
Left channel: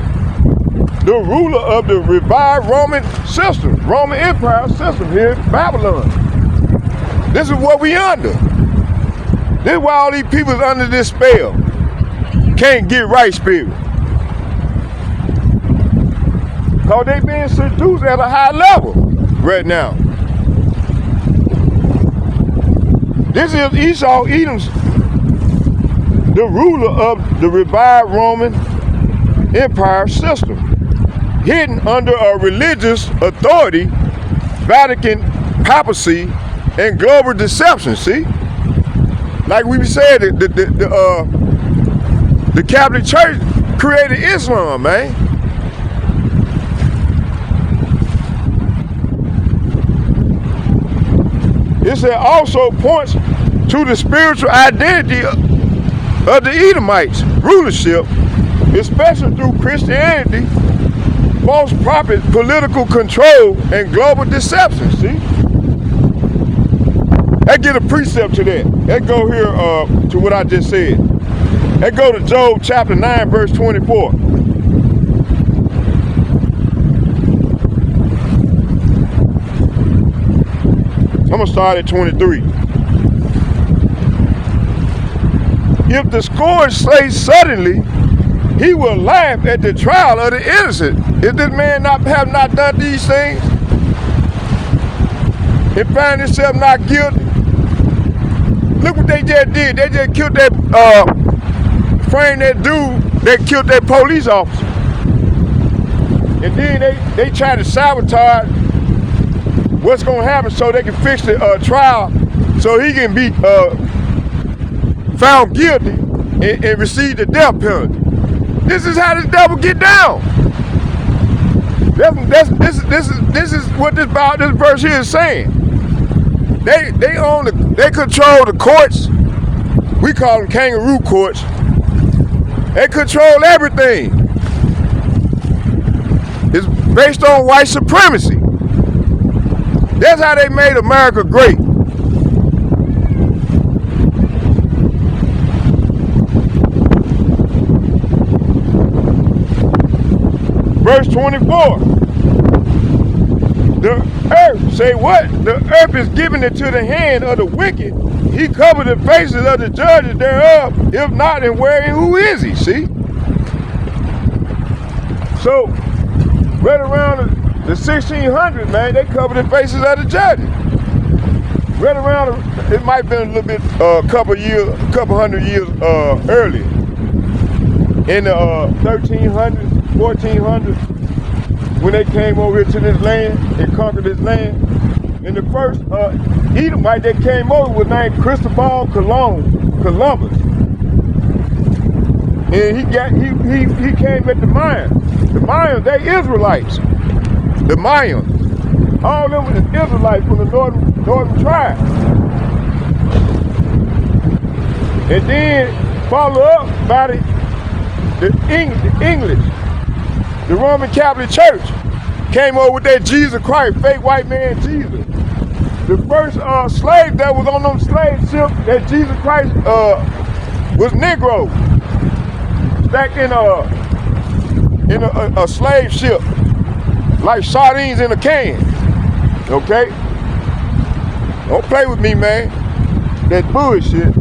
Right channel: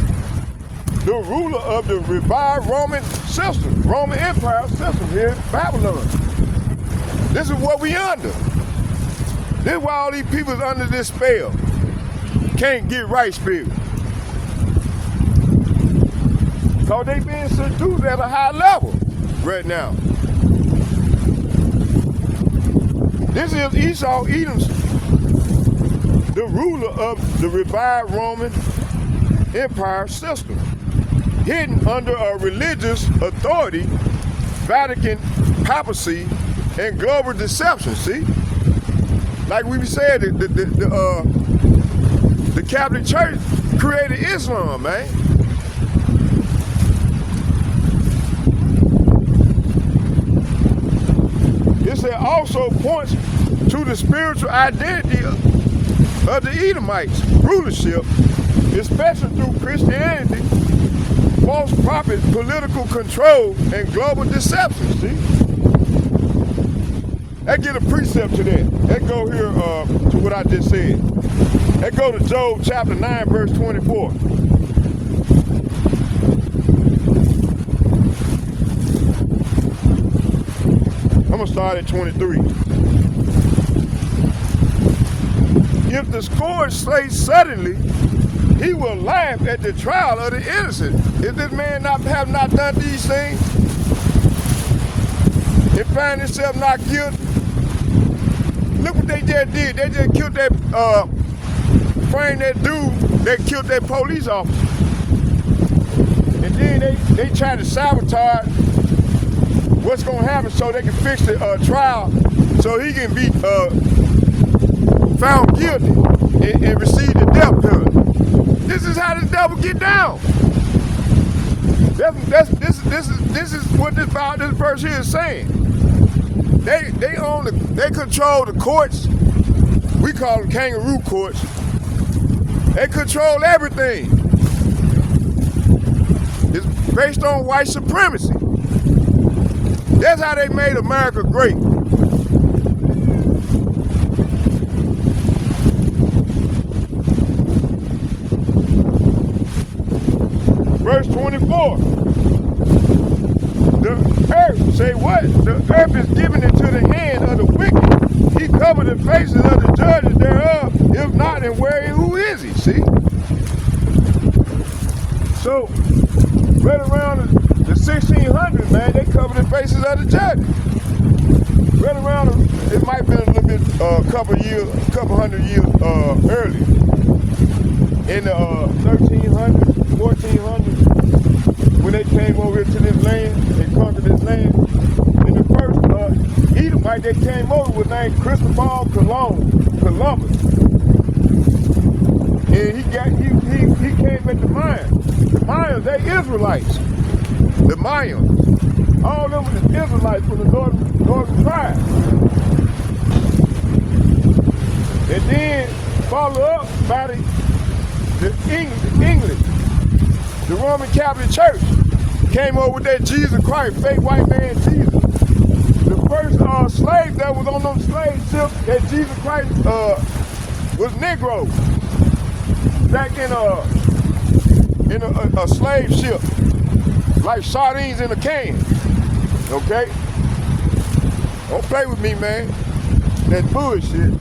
the ruler of the revived Roman system, Roman Empire system here in Babylon. This is what we under. This is why all these people is under this spell. Can't get right spirit. Because they being seduced at a high level right now. This is Esau Edom's, the ruler of the revived Roman Empire system, hidden under a religious authority, Vatican papacy, and global deception. See, like we said, the Catholic Church created Islam, man. This also points to the spiritual identity of the Edomites' rulership, especially through Christianity, false prophets, political control, and global deception. See? That get a precept to that. That go here to what I just said. That go to Job chapter 9, verse 24. I'm gonna start at 23. If the scourge slay suddenly, he will laugh at the trial of the innocent. If this man have not done these things and find himself not guilty, look what they just did. They just killed that, framed that dude that killed that police officer. And then they try to sabotage what's gonna happen so they can fix the trial so he can be found guilty and receive the death penalty. This is how this devil get down. This is what this verse here is saying. They control the courts. We call them kangaroo courts. They control everything. It's based on white supremacy. That's how they made America great. Verse 24. The earth, say what? The earth is given into the hand of the wicked. He covered the faces of the judges thereof. If not, then where and who is he? See? So, right around the 1600s, man, they covered the faces of the judges. Right around, it might have been a little bit, couple hundred years earlier. In the 1300s, 1400s, when they came over here to this land, they conquered this land. And the first Edomite that came over was named Christopher Columbus. And he came at the Mayans. The Mayans, they Israelites. The Mayans. All of them was Israelites from the northern tribe. And then follow up by the English. The Roman Catholic Church came over with that Jesus Christ, fake white man Jesus. The first slave that was on them slave ships that Jesus Christ was Negroes. Back in a slave ship, like sardines in a can. Okay? Don't play with me, man. That bullshit.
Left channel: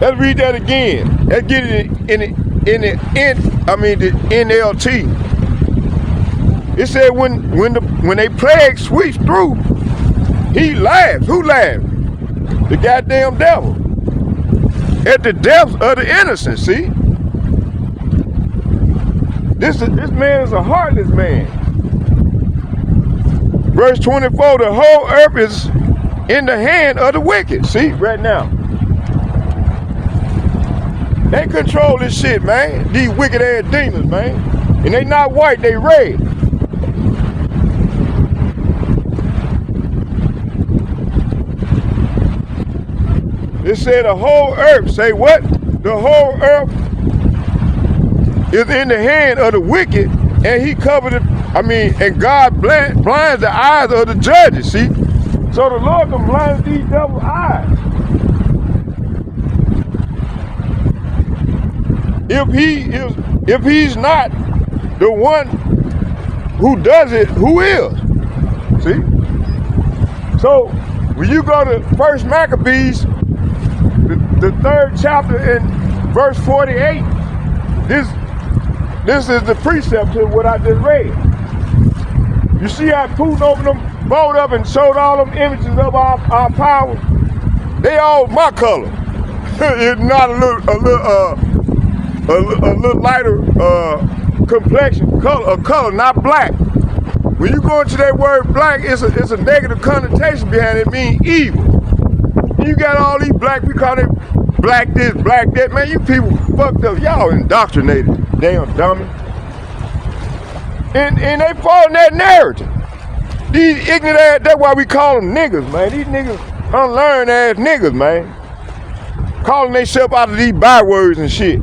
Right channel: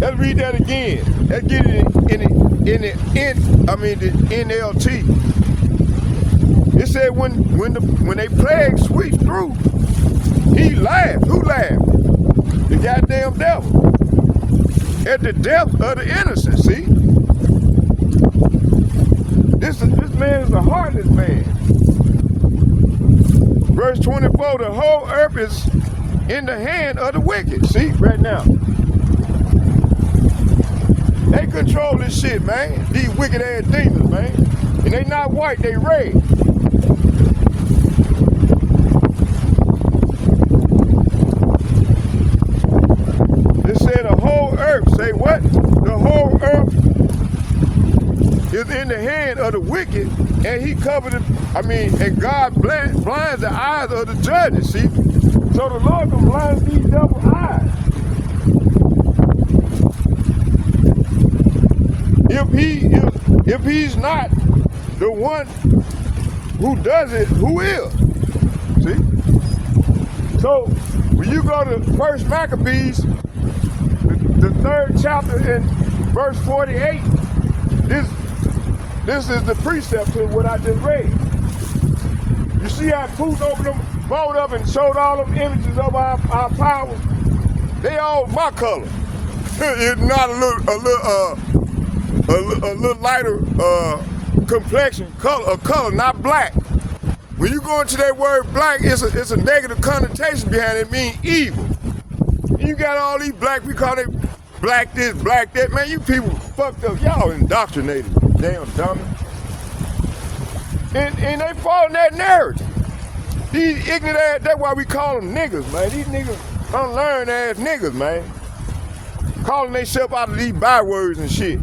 Let's read that again. Let's get it in the NLT. It said when they plague sweeps through, he laughed. Who laughed? The goddamn devil. At the deaths of the innocent. See? This man is a heartless man. Verse 24. The whole earth is in the hand of the wicked. See? Right now. They control this shit, man. These wicked ass demons, man. And they not white, they red. It said the whole earth. Say what? The whole earth is in the hand of the wicked, and he covered it. And God blinds the eyes of the judges. See? So the Lord can blind these devil's eyes. If he's not the one who does it, who is? See? So when you go to 1 Maccabees, the 3rd chapter in verse 48, this is the precept to what I just read. You see how Putin opened them, bowled up and showed all them images of our power? They all my color. It's not a little lighter complexion, color, not black. When you go into that word black, it's a negative connotation behind it. It means evil. You got all these black, we call it black this, black that. Man, you people fucked up. Y'all indoctrinated, damn dummy. And they fall in that narrative. These ignorant ass, that's why we call them niggas, man. These niggas unlearned ass niggas, man. calling themselves out of these bywords and shit.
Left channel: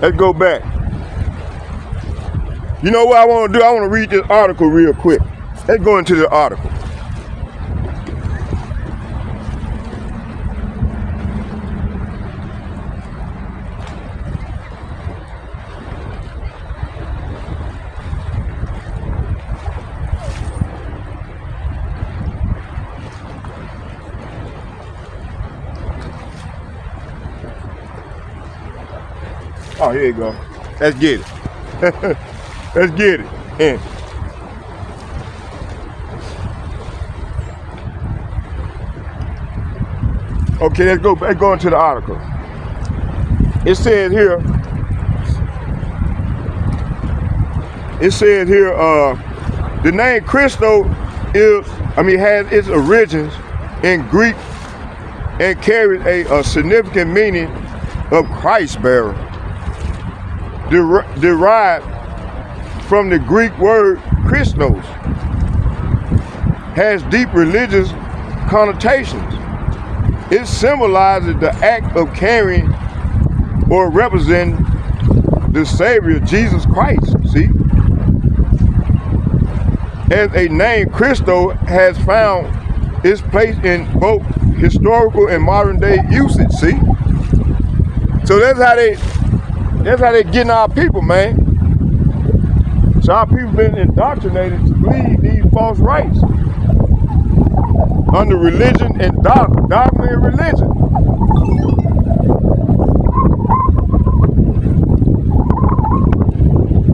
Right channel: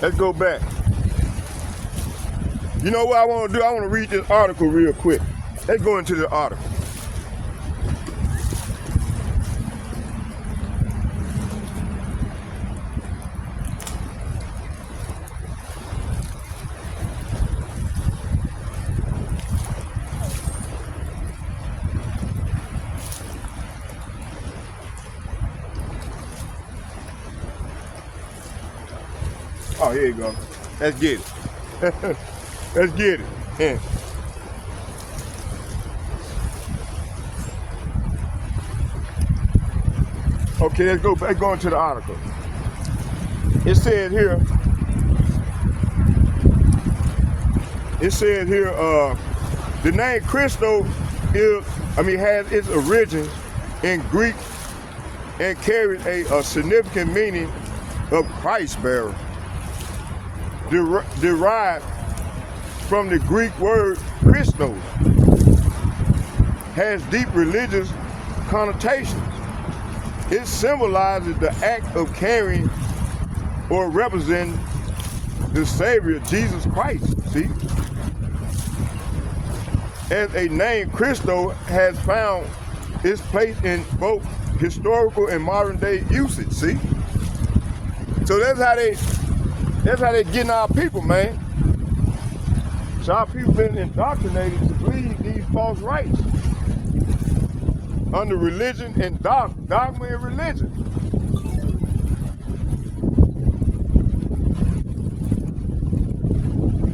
Let's go back. You know what I want to do? I want to read this article real quick. Let's go into the article. Oh, here you go. Let's get it. Let's get it. Yeah. Okay, let's go into the article. It says here, the name Christo has its origins in Greek and carries a significant meaning of Christ bearer, derived from the Greek word Christos, has deep religious connotations. It symbolizes the act of carrying or representing the Savior, Jesus Christ, see? As a name, Christo has found its place in both historical and modern day usage, see? So that's how they getting our people, man. So our people been indoctrinated to believe these false rights under religion and dogma and religion.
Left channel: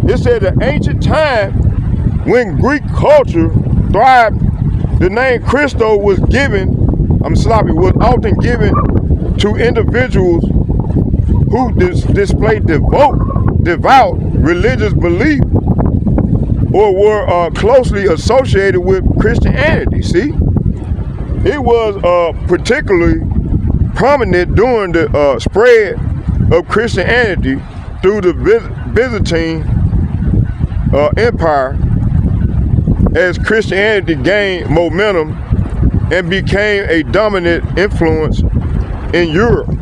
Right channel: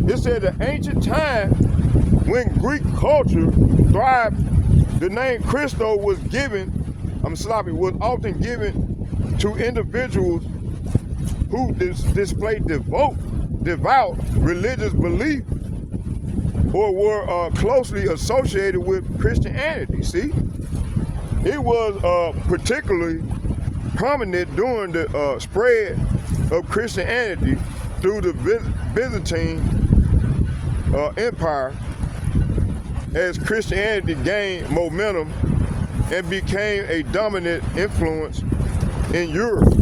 It said the ancient time when Greek culture thrived, the name Christo was often given to individuals who displayed devout religious belief or were closely associated with Christianity, see? It was particularly prominent during the spread of Christianity through the Byzantine Empire as Christianity gained momentum and became a dominant influence in Europe.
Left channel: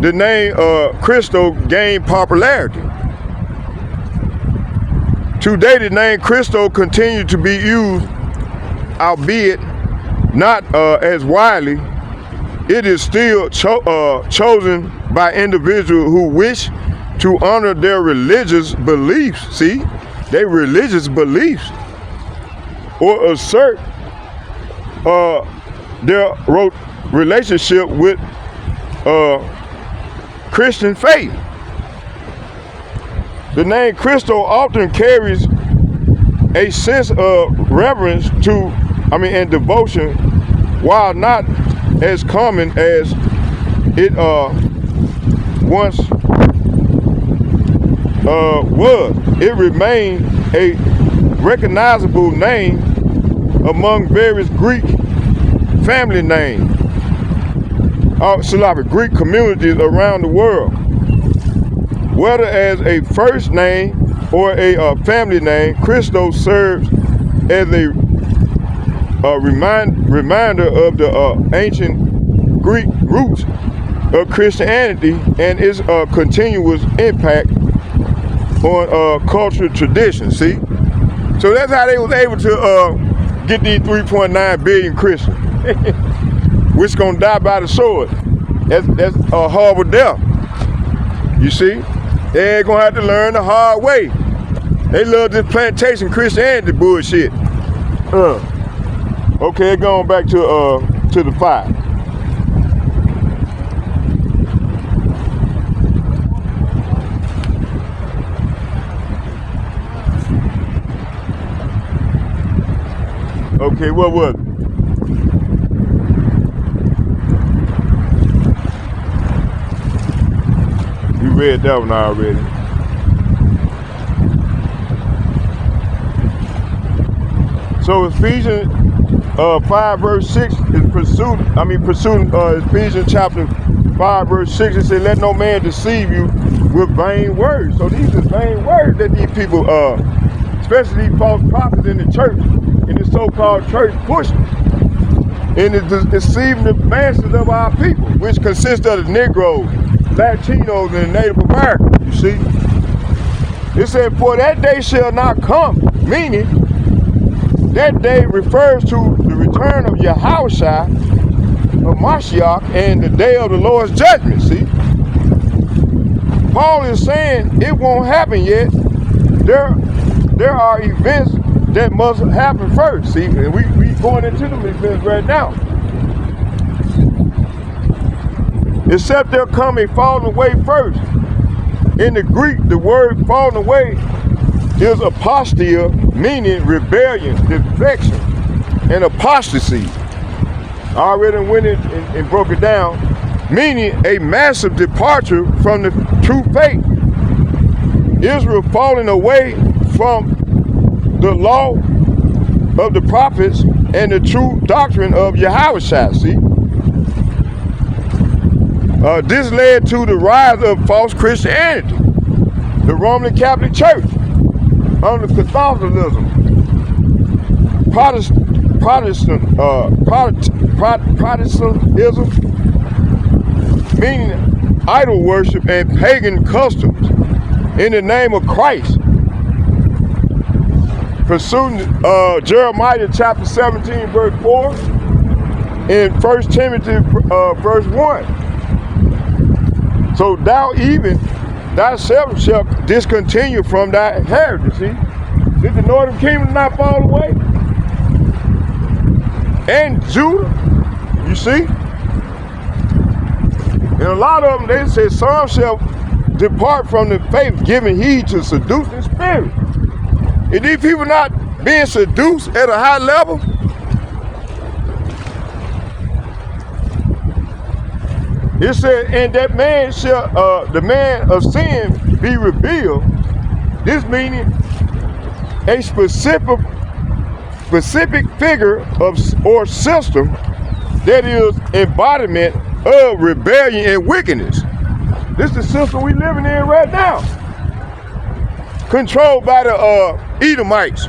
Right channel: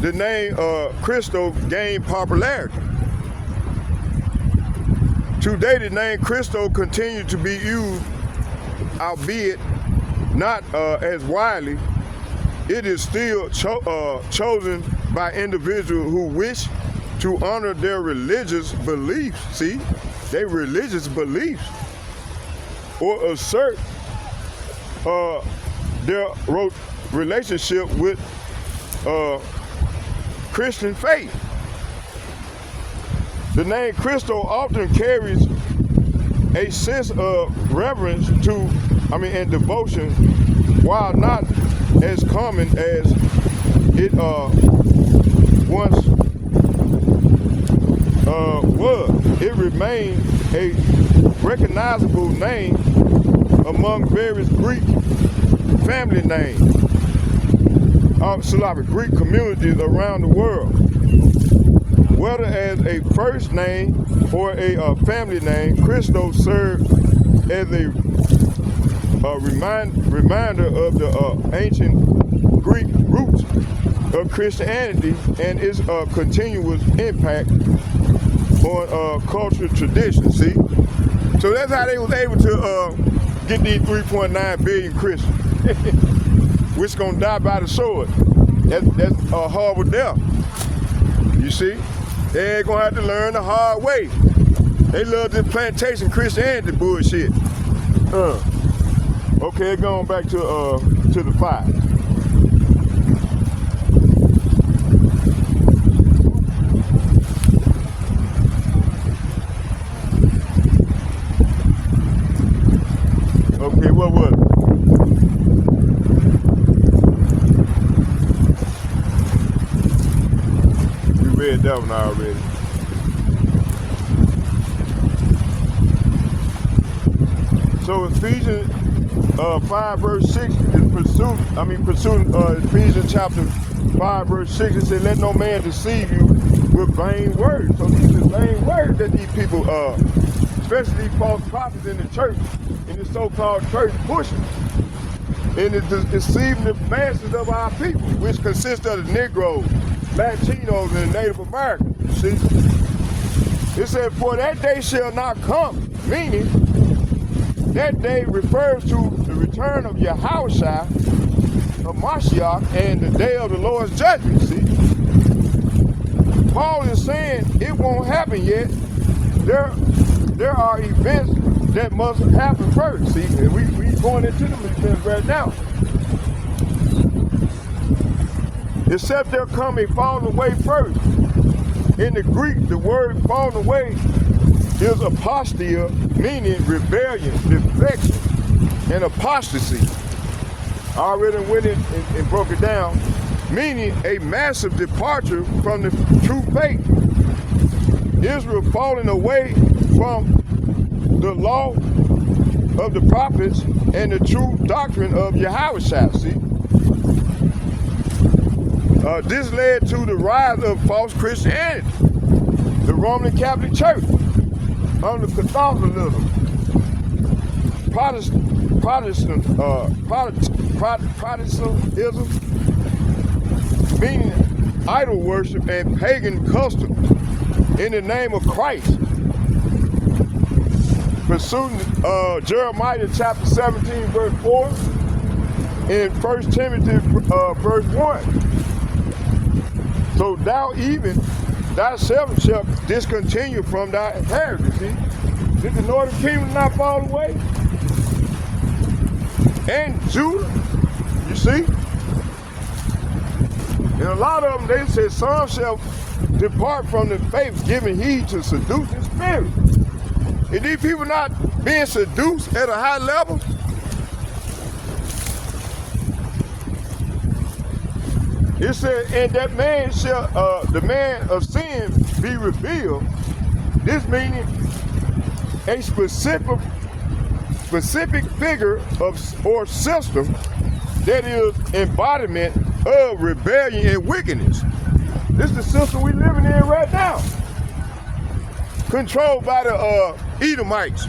The name Christo gained popularity. Today, the name Christo continues to be used, albeit not as widely. It is still chosen by individuals who wish to honor their religious beliefs, see? Their religious beliefs, or assert their relationship with Christian faith. The name Christo often carries a sense of reverence and devotion, while not as common as it once was. It remained a recognizable name among various Greek family names, Greek communities around the world. Whether as a first name or a family name, Christo serves as a reminder of the ancient Greek roots of Christianity and its continuous impact on cultural traditions, see? So that's how they was able to get these 3.9 billion Christians, which gonna die by the sword. That's a horrible death, you see? They're gonna have to learn the hard way. They love this plantation Christianity bullshit. Okay, going back to the 5. Okay, what was it? You read that one already. So Ephesians 5 verse 6 is pursuing Ephesians chapter 5 verse 6. It said, let no man deceive you with vain words. So these are vain words that these people, especially these false prophets in the church, in the so-called church pushing. And it's deceiving the masses of our people, which consists of the Negroes, Latinos, and the Native Americans, you see. It said, for that day shall not come, meaning that day refers to the return of Yahushua, of Mashiach, and the day of the Lord's judgment, see. Paul is saying it won't happen yet. There are events that must happen first, see, and we going into them events right now. Except they're coming falling away first. In the Greek, the word falling away is apostia, meaning rebellion, defection, and apostasy. I already went in and broke it down, meaning a massive departure from the true faith. Israel falling away from the law of the prophets and the true doctrine of Yahushua, see? This led to the rise of false Christianity, the Roman Catholic Church, under Catholicism, Protestantism, meaning idol worship and pagan customs in the name of Christ. Pursuing Jeremiah chapter 17 verse 4 and 1 Timothy verse 1. So thou even thyself shall discontinue from thy heritage. See? Did the northern kingdom not fall away? And Judah, you see? And a lot of them, they say, some shall depart from the faith, giving heed to seducing spirits. Is these people not being seduced at a high level? It said, and that man shall, the man of sin be revealed. This meaning a specific figure of or system that is embodiment of rebellion and wickedness. This is the system we living in right now. Controlled by the Edomites.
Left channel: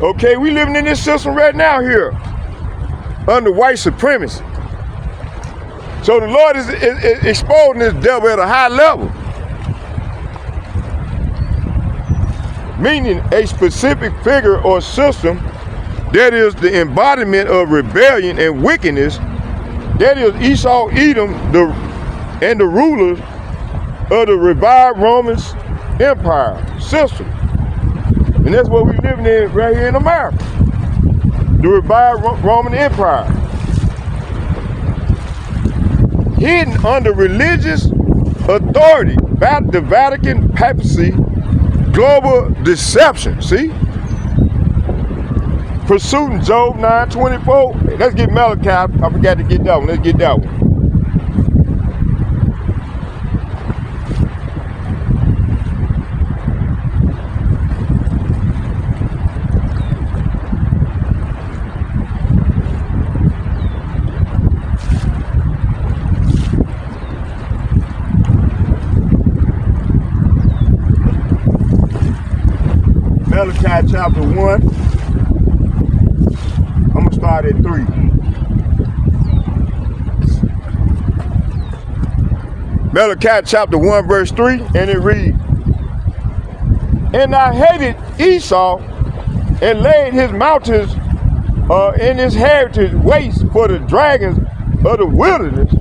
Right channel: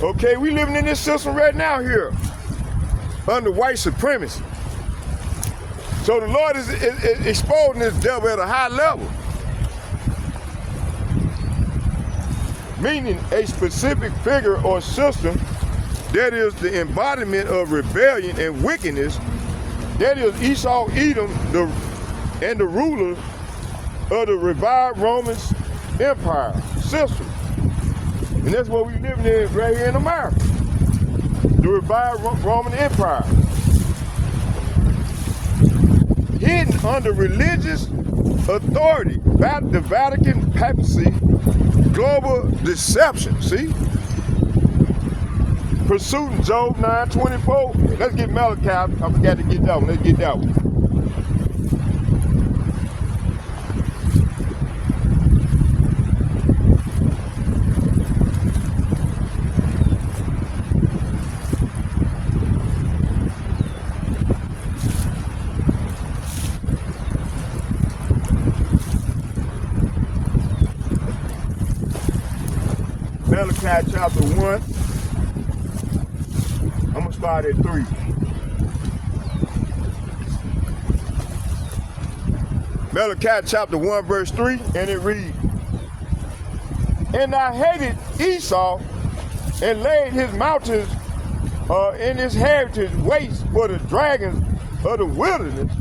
Okay, we living in this system right now here under white supremacy. So the Lord is exposing this devil at a high level. Meaning a specific figure or system that is the embodiment of rebellion and wickedness, that is Esau, Edom, and the rulers of the revived Roman Empire system. And that's what we're living in right here in America. The revived Roman Empire. Hidden under religious authority, the Vatican papacy, global deception, see? Pursuing Job 9:24. Hey, let's get Malachi. I forgot to get that one. Let's get that one. Malachi chapter 1. I'm going to start at 3. Malachi chapter 1 verse 3, and it reads, and I hated Esau and laid his mountains in his heritage waste for the dragons of the wilderness.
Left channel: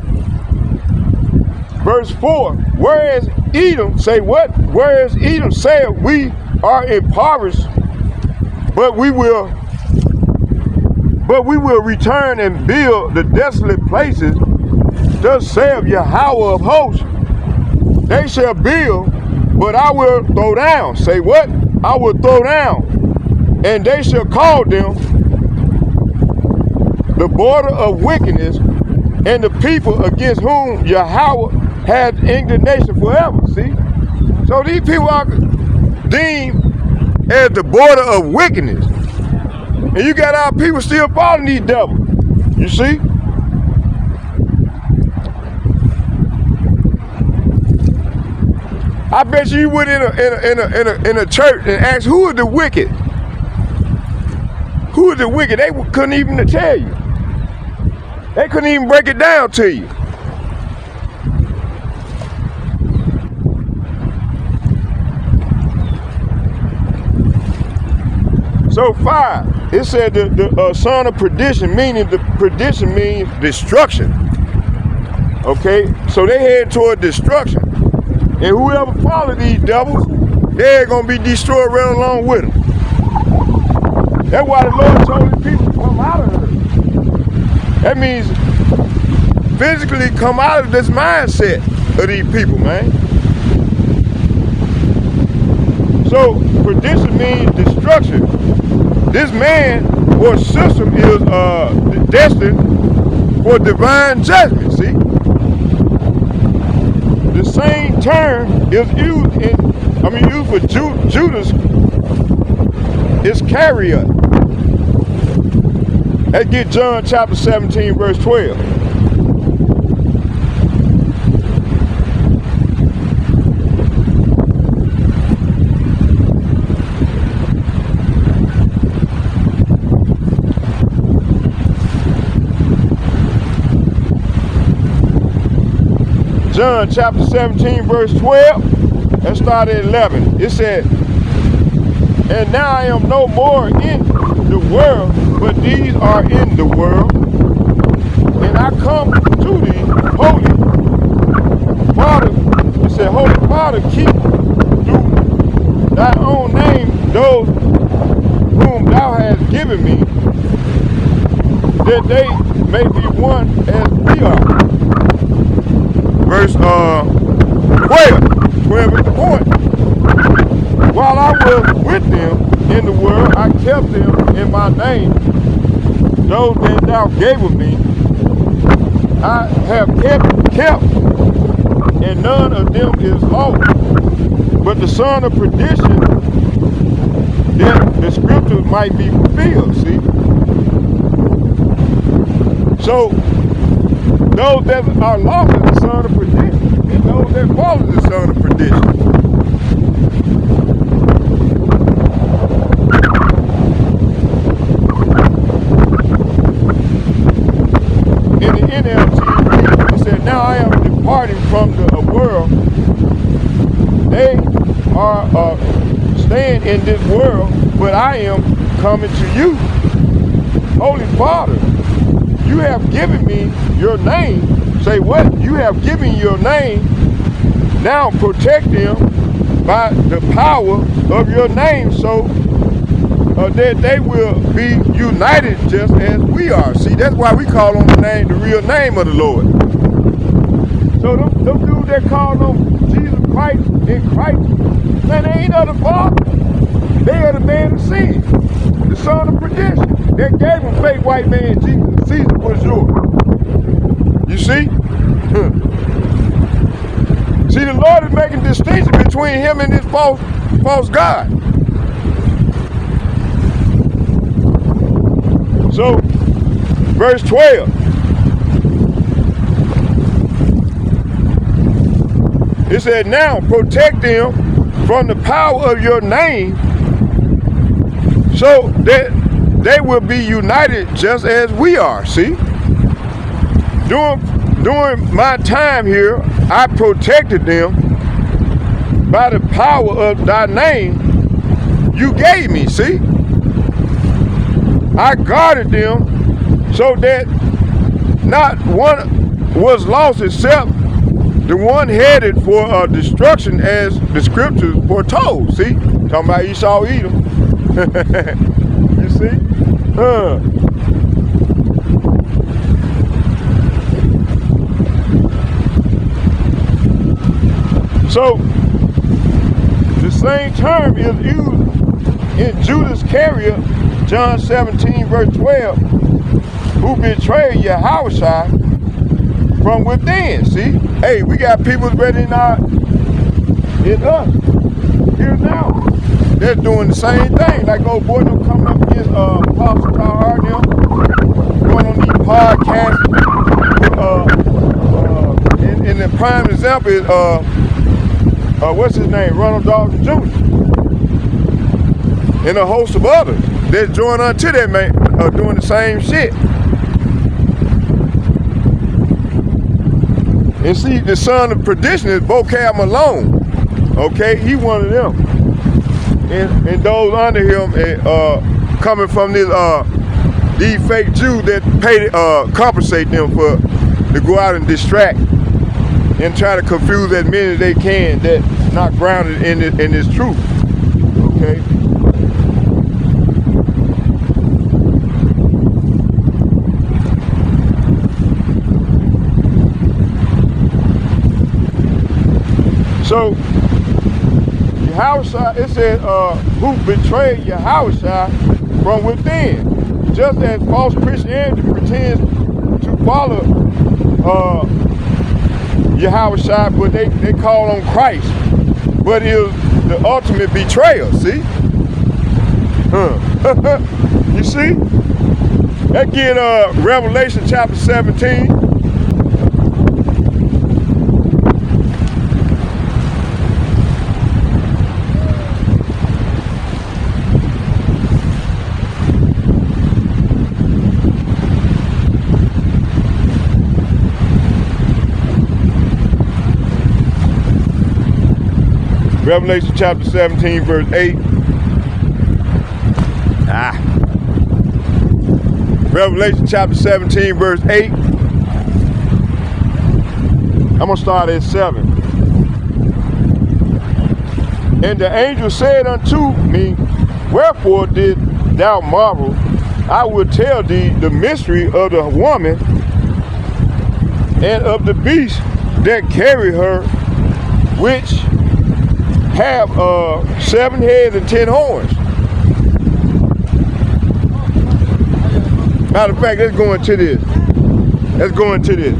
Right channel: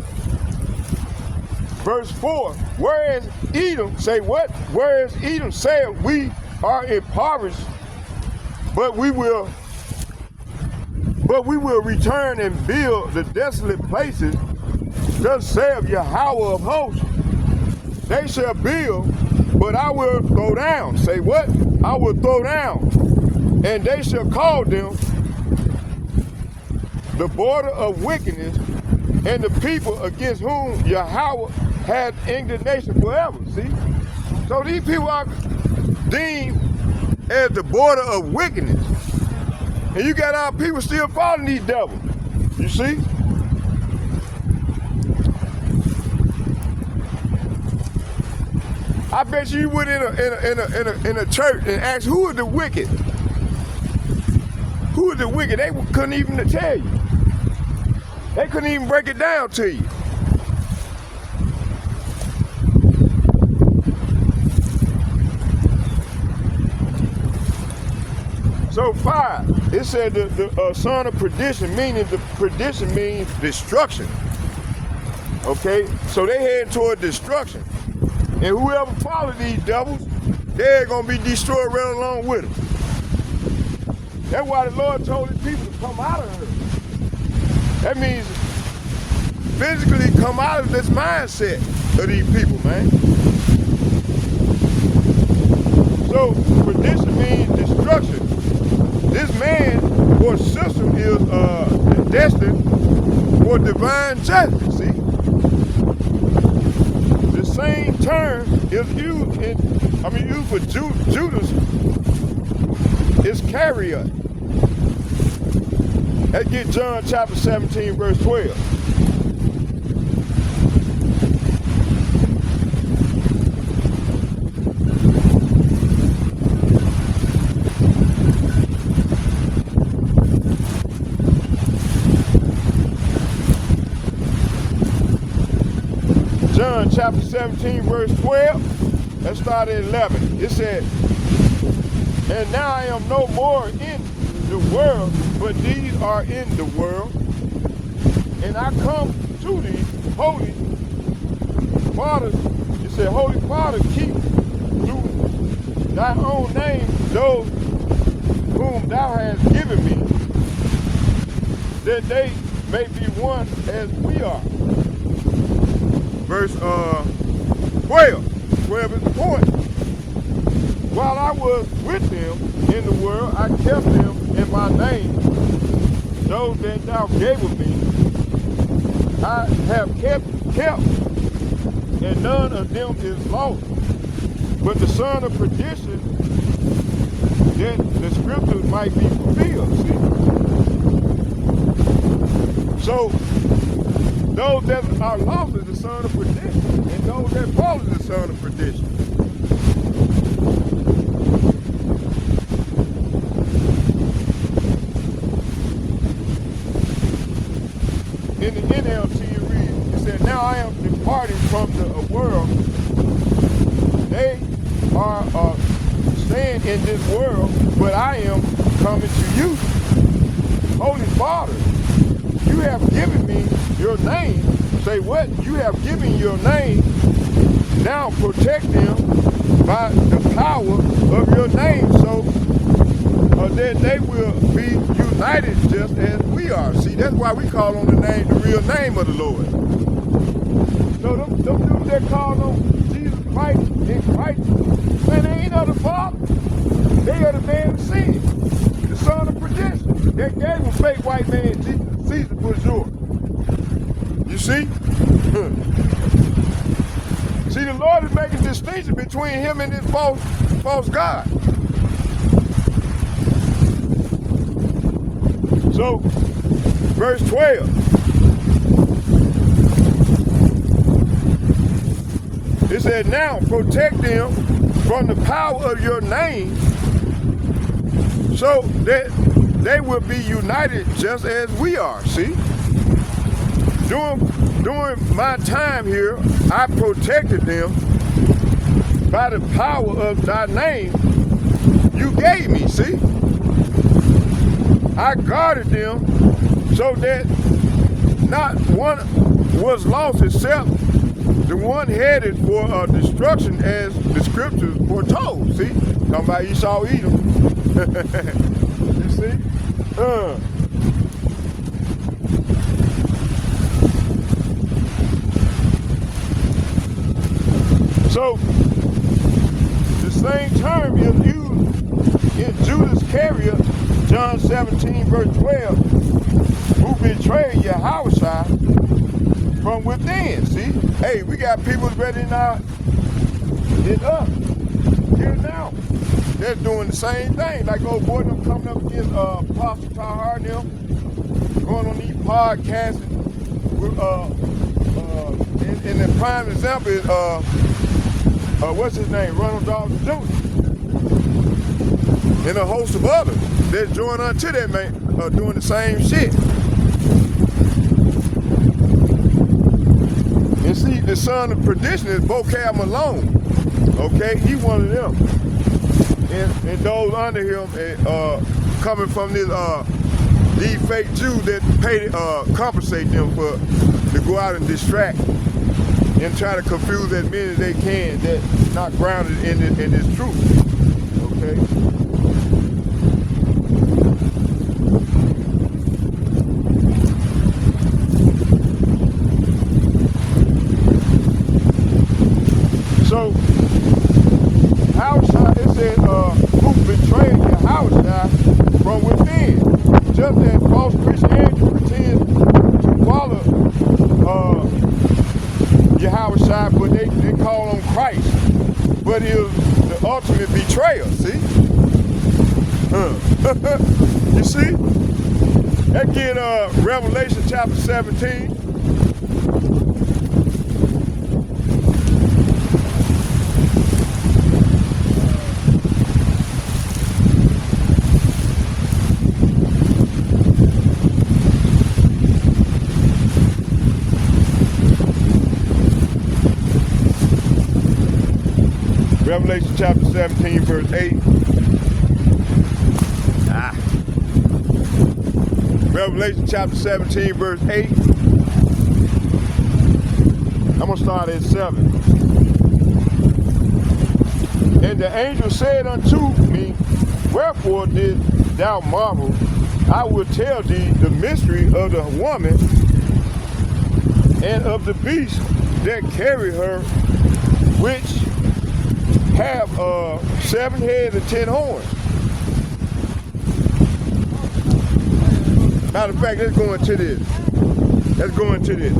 Verse 4, whereas Edom, say what? Whereas Edom said, we are impoverished, but we will return and build the desolate places. Thus saith Yahweh of hosts, they shall build, but I will throw down. Say what? I will throw down, and they shall call them the border of wickedness, and the people against whom Yahweh had indignation forever. See? So these people are deemed as the border of wickedness. And you got our people still following these devils. You see? I bet you went in a church and asked, who is the wicked? Who is the wicked? They couldn't even tell you. They couldn't even break it down to you. So 5, it said the son of perdition, meaning the perdition means destruction. Okay, so they head toward destruction. And whoever follows these devils, they're going to be destroyed right along with them. That's why the Lord told the people to come out of it. That means physically come out of this mindset of these people, man. So perdition means destruction. This man or system is destined for divine judgment, see? The same term is used used for Judas Iscariot. Let's get John chapter 17, verse 12. John chapter 17, verse 12. Let's start at 11. It said, and now I am no more in the world, but these are in the world. And I come to thee, Holy Father. It said, Holy Father, keep through thy own name those whom thou hast given me, that they may be one as we are. Verse 12 is the point. While I was with them in the world, I kept them in my name. Those that thou gavest me, I have kept, and none of them is lost. But the son of perdition, that the scriptures might be fulfilled, see? So, those that are lost is the son of perdition, and those that follow the son of perdition. In the NLT, it said, now I am departing from the world. They are staying in this world, but I am coming to you. Holy Father, you have given me your name. Say what? You have given your name. Now protect them by the power of your name, so that they will be united just as we are. See, that's why we call on the real name of the Lord. So them dudes that call on Jesus Christ in Christ, man, they ain't of the Father. They are the man of sin, the son of perdition. That gave a fake white man Jesus. Caesar was yours. You see? See, the Lord is making a distinction between him and this false God. So, verse 12. It said, now protect them from the power of your name, so that they will be united just as we are. See? During my time here, I protected them by the power of thy name you gave me. See? I guarded them so that not one was lost except the one headed for destruction, as the scriptures foretold. See? Talking about Esau, Edom. You see? So, the same term is used in Judas Iscariot, John 17, verse 12, who betrayed Yahushua from within. See? Hey, we got people ready in us here now they're doing the same thing. Like old boy them coming up against Apostle Tahar and them, going on these podcasts. And the prime example is what's his name? Ronald Dawson Jr. and a host of others. They're joined unto that man, doing the same shit. And see, the son of perdition is Vocab Malone. Okay, he one of them. And those under him coming from this these fake Jews that pay compensate them for to go out and distract and try to confuse as many as they can that's not grounded in this truth. Okay. So Yahushua, it says, who betrayed Yahushua from within. Just as false Christianity pretends to follow Yahushua, but they call on Christ. But it was the ultimate betrayal, see? You see? That get Revelation chapter 17. Revelation chapter 17, verse 8. Revelation chapter 17, verse 8. I'm going to start at 7. And the angel said unto me, wherefore did thou marvel? I will tell thee the mystery of the woman and of the beast that carry her, which have 7 heads and 10 horns. Matter of fact, let's go into this. Let's go into this.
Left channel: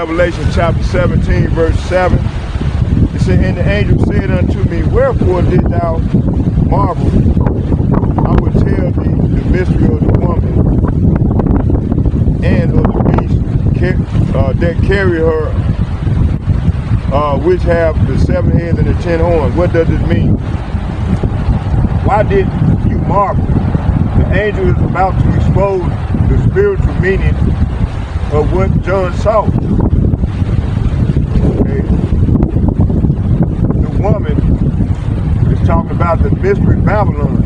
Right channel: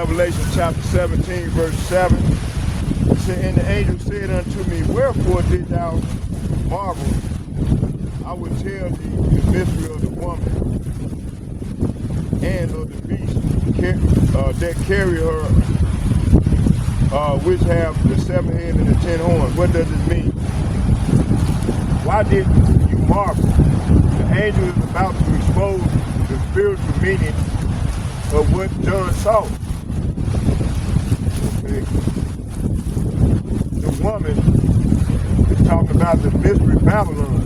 Revelation chapter 17, verse 7. It said, and the angel said unto me, wherefore did thou marvel? I will tell thee the mystery of the woman and of the beast that carry her, which have the 7 heads and the 10 horns. What does it mean? Why did you marvel? The angel is about to expose the spiritual meaning of what John saw. Okay. The woman is talking about the mystery Babylon.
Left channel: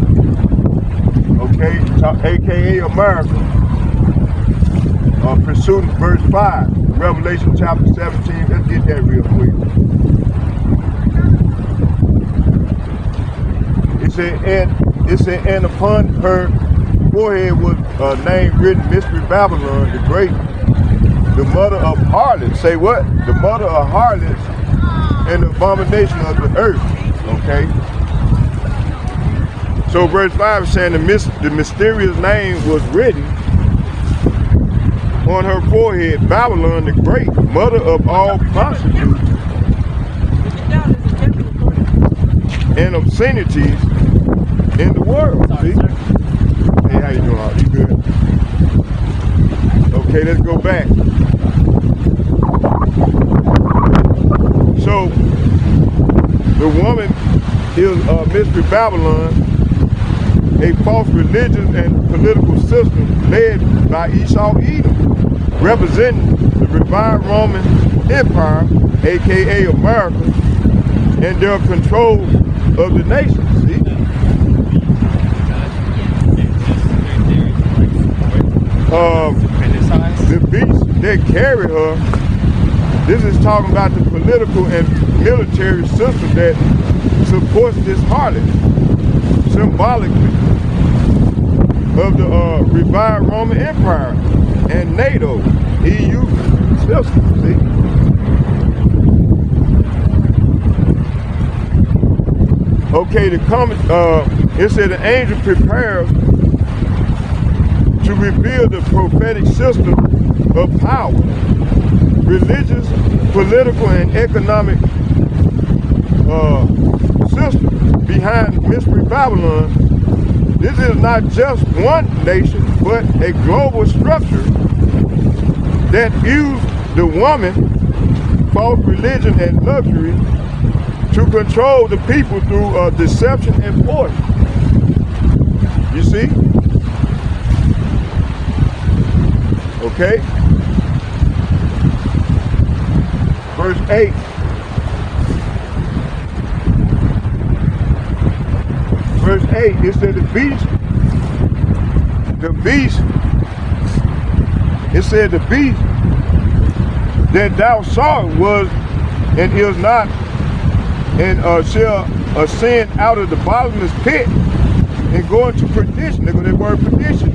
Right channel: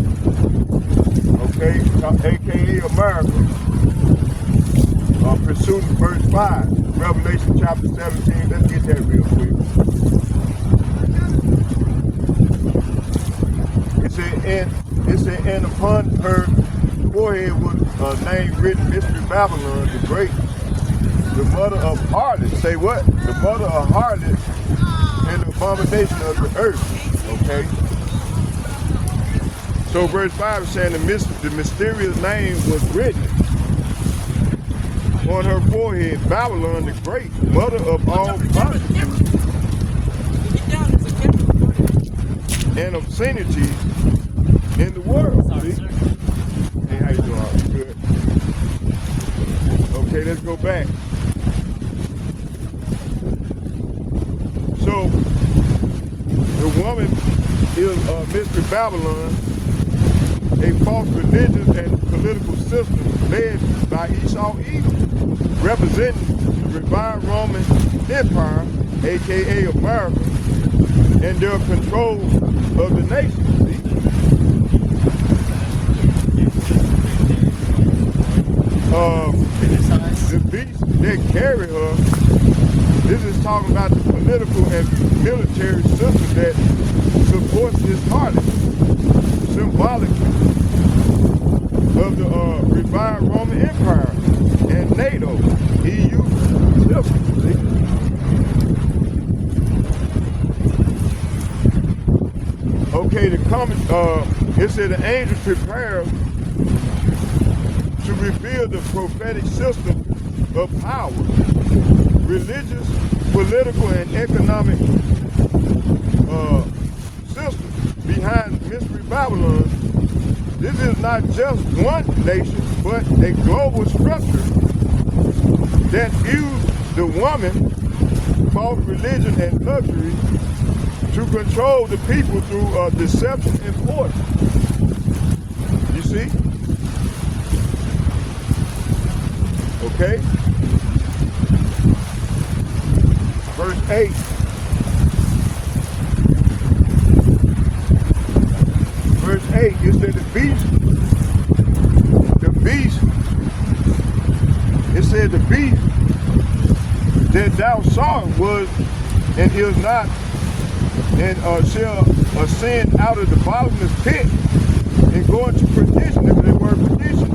Okay, aka America. Pursuing verse 5, Revelation chapter 17. Let's get that real quick. It said, and upon her forehead was a name written, Mystery Babylon the Great, the mother of harlots. Say what? The mother of harlots and the abomination of the earth. Okay. So verse 5 is saying the mysterious name was written on her forehead, Babylon the Great, mother of all prostitutes and obscenities in the world. See? Hey, how you doing? You good? Okay, let's go back. So, the woman is Mystery Babylon, a false religion and political system led by Esau Edom, representing the revived Roman Empire, aka America, and their control of the nation. See? The beast that carry her, this is talking about the political and military system that supports this harlot, symbolically of the revived Roman Empire and NATO, EU system. See? Okay, it said the angel prepared to reveal the prophetic system of power, religious, political, and economic system behind Mystery Babylon. This is not just one nation, but a global structure that used the woman, false religion, and luxury to control the people through deception and force. You see? Okay? Verse 8. Verse 8, it said it said the beast that thou sawest was and is not, and shall ascend out of the bottomless pit and go into perdition. Look at that word perdition.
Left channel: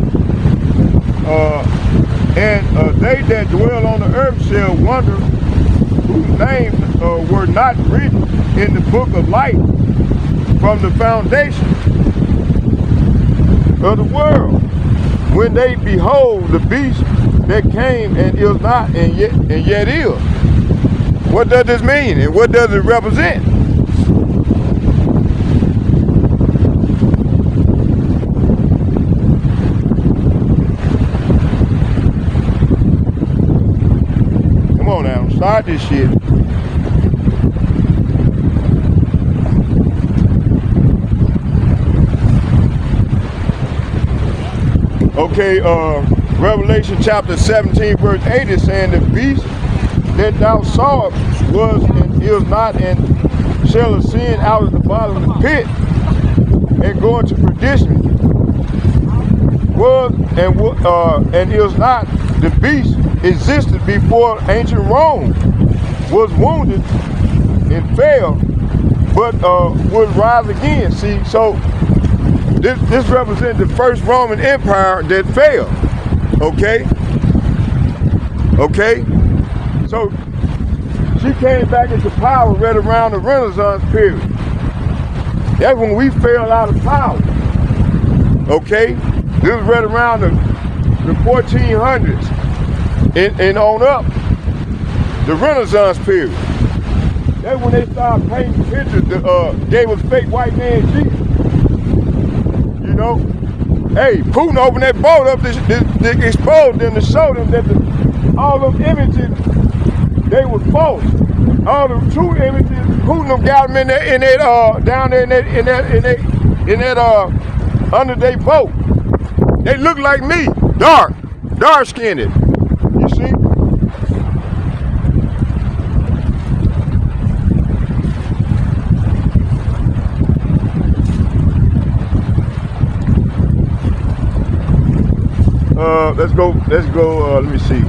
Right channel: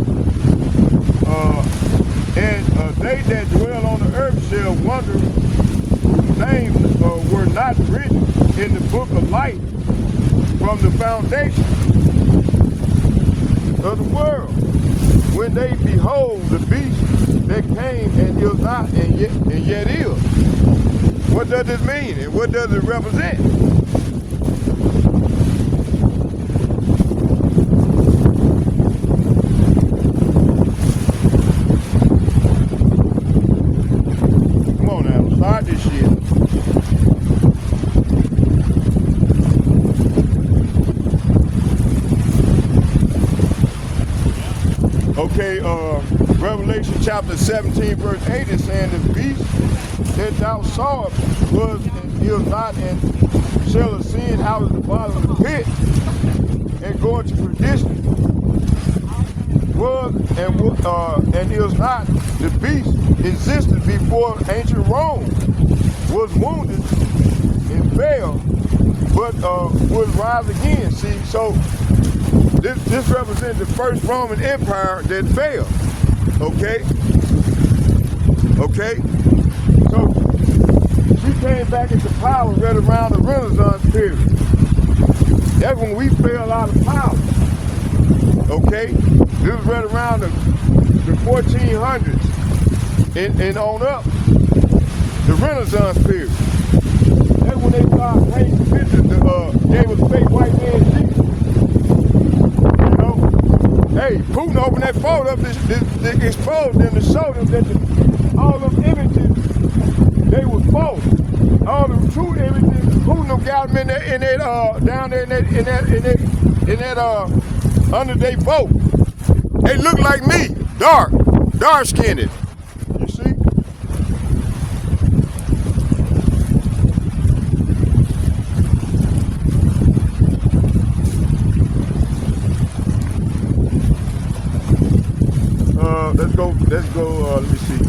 And they that dwell on the earth shall wonder, whose names were not written in the book of life from the foundation of the world, when they behold the beast that came and is not and yet is. What does this mean and what does it represent? Come on now, start this shit. Okay, Revelation chapter 17, verse 8 is saying the beast that thou sawest was and is not and shall ascend out of the bottom of the pit and go into perdition. Was and is not, the beast existed before ancient Rome, was wounded and fell, but would rise again. See, so this represents the first Roman Empire that fell. Okay? Okay? So she came back into power right around the Renaissance period. That's when we fell out of power. Okay? This was right around the 1400s and on up. the Renaissance period. That's when they started painting pictures that gave us fake white man Jesus. You know? Hey, Putin opened that boat up, they exposed them to show them that all them images, they was false. All the true images, Putin got them in that down there in that under their boat. They look like me, dark skinned. You see? Let's go, let me see.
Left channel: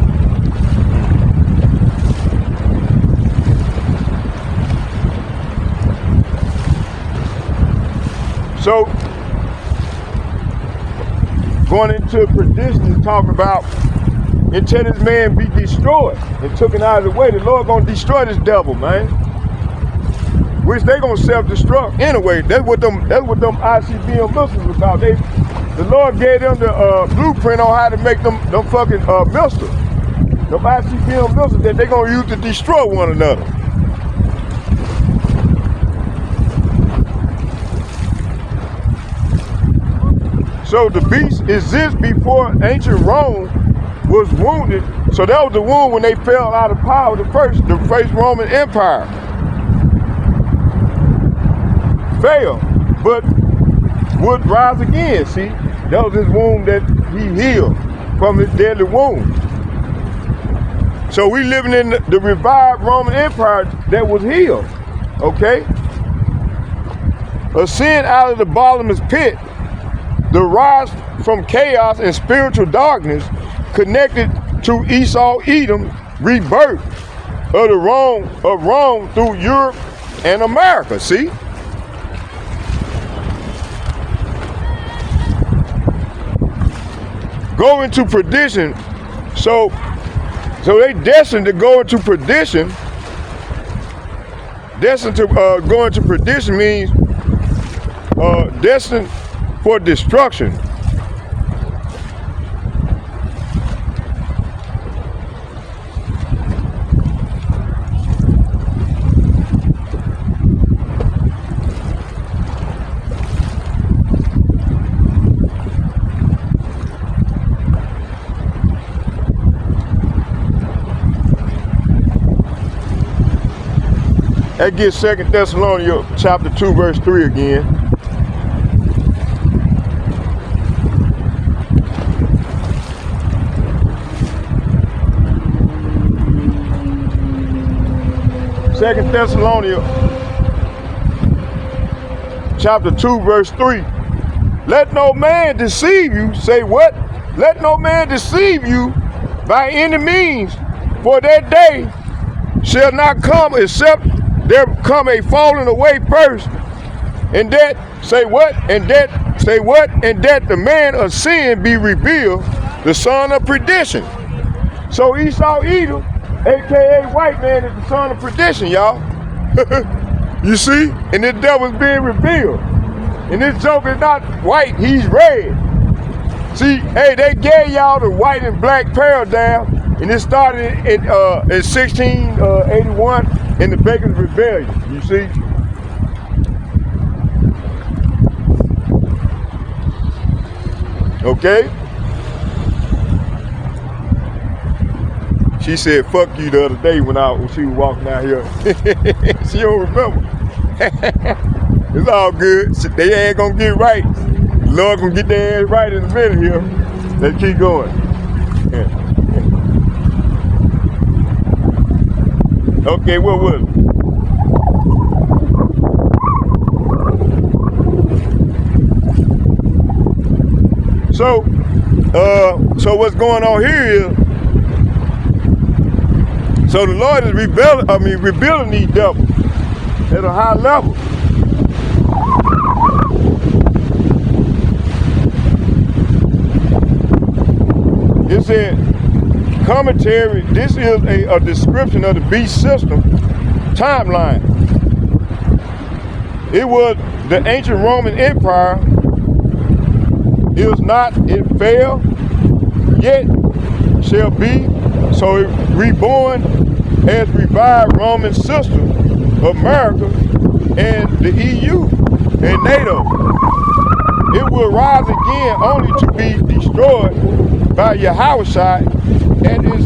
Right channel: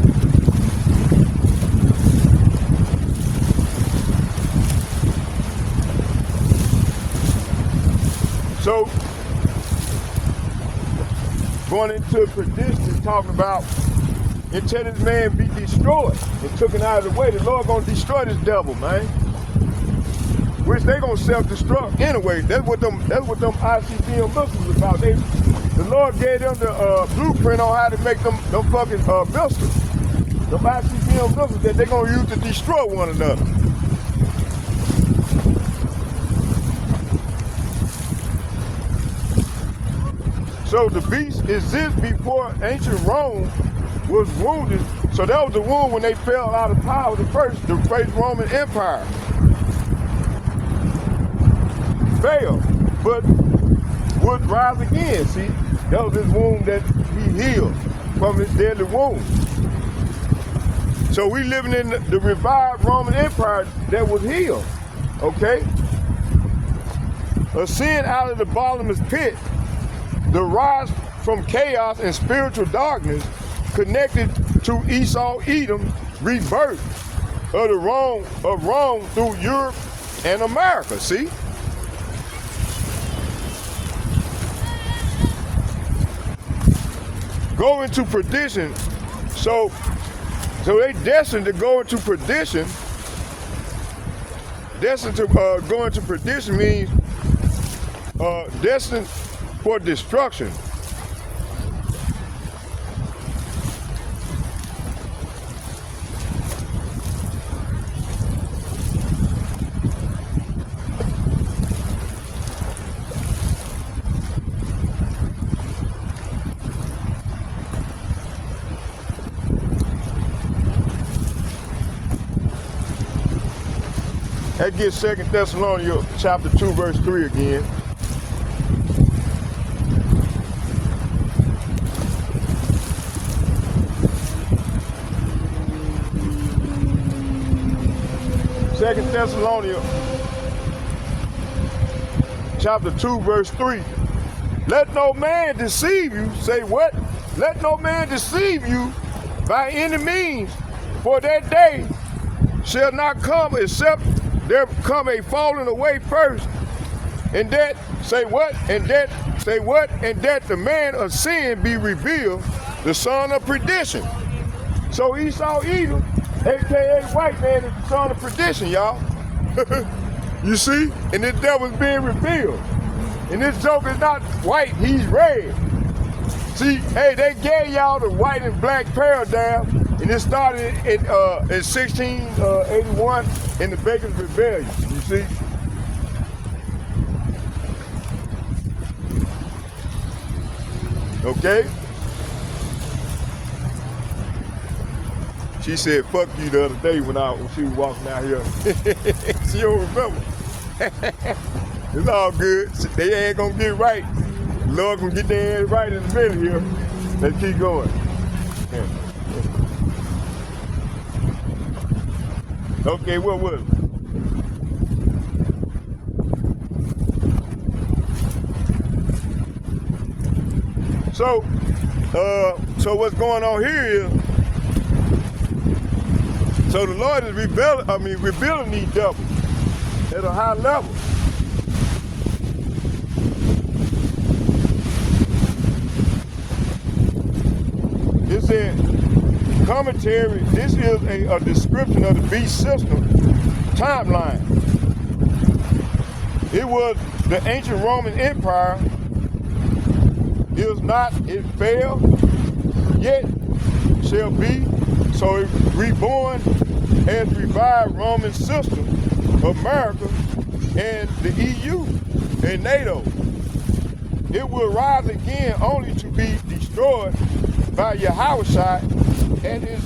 So, going into perdition is talking about until this man be destroyed and taken out of the way, the Lord gonna destroy this devil, man. Which they gonna self-destruct anyway. That's what them ICBM missiles about. The Lord gave them the blueprint on how to make them fucking missiles. Them ICBM missiles that they gonna use to destroy one another. So the beast exists before ancient Rome was wounded. So that was the wound when they fell out of power, the first Roman Empire failed, but would rise again. See, that was his wound that he healed from his deadly wound. So we living in the revived Roman Empire that was healed, okay? Ascend out of the bottomless pit, the rise from chaos and spiritual darkness connected to Esau Edom, rebirth of Rome through Europe and America, see? Go into perdition, so they destined to go into perdition. Destined to go into perdition means destined for destruction. That gets 2 Thessalonians chapter 2, verse 3 again. Second Thessalonians chapter 2, verse 3. Let no man deceive you. Say what? Let no man deceive you by any means, for that day shall not come except there come a falling away first, and that, say what? And that, say what? And that the man of sin be revealed, the son of perdition. So Esau Edom, aka white man, is the son of perdition, y'all. You see? And this devil's being revealed. And this joke is not white, he's red. See, hey, they gave y'all the white and black paradigm, and it started in 1681 in the Bacon's Rebellion, you see? Okay? She said, fuck you the other day when she was walking out here. She don't remember. It's all good. They ain't gonna get right. The Lord gonna get their ass right in a minute here. Let's keep going. Okay, what was it? So what's going on here is, so the Lord is rebuilding these devils at a high level. It said, commentary, this is a description of the beast system timeline. It was the ancient Roman Empire. It fell, yet shall be. So it reborn has revived Roman system, America, and the EU and NATO. It will rise again only to be destroyed by Yahushua at his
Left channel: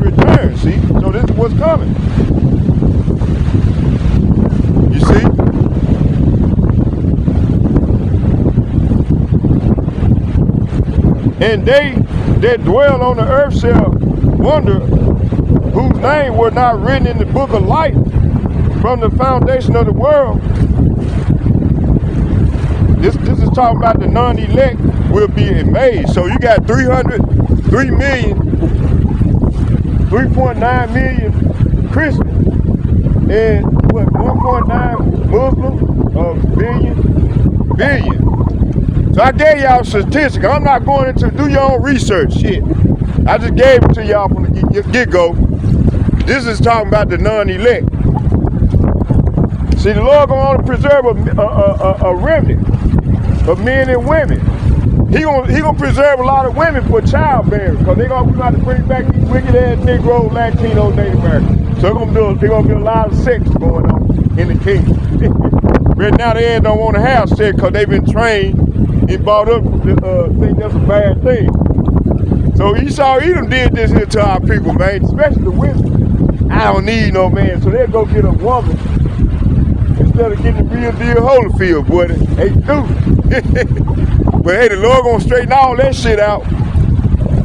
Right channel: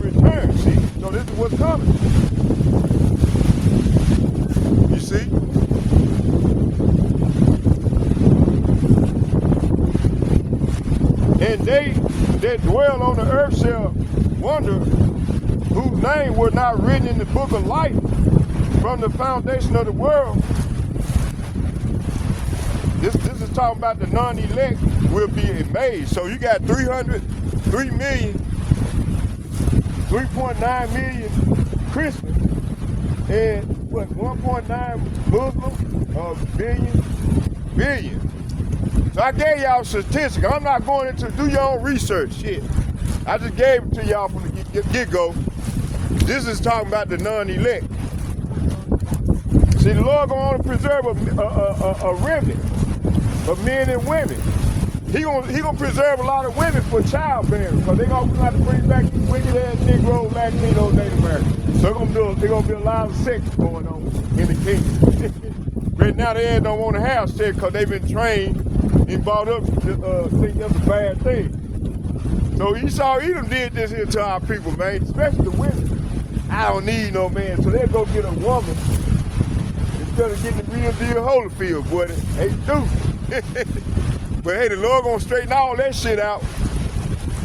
return. See? So this is what's coming. You see? And they that dwell on the earth shall wonder, whose name were not written in the book of life from the foundation of the world. This is talking about the non-elect will be amazed. So you got 3.9 million Christians and what 1.9 Muslims, billion. So I gave y'all statistics. I'm not going into do your own research shit. I just gave it to y'all from the get-go. This is talking about the non-elect. See, the Lord gonna only preserve a remnant of men and women. He gonna preserve a lot of women for childbearing, because we gonna have to bring back these wicked ass Negro, Latino, Native Americans. So they're gonna be a lot of sex going on in the kingdom. But now they don't want to have sex because they've been trained and brought up to think that's a bad thing. So Esau Edom did this here to our people, man, especially the women. I don't need no man, so they'll go get a woman instead of getting the real deal Holyfield, boy. They do. But hey, the Lord gonna straighten all that shit out.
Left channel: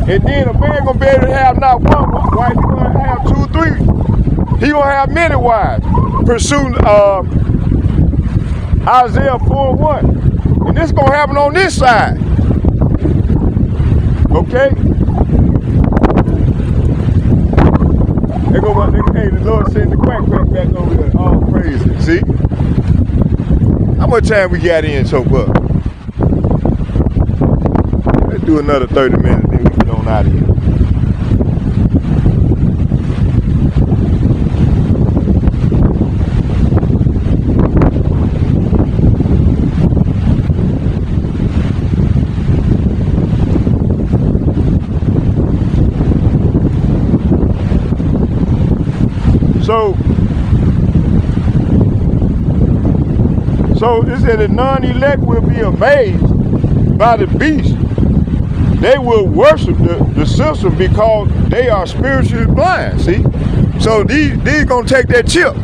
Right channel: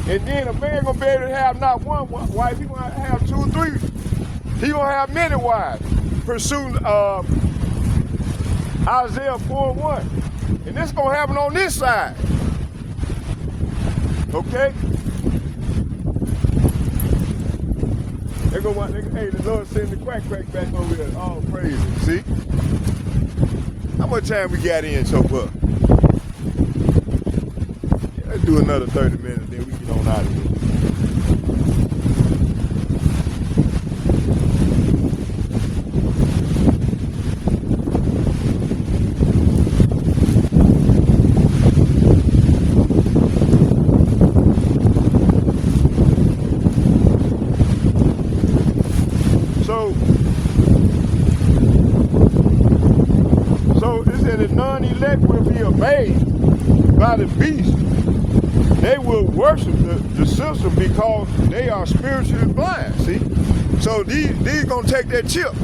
And then a man gonna be able to have not one wife, he gonna have 2 or 3. He gonna have many wives. Pursuing Isaiah 4:1. And this gonna happen on this side. Okay? Hey, the Lord sent the quack back over there. All praises. See? How much time we got in so far? Let's do another 30 minutes, then we get on out of here. So it said the non-elect will be amazed by the beast. They will worship the system because they are spiritually blind, see? So these gonna take that chip.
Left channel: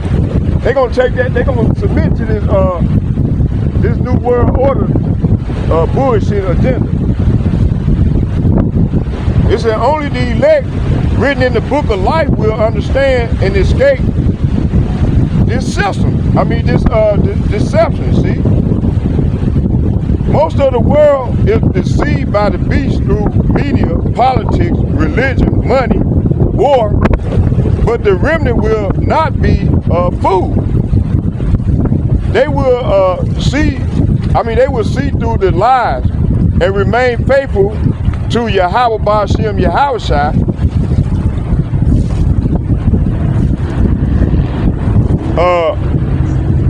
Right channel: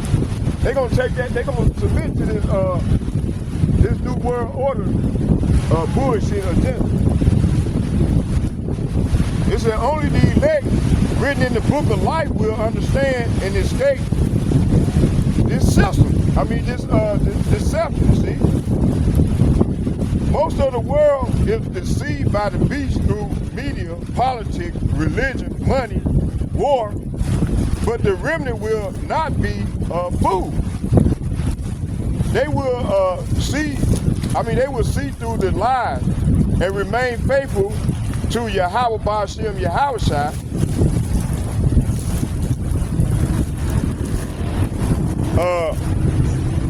They gonna take that, they gonna submit to this new world order bullshit agenda. It said only the elect written in the book of life will understand and escape this system. I mean this deception, see? Most of the world is deceived by the beast through media, politics, religion, money, war, but the remnant will not be fooled. They will see through the lies and remain faithful to Yahweh Ba'ashem Yahushua.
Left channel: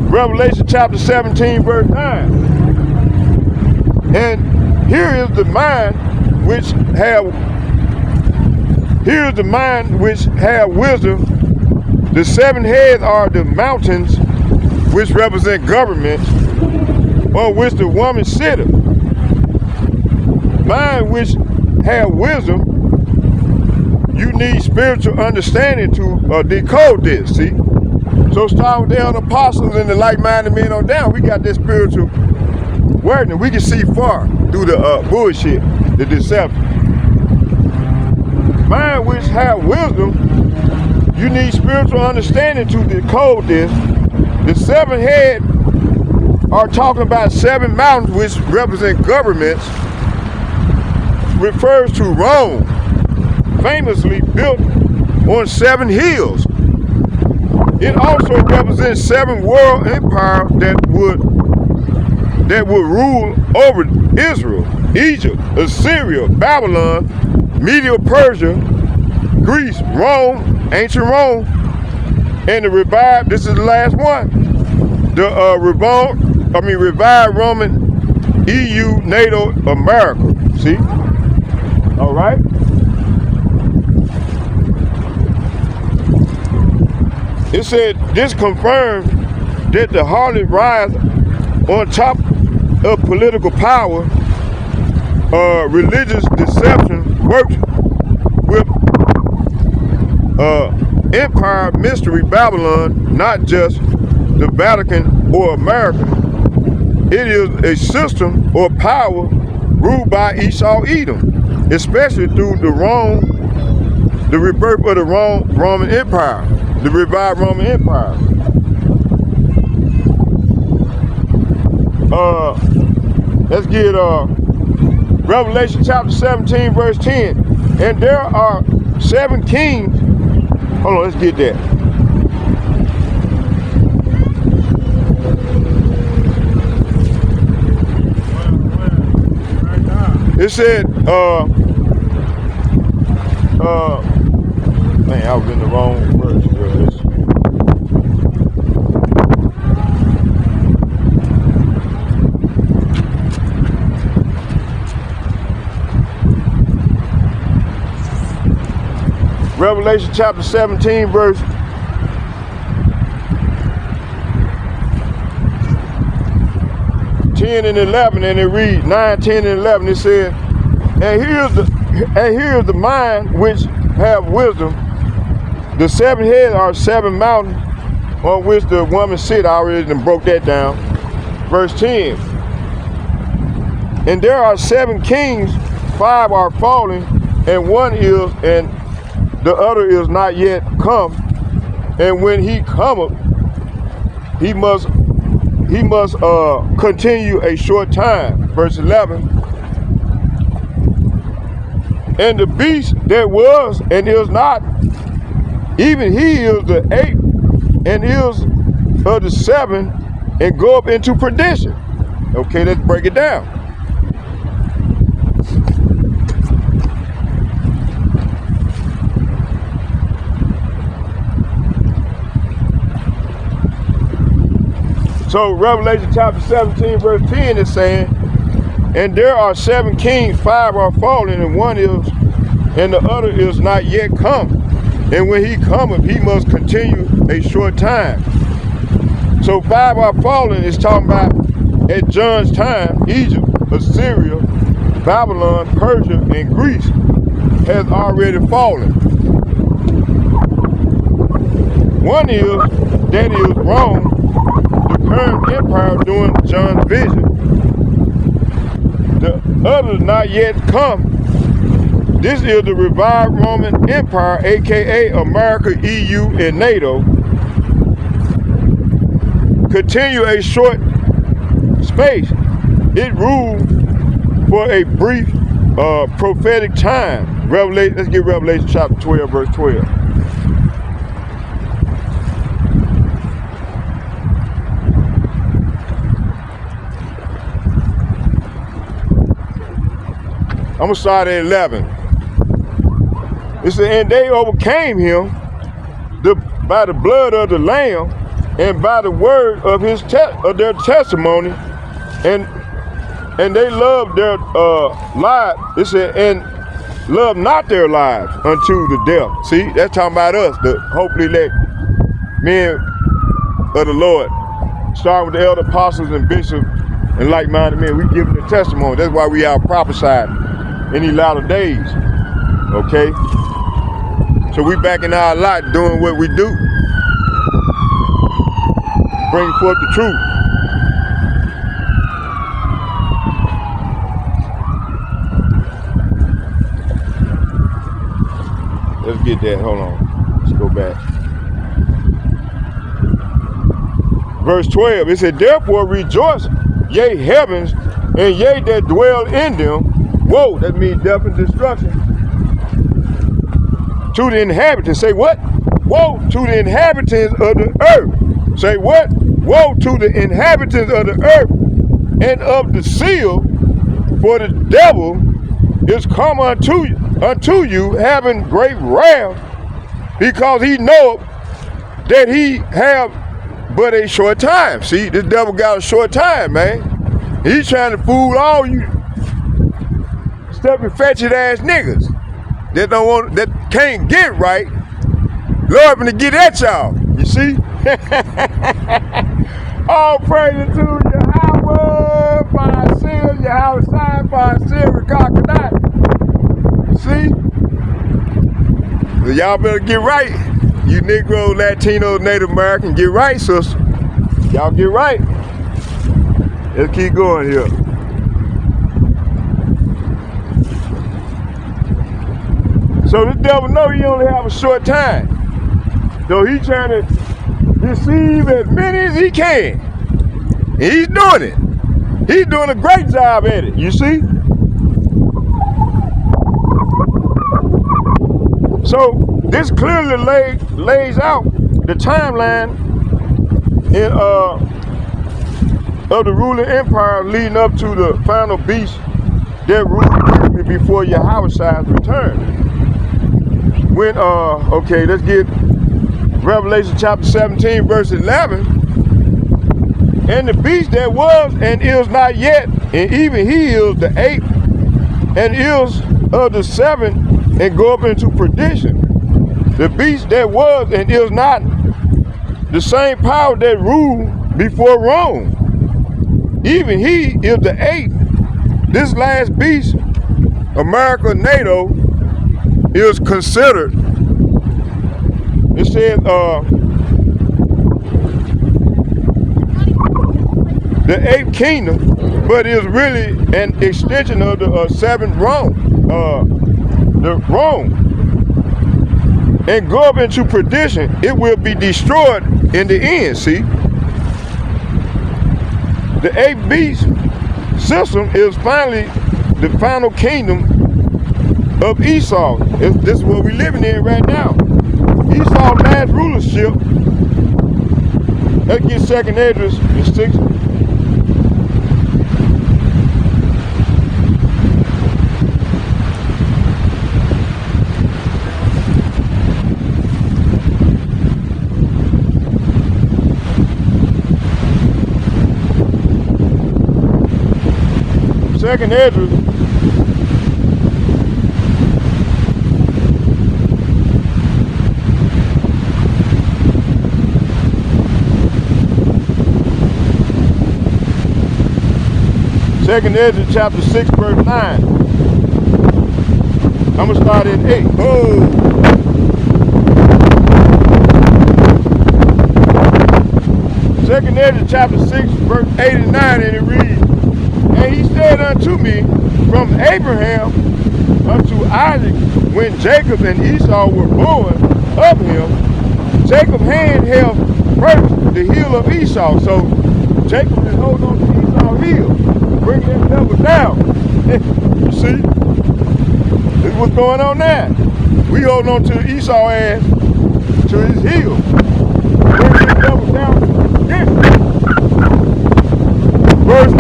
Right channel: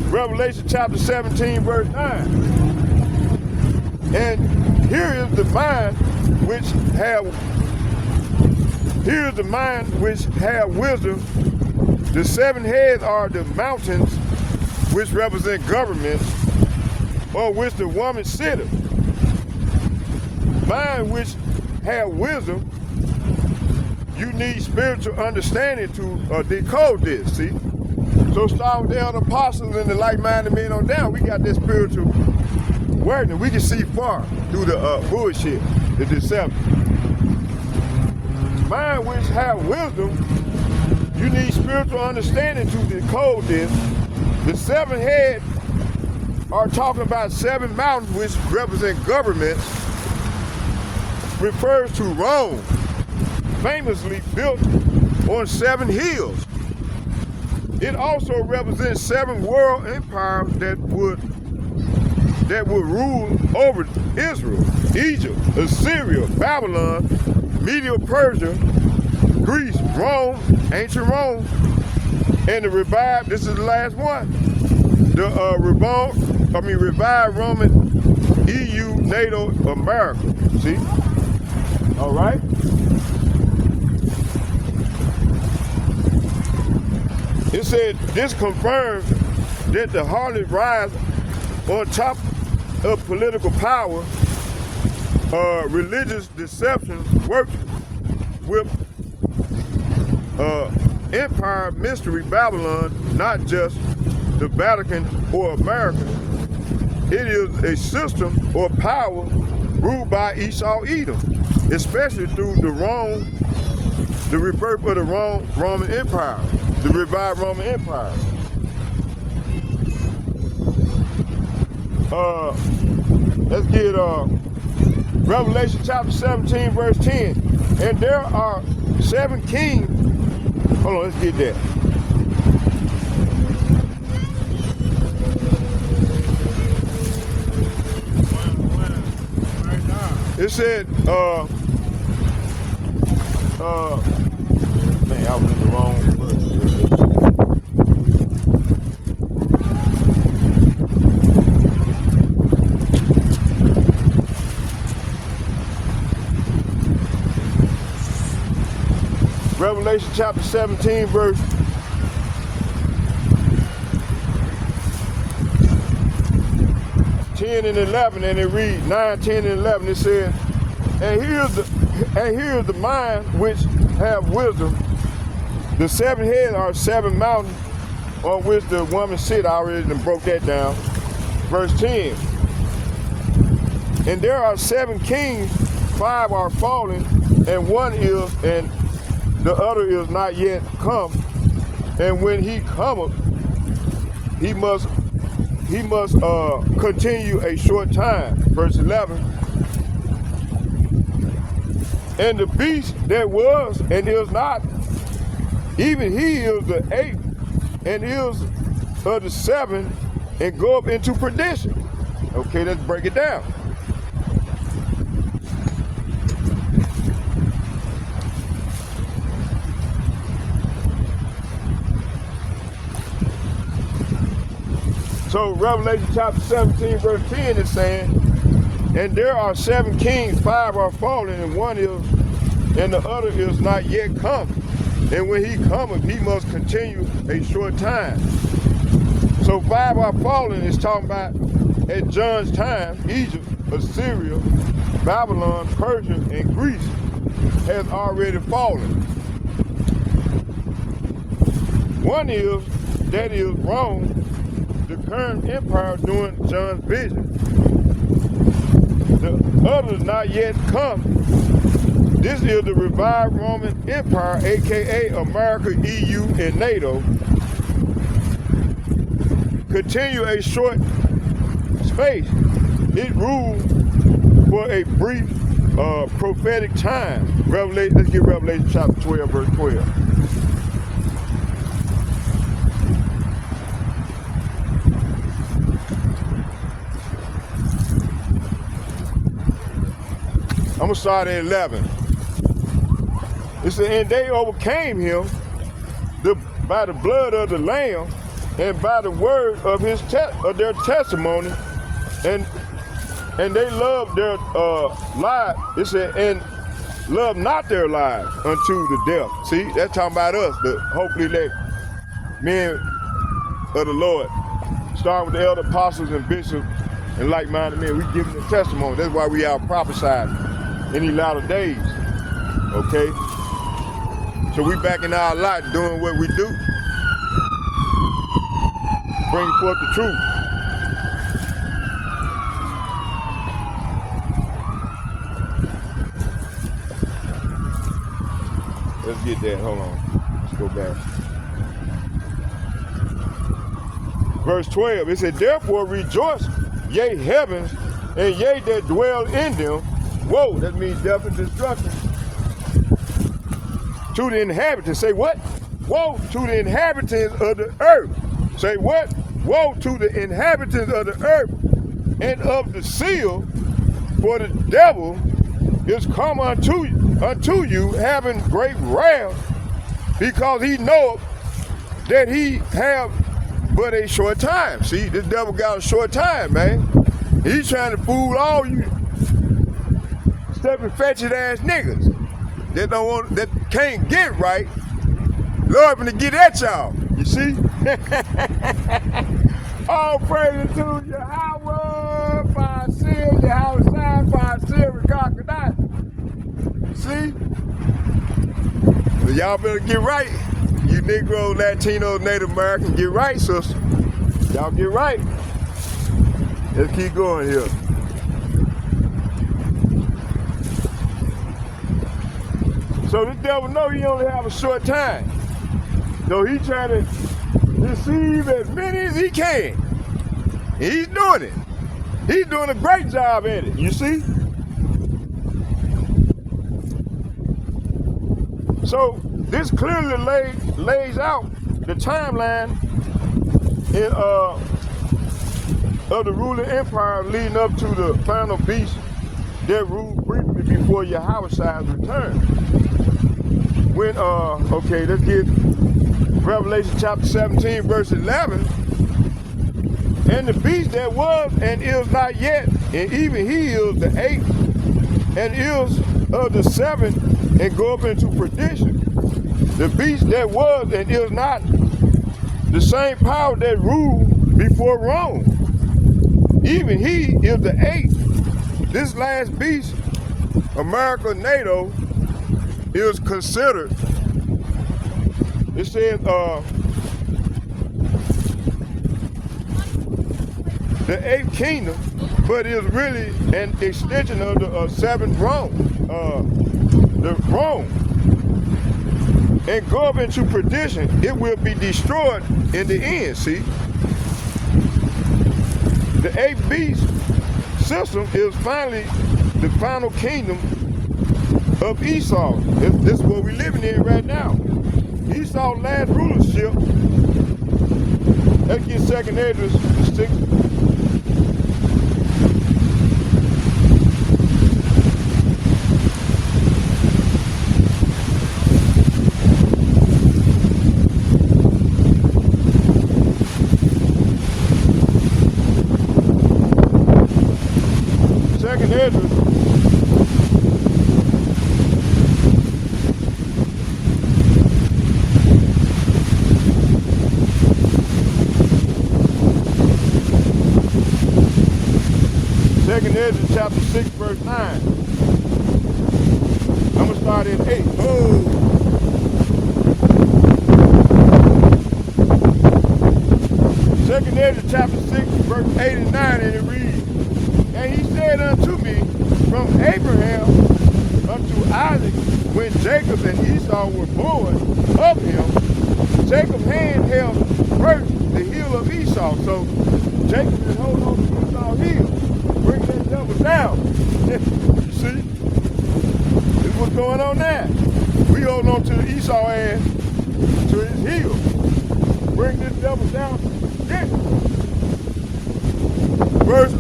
Revelation chapter 17, verse 9. And here is the mind which have wisdom. The 7 heads are the mountains which represent governments, on which the woman sitteth. Mind which have wisdom, you need spiritual understanding to decode this, see? So starting with the other apostles and the like-minded men on down, we got this spiritual awareness. We can see far through the bullshit, the deception. Mind which have wisdom, you need spiritual understanding to decode this. The 7 heads are talking about 7 mountains which represent governments, refers to Rome, famously built on 7 hills. It also represents 7 world empires that would rule over Israel, Egypt, Assyria, Babylon, Medo-Persia, Greece, Rome, ancient Rome, and the revived, this is the last one, the revived Roman EU, NATO, America, see? All right? It said this confirmed that the harlot rise on top of political power, religious deception, worked with empire mystery Babylon, not just the Vatican or America. It is a system or power ruled by Esau Edom, especially through the rebirth of the Roman Empire, the revived Roman Empire. Let's get Revelation chapter 17, verse 10. And there are 7 kings. Hold on, let's get that. It said, man, I was in the wrong verse. Revelation chapter 17, verse 10 and 11, and it reads 9, 10, and 11. It says, and here's the mind which have wisdom. The 7 heads are 7 mountains on which the woman sit. I already broke that down. Verse 10. And there are 7 kings, 5 are fallen, and one is, and the other is not yet come. And when he cometh, he must continue a short time. Verse 11. And the beast that was and is not, even he is the 8th and is of the 7, and go up into perdition. Okay, let's break it down. So Revelation chapter 17, verse 10 is saying, and there are 7 kings, 5 are fallen, and one is, and the other is not yet come. And when he cometh, he must continue a short time. So 5 are fallen is talking about at John's time, Egypt, Assyria, Babylon, Persia, and Greece has already fallen. One is, that is Rome, the current empire during John's vision. The other not yet come. This is the revived Roman Empire, aka America, EU, and NATO. Continue a short space. It ruled for a brief prophetic time. Revelation. Let's get Revelation chapter 12, verse 12. I'm gonna start at 11. It said, and they overcame him by the blood of the Lamb and by the word of their testimony, and they loved their lives. It said, and loved not their lives unto the death. See, that's talking about us, the hopefully elect men of the Lord, starting with the elder apostles and bishops and like-minded men. We give them the testimony. That's why we are prophesied in these latter days. Okay? So we back in our lot doing what we do. Bring forth the truth. Let's get that. Hold on. Let's go back. Verse 12, it said, therefore rejoice, yea, heavens, and ye that dwell in them. Woe, that means death and destruction. To the inhabitants. Say what? Woe to the inhabitants of the earth. Say what? Woe to the inhabitants of the earth and of the seal, for the devil is come unto you having great wrath, because he knoweth that he have but a short time. See, this devil got a short time, man. He's trying to fool all you stuffy, fetching ass niggas that don't want, that can't get right. Lord, to get at y'all. You see? All praise to Yahweh, Fa'asil, Yahweh Shai, Fa'asil, Rakakanai. You see? So y'all better get right. You Negro, Latino, Native American, get right, sister. Y'all get right. Let's keep going here. So this devil know he only have a short time. So he trying to deceive as many as he can. And he's doing it. He's doing a great job at it, you see? So this clearly lays out the timeline of the ruling empire leading up to the final beast that ruled before Yahweh's return. When, okay, let's get Revelation chapter 17, verse 11. And the beast that was and is not yet, and even he is the eighth, and is of the seventh, and go up into perdition. The beast that was and is not, the same power that ruled before Rome. Even he is the eighth. This last beast, America, NATO, is considered, it says, the eighth kingdom, but is really an extension of the seventh Rome, the Rome, and go up into perdition. It will be destroyed in the end. See, the eighth beast system is finally the final kingdom of Esau. This is what we're living in right now. Esau's last rulership. Let's get 2nd Esdras, the 6th. Second Esdras, Second Esdras chapter 6, verse 9. I'm gonna start at 8. Oh. Second Esdras chapter 6, verse 8 and 9, and it reads, and he said unto me, from Abraham unto Isaac, when Jacob and Esau were born of him, Jacob's hand held first the heel of Esau. So Jacob is holding on to Esau's heel, bringing that devil down. You see? This is what's going on now. We holding on to Esau's ass to his heel, bringing that devil down. Yeah. Verse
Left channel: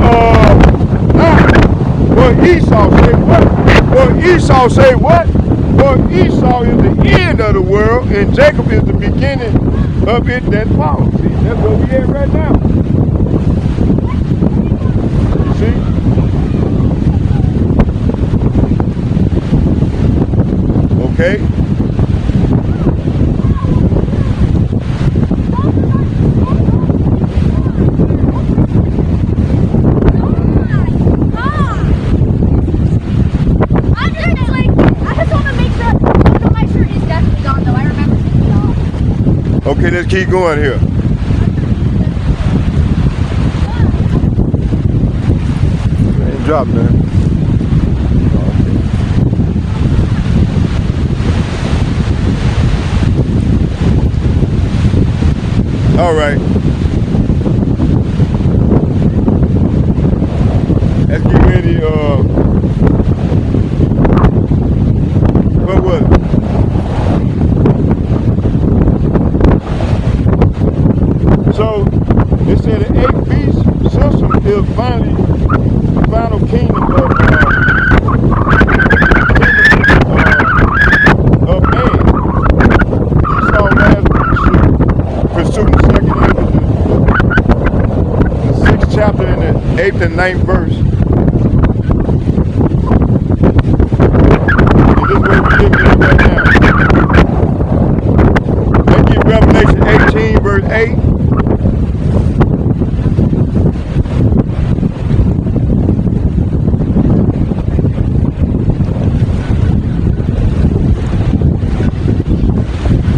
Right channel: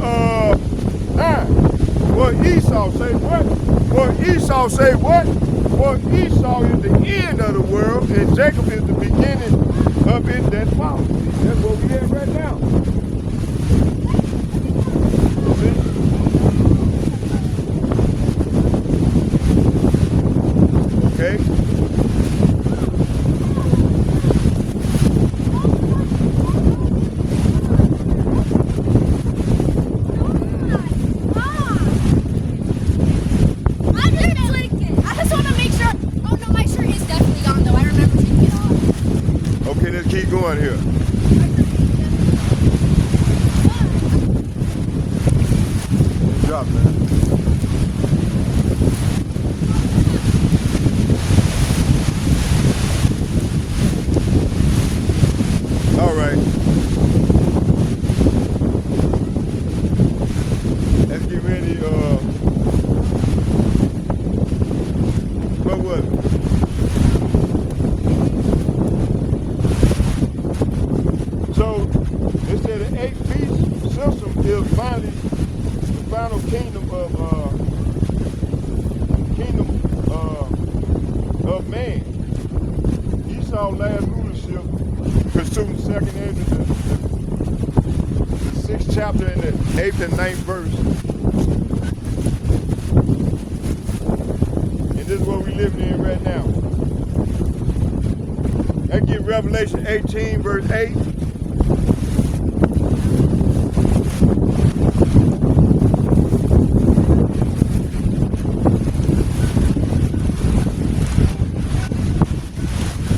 For Esau say what? For Esau say what? For Esau is the end of the world, and Jacob is the beginning of it that follows. See, that's where we at right now. You see? Okay. Okay, let's keep going here. Good job, man. All right. Let's get ready. What was it? So they said the eighth beast system is finally the final kingdom of man. Esau last rulership, pursuing 2nd Esdras, the 6th chapter and the 8th and 9th verse. And this is where we live in right now. Let's get Revelation 18.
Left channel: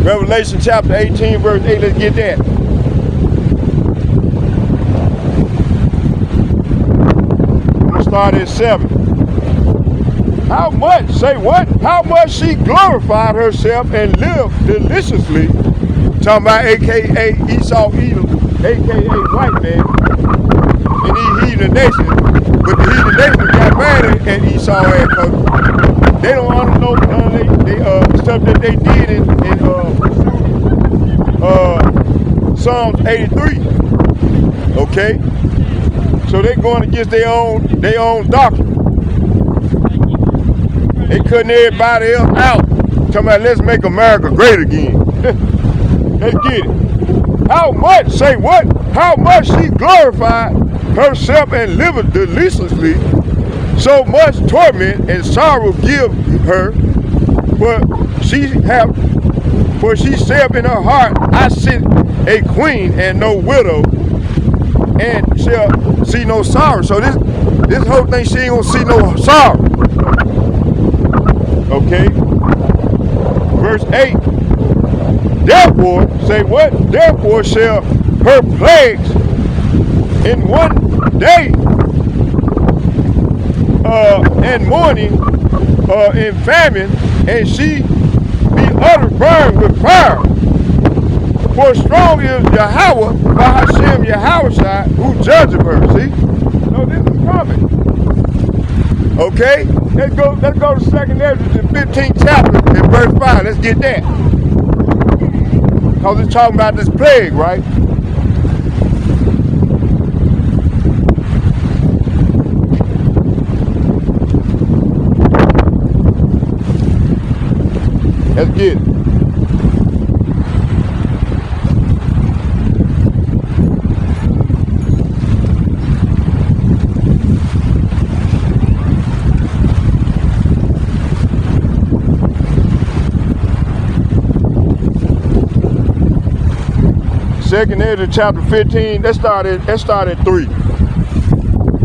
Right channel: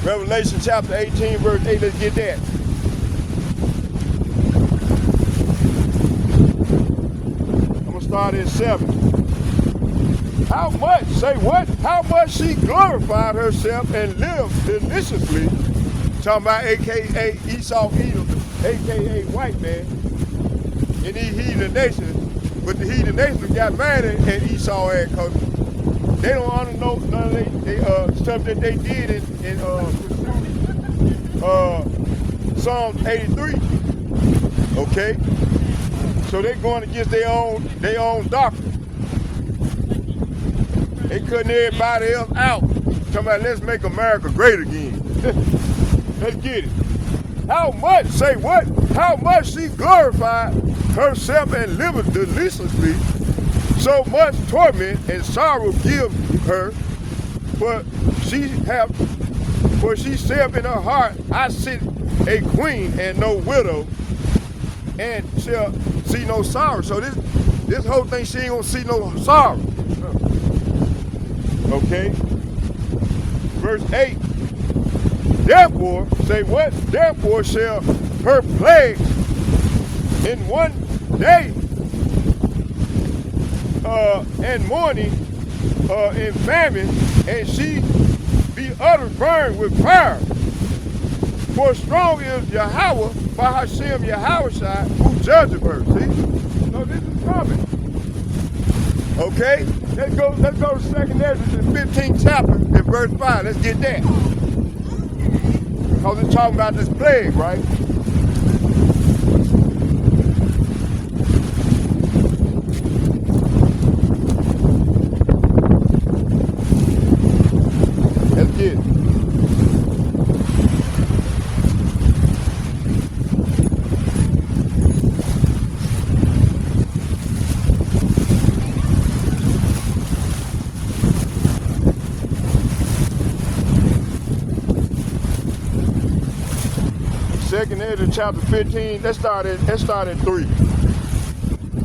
Revelation chapter 18, verse 8. Let's get that. I'm going to start at 7. How much, say what? How much she glorified herself and lived deliciously. Talking about AKA Esau Edom, AKA white man, in these heathen nations. But the heathen nations got mad at Esau and they don't honor no stuff that they did in Psalm 83. Okay? So they're going against their own doctrine. They cutting everybody else out. Talking about let's make America great again. Let's get it. How much, say what? How much she glorified herself and lived deliciously, so much torment and sorrow give her, for she said in her heart, I sit a queen and no widow, and shall see no sorrow. So this whole thing, she ain't gonna see no sorrow. Okay? Verse 8. Therefore, say what? Therefore shall her plagues in one day and mourning in famine, and she be utterly burned with fire. For strong is Yahweh, by Hashem Yahweh, who judgeth her. See? So this is coming. Okay? Let's go to 2nd Ezra, the 15th chapter, and verse 5. Let's get that. Because it's talking about this plague, right? Let's get it. Second Ezra chapter 15, let's start at 3.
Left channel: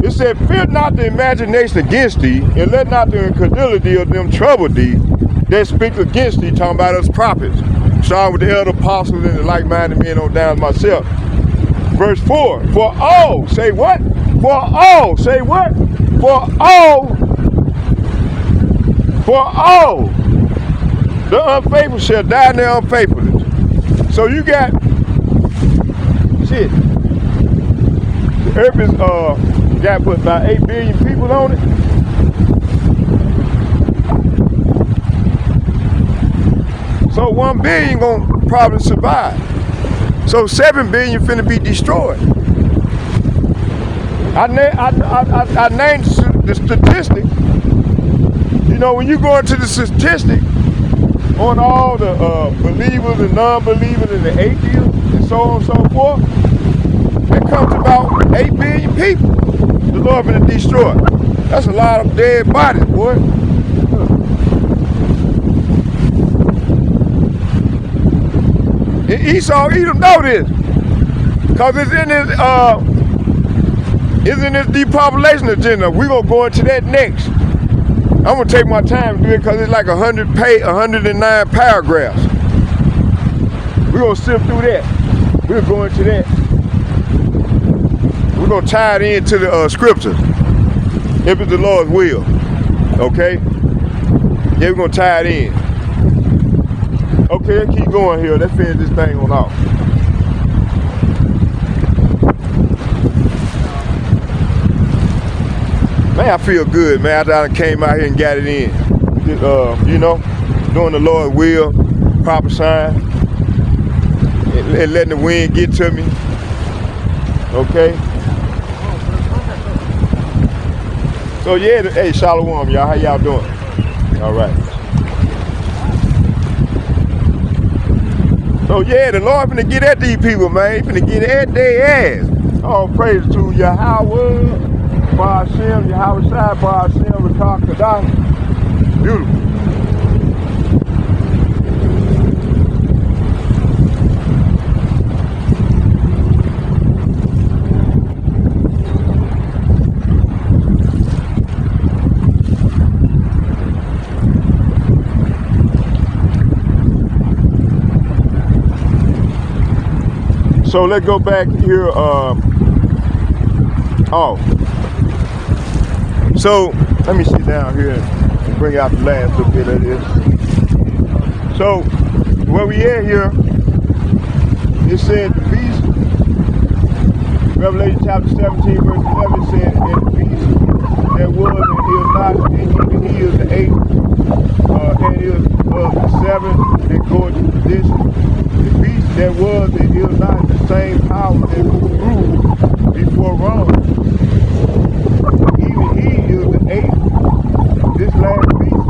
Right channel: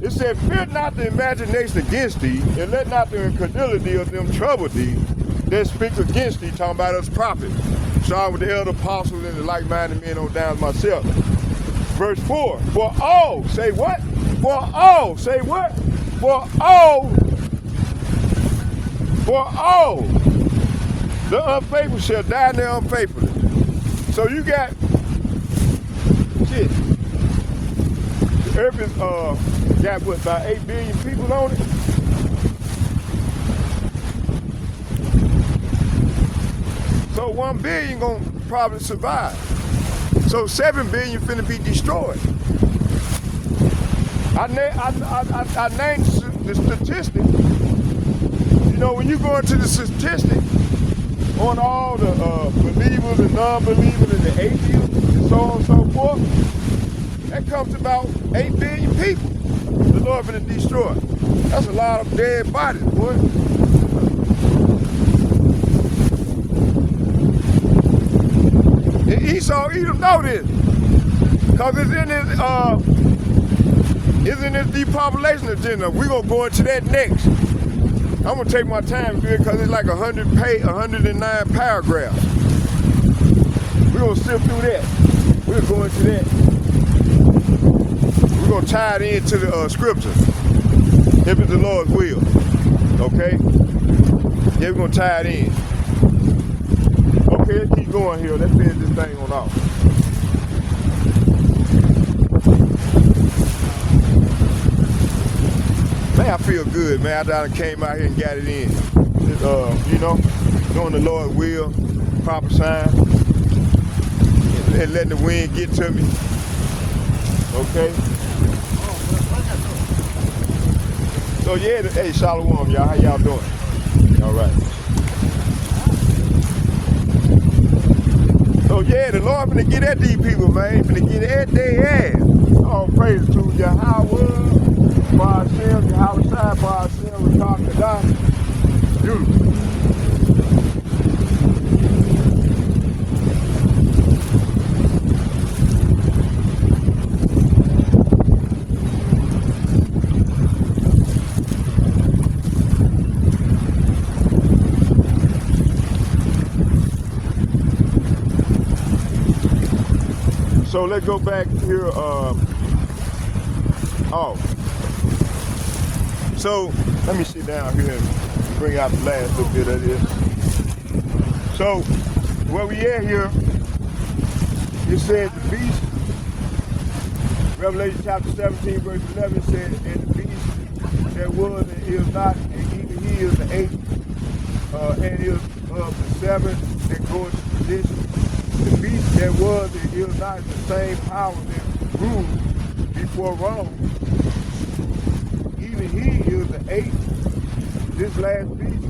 It said, fear not the imagination against thee, and let not the incredulity of them trouble thee that speak against thee, talking about us prophets. Starting with the elder apostles and the like-minded men on down myself. Verse 4, for all, say what? For all, say what? For all the unfaithful shall die in their unfaithfulness. So you got shit. The earth is got what, about 8 billion people on it. So 1 billion gonna probably survive. So 7 billion finna be destroyed. I named the statistic. You know, when you go into the statistic on all the believers and non-believers and the atheists and so on and so forth, it comes to about 8 billion people the Lord finna destroy. That's a lot of dead bodies, boy. And Esau Edom know this, cause it's in this depopulation agenda. We're gonna go into that next. I'm gonna take my time to do it because it's like 109 paragraphs. We're gonna sift through that. We'll go into that. We're gonna tie it into the scripture, if it's the Lord's will. Okay? Yeah, we're gonna tie it in. Okay, let's keep going here. Let's finish this thing on off. Man, I feel good, man. After I came out here and got it in. You know, doing the Lord's will, proper sign, and letting the wind get to me. Okay? So yeah, hey, shalom, y'all. How y'all doing? All right. So yeah, the Lord finna get at these people, man. He finna get at their ass. All praise to Yahweh, Ba'ashem, Yahweh Shai, Ba'ashem, Rakah Kadash. Beautiful. So let's go back here. So let me sit down here and bring out the last little bit of this. So where we at here, it said the beast, Revelation chapter 17, verse 11 said, and the beast that was and is not, and he is the eighth, and is of the seven that go into position. The beast that was and is not the same power that ruled before Rome. Even he is the eighth. This last beast,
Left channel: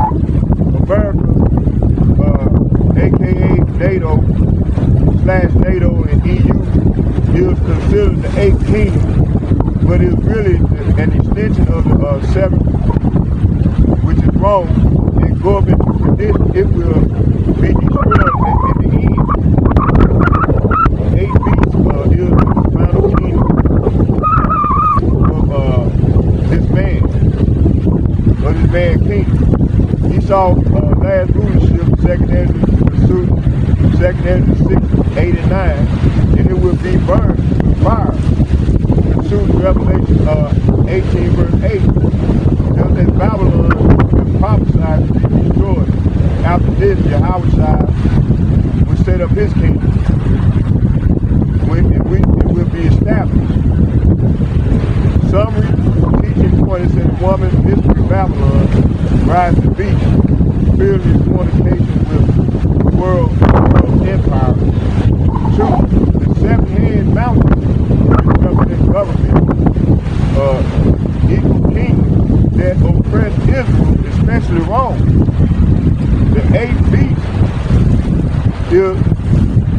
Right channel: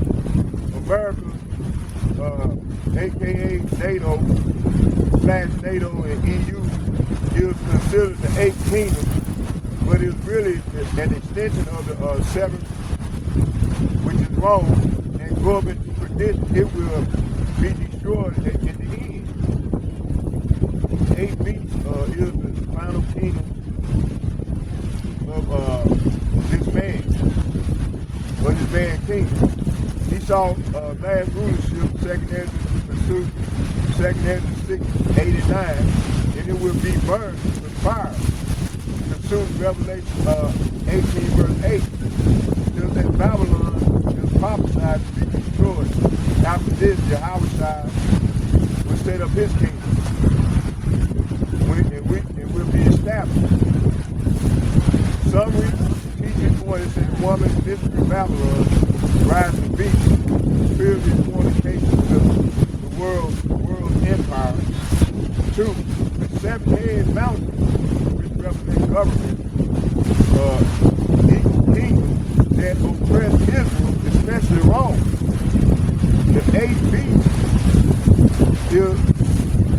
America, aka NATO, /NATO and EU, is considered the eighth kingdom, but it's really an extension of the seventh, which is Rome, and going into tradition, it will be destroyed in the end. The eighth beast is the final kingdom of this man king. He saw last rulership, second Ezra pursuit, second Ezra 6, 8, and 9, and it will be burned with fire. Pursuit Revelation 18, verse 8. Just as Babylon was prophesied to be destroyed. After this, Yahushua will set up his kingdom. It will be established. Summary teaching points in woman, history, Babylon, rise to be, spiritual fornications of the world empire. 2, the seven-head mountain, which represents government, equal kingdom that oppressed Israel, especially Rome. The eighth beast is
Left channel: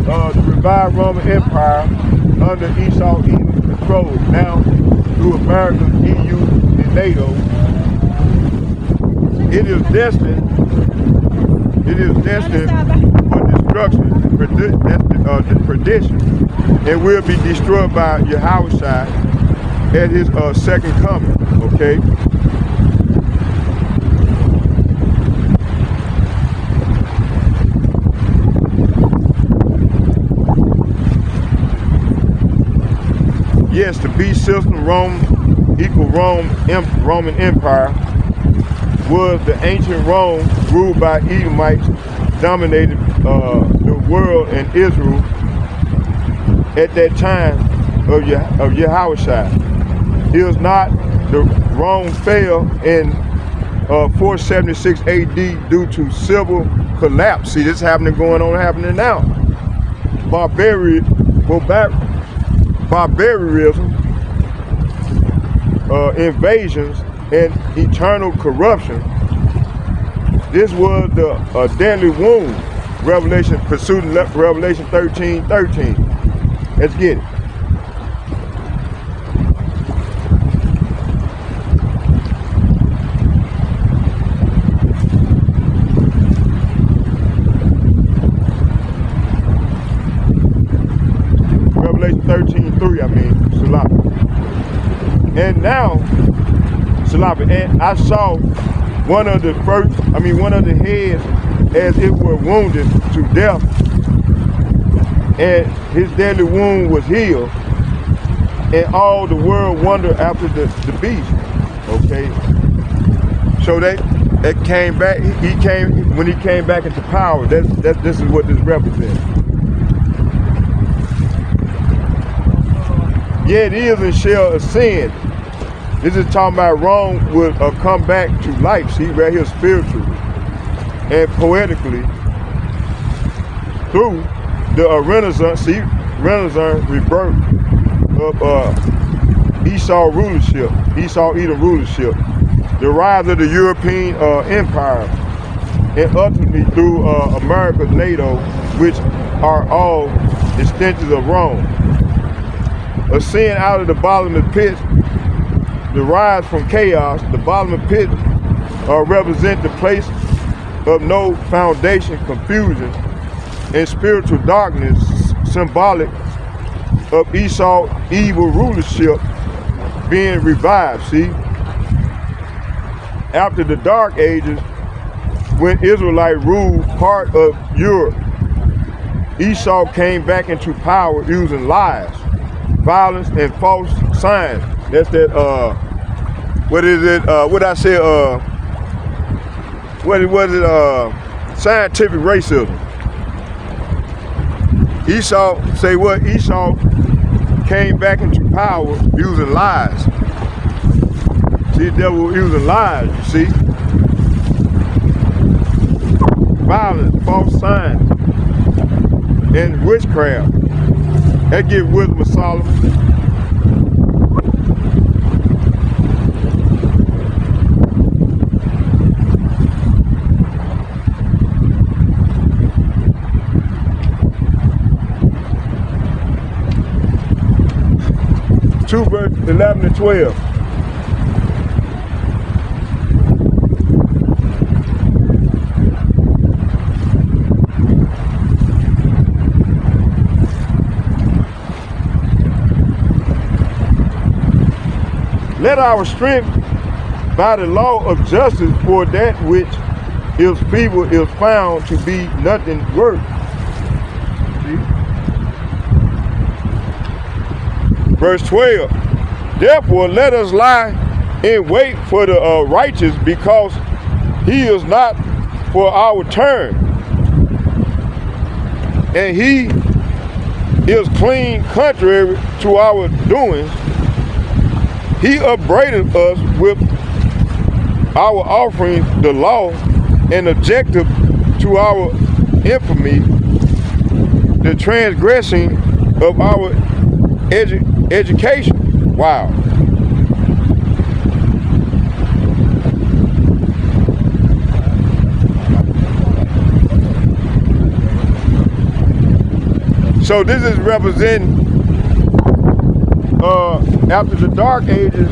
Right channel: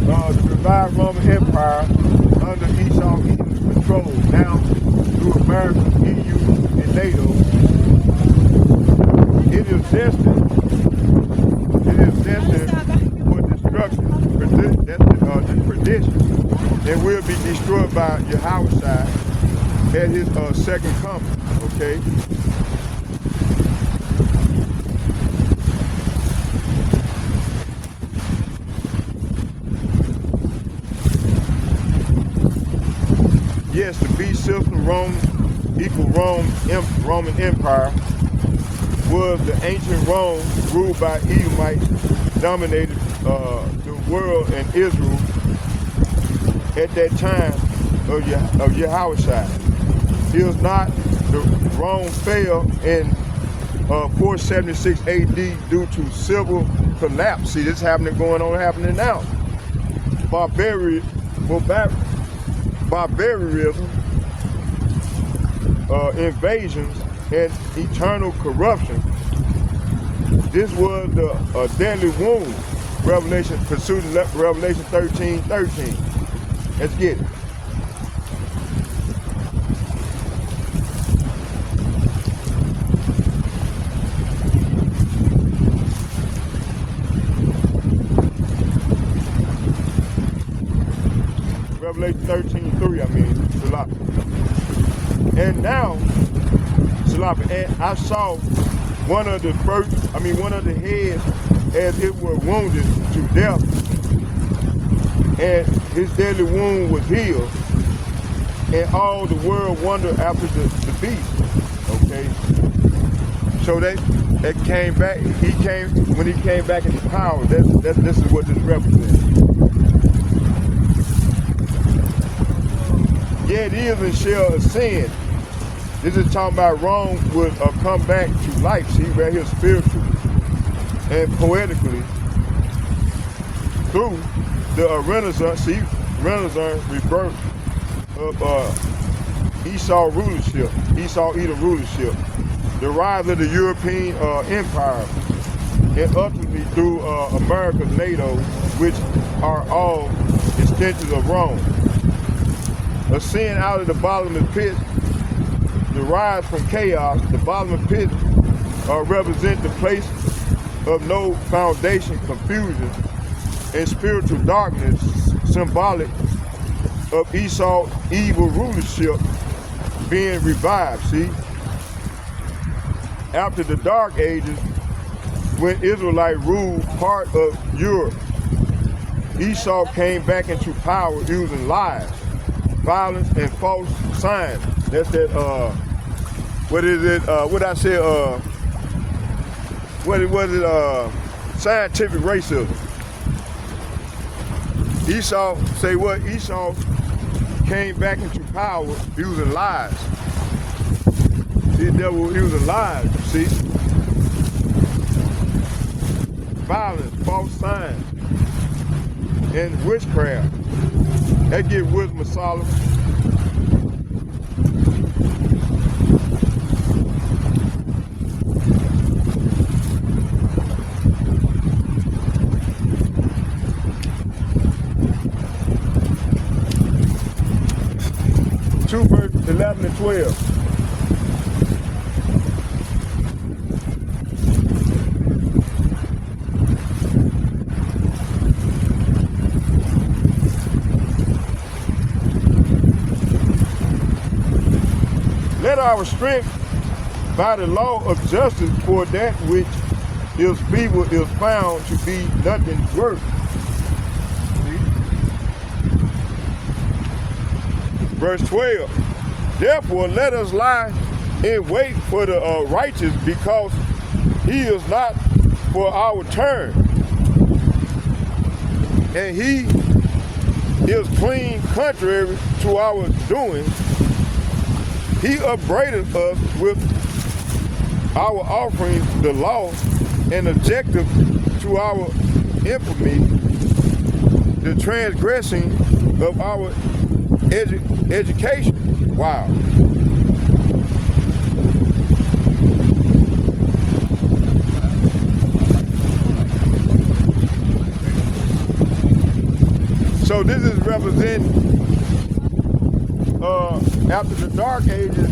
the revived Roman Empire under Esau Edom's control, now through America, EU, and NATO. It is destined for destruction, perdition, and will be destroyed by Yahushua at his second coming, okay? Yes, the beast system, Rome, equal Roman Empire, was the ancient Rome ruled by Edomites, dominated the world and Israel at that time of Yahushua. It was not, the Rome fell in 476 AD due to civil collapse. See, this happening now. Barbarism, invasions, and eternal corruption. This was the deadly wound. Revelation 13:13. Let's get it. Revelation 13:3, Salapa. And now, Salapa, and I saw one of the heads as it were wounded to death, and his deadly wound was healed, and all the world wondered after the beast. Okay, so that came back. When he came back into power. This is what this represents. Yet is and shall ascend. This is talking about Rome will come back to life. See, right here spiritually and poetically through the Renaissance. See, Renaissance rebirth of Esau Edom rulership, the rise of the European empire, and ultimately through America's NATO, which are all extensions of Rome. Ascend out of the bottomless pit, the rise from chaos. The bottomless pit represent the place of no foundation, confusion, and spiritual darkness, symbolic of Esau's evil rulership being revived. See, after the Dark Ages, when Israelite ruled part of Europe, Esau came back into power using lies, violence, and false signs. That's that, what is it, what I said, what was it, scientific racism. Esau, say what? Esau came back into power using lies. See, the devil using lies, you see? Violence, false signs, and witchcraft. That gives wisdom of Solomon. Two verse 11 and 12. Let our strength by the law of justice for that which is feeble is found to be nothing worth. See? Verse 12. Therefore let us lie in wait for the righteous, because he is not for our turn, and he is clean contrary to our doings. He upbraided us with our offerings, the law, and objective to our infamy, the transgressing of our education. Wow. So this is representing after the Dark Ages,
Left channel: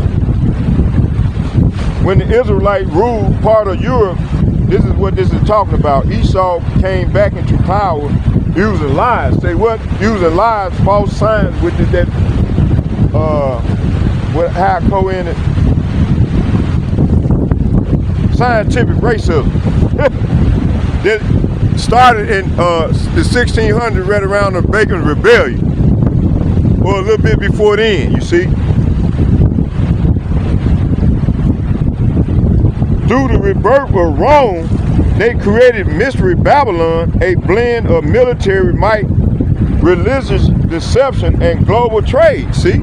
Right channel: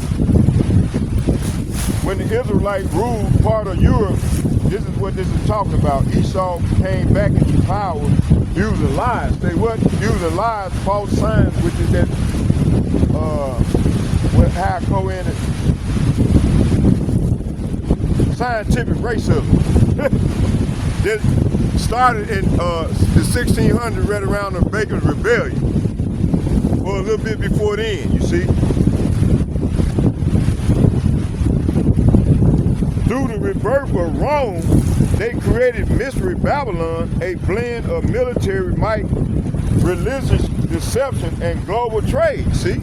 when the Israelites ruled part of Europe. This is what this is talking about. Esau came back into power using lies. Say what? Using lies, false signs, which is that how I go in it, scientific racism. That started in the 1600s, right around the Bacon Rebellion, or a little bit before then, you see. Through the rebirth of Rome, they created Mystery Babylon, a blend of military might, religious deception, and global trade, see?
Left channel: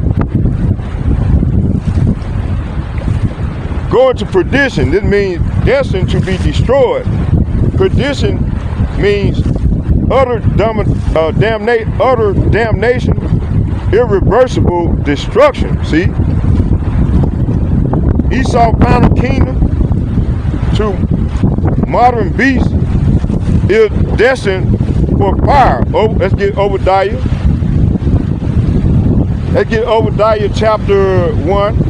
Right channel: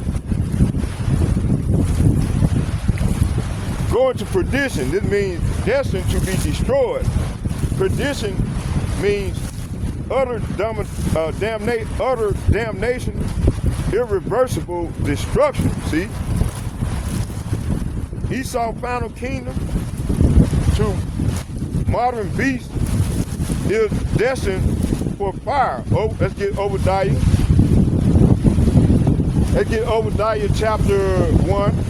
Going to perdition, this means destined to be destroyed. Perdition means utter damnation, irreversible destruction, see? Esau's final kingdom to modern beasts is destined for fire. Oh, let's get Obadiah. Let's get Obadiah chapter 1.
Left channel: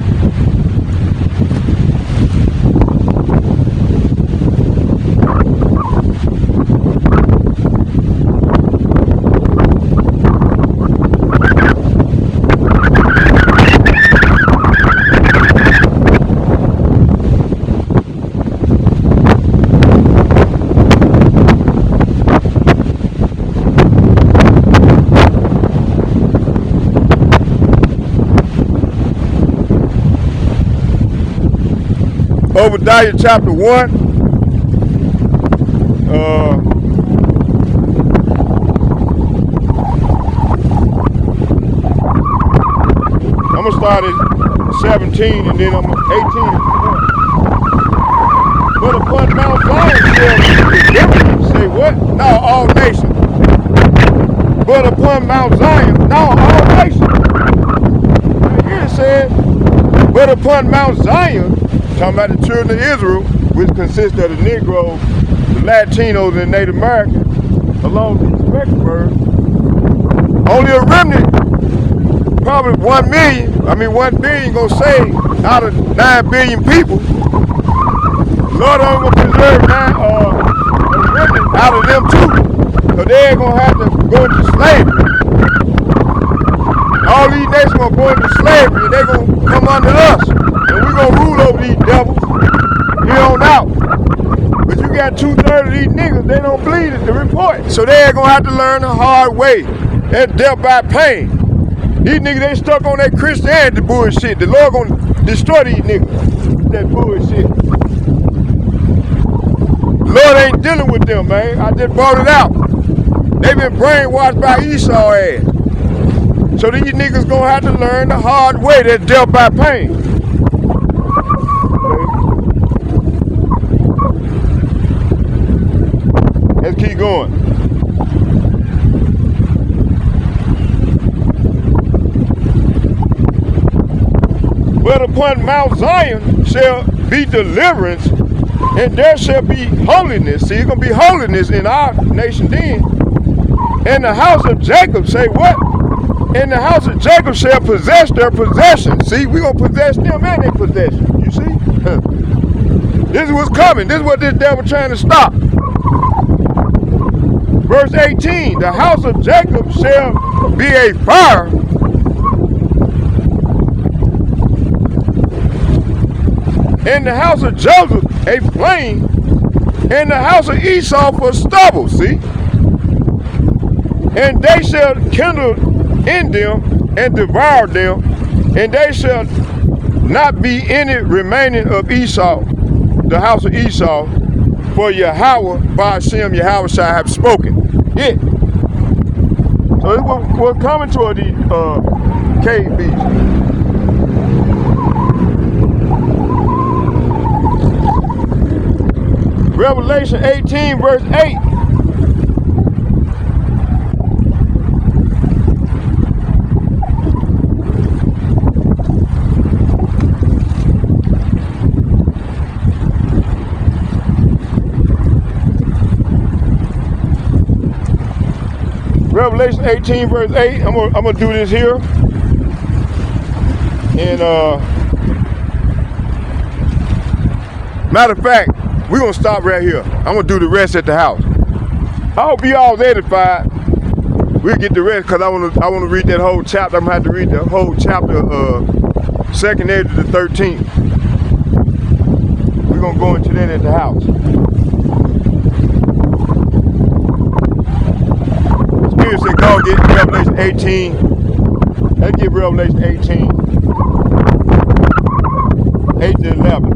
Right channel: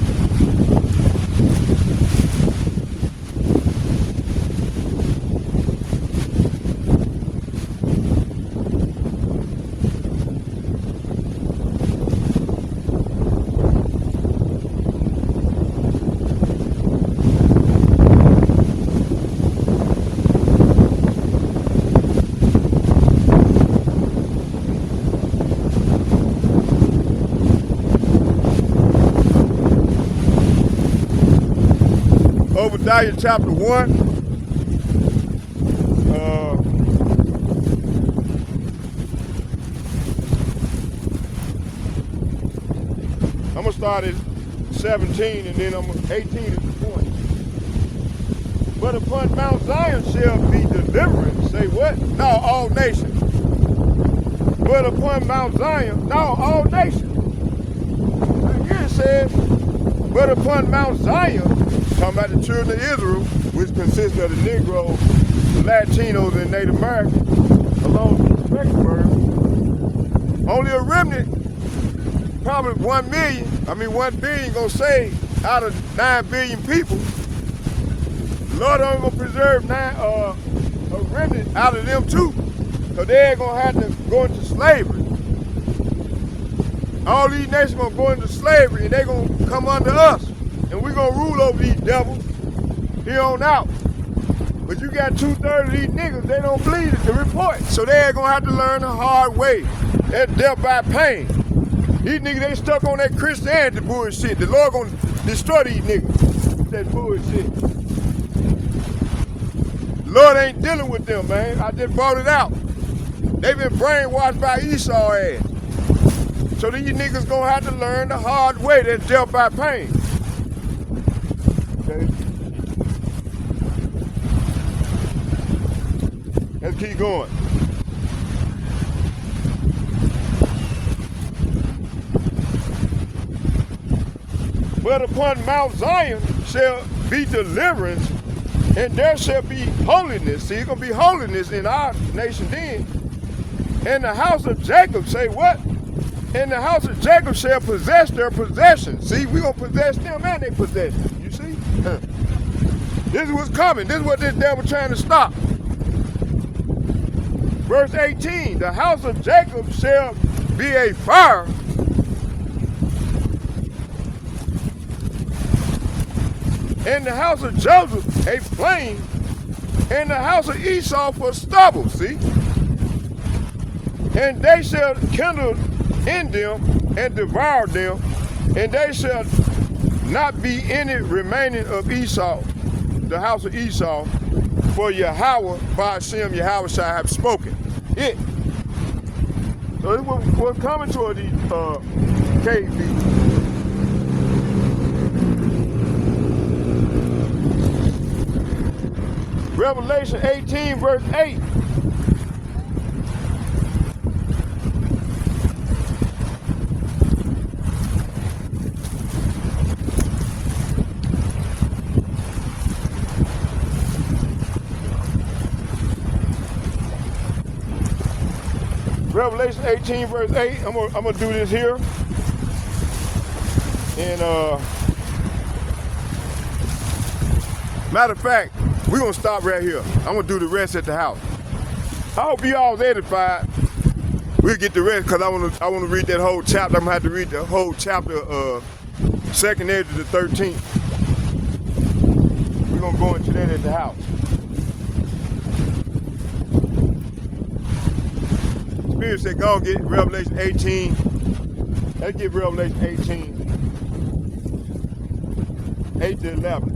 Obadiah chapter 1. I'm gonna start at 17 and then I'm 18. But upon Mount Zion say what? Now all nations. But upon Mount Zion, now all nations. Here it says, but upon Mount Zion, talking about the children of Israel, which consists of the Negroes, the Latinos, and Native Americans, along with the Spectrum, only a remnant, probably 1 billion gonna save out of 9 billion people. Lord, I'm gonna preserve a remnant out of them too, so they're gonna have to go into slavery. All these nations gonna go into slavery, and they're gonna come under us. And we're going to rule over these devils here on out. But you got 2/3 of these niggas, they don't believe the report. So they're gonna have to learn the hard way. That's death by pain. These niggas, they stuck on that Christianity bullshit. The Lord gonna destroy these niggas with that bullshit. The Lord ain't dealing with them, man. I just brought it out. They been brainwashed by Esau ass. So these niggas gonna have to learn the hard way. That's death by pain. Let's keep going. But upon Mount Zion shall be deliverance, and there shall be holiness. See, it's going to be holiness in our nation then. And the house of Jacob, say what? And the house of Jacob shall possess their possession. See, we're going to possess them and their possession. You see? This is what's coming. This is what this devil trying to stop. Verse 18, the house of Jacob shall be a fire, and the house of Joseph a flame, and the house of Esau for stubble, see? And they shall kindle in them and devour them, and they shall not be any remaining of Esau, the house of Esau, for Yahweh, Ba'ashem, Yahweh shall have spoken. Yeah. So it was coming toward these cave beasts. Revelation 18, verse 8. Revelation 18, verse 8. I'm gonna do this here. And matter of fact, we're gonna stop right here. I'm gonna do the rest at the house. I hope you all was edified. We'll get the rest because I wanna read that whole chapter. I'm gonna have to read the whole chapter, 2nd edge to the 13th. We're gonna go into that at the house. Spirit said, go get Revelation 18. Let's get Revelation 18, 8 to 11.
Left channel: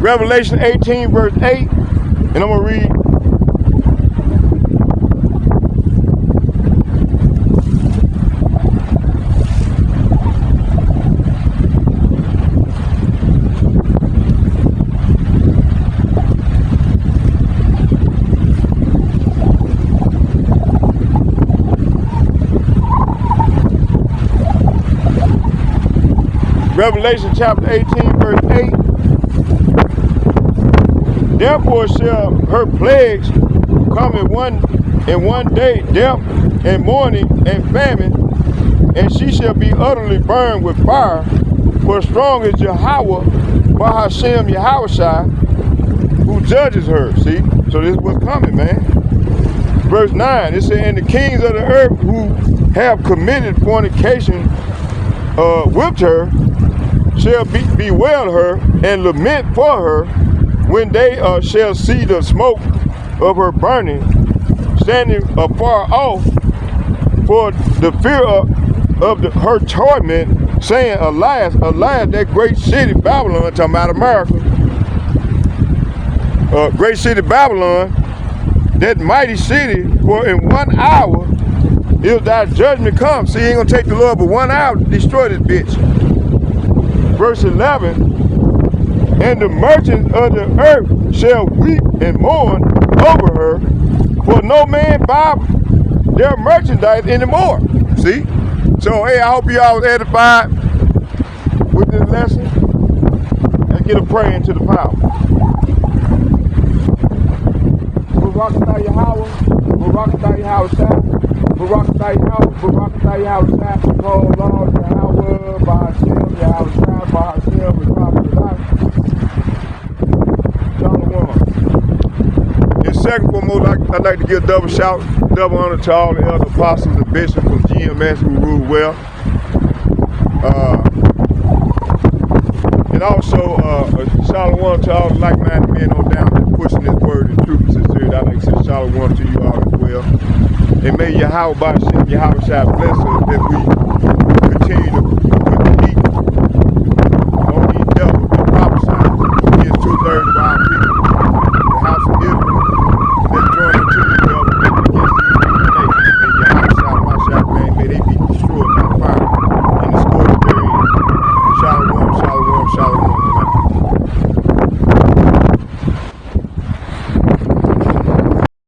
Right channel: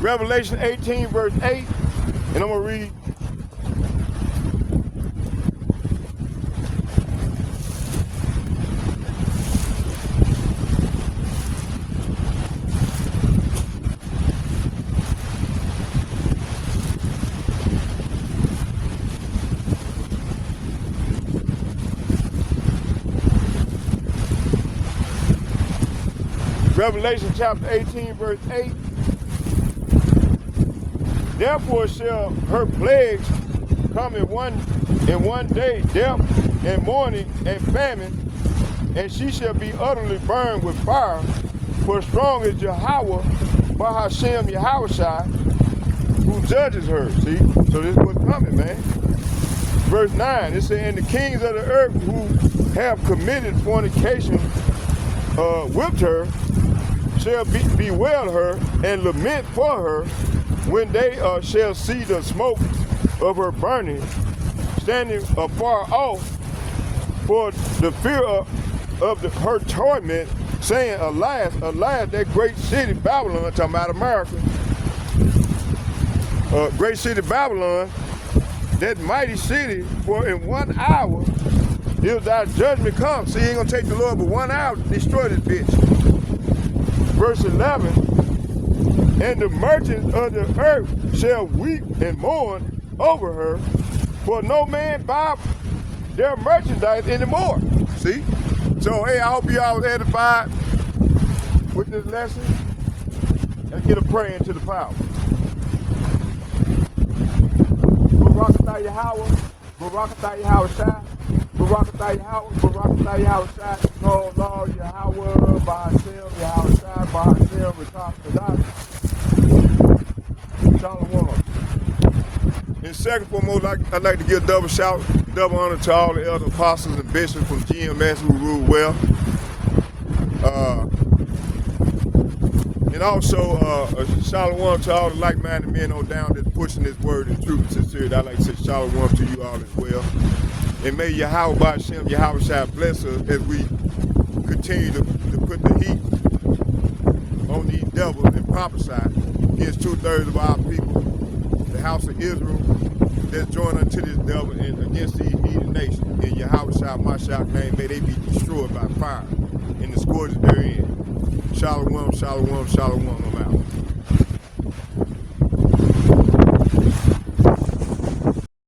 Revelation 18, verse 8, and I'm going to read. Revelation chapter 18, verse 8. Therefore shall her plagues come in one day, death and mourning and famine, and she shall be utterly burned with fire. For strong is Yahweh, Ba'ashem Yahushai, who judges her. See? So this is what's coming, man. Verse 9, it says, and the kings of the earth who have committed fornication with her shall bewail her and lament for her, when they shall see the smoke of her burning, standing afar off for the fear of her torment, saying, alas, alas, that great city Babylon, talking about America, great city Babylon, that mighty city, for in 1 hour is thy judgment come. See, he ain't gonna take the Lord but 1 hour to destroy this bitch. Verse 11, and the merchants of the earth shall weep and mourn over her, for no man buy their merchandise anymore. See? So, hey, I hope you all was edified with this lesson. And get a prayer into the power. Barakatah Yahweh, Barakatah Yahushua, Barakatah Yahweh, Barakatah Yahushua, oh Lord Yahweh. I'd like to give double shout, double honor to all the other apostles and bishops from GMS who ruled well. And also, shalom to all the like-minded men on down there pushing this word and truth and sincerity. I'd like to say shalom to you all as well. And may Yahweh Shai bless us if we continue to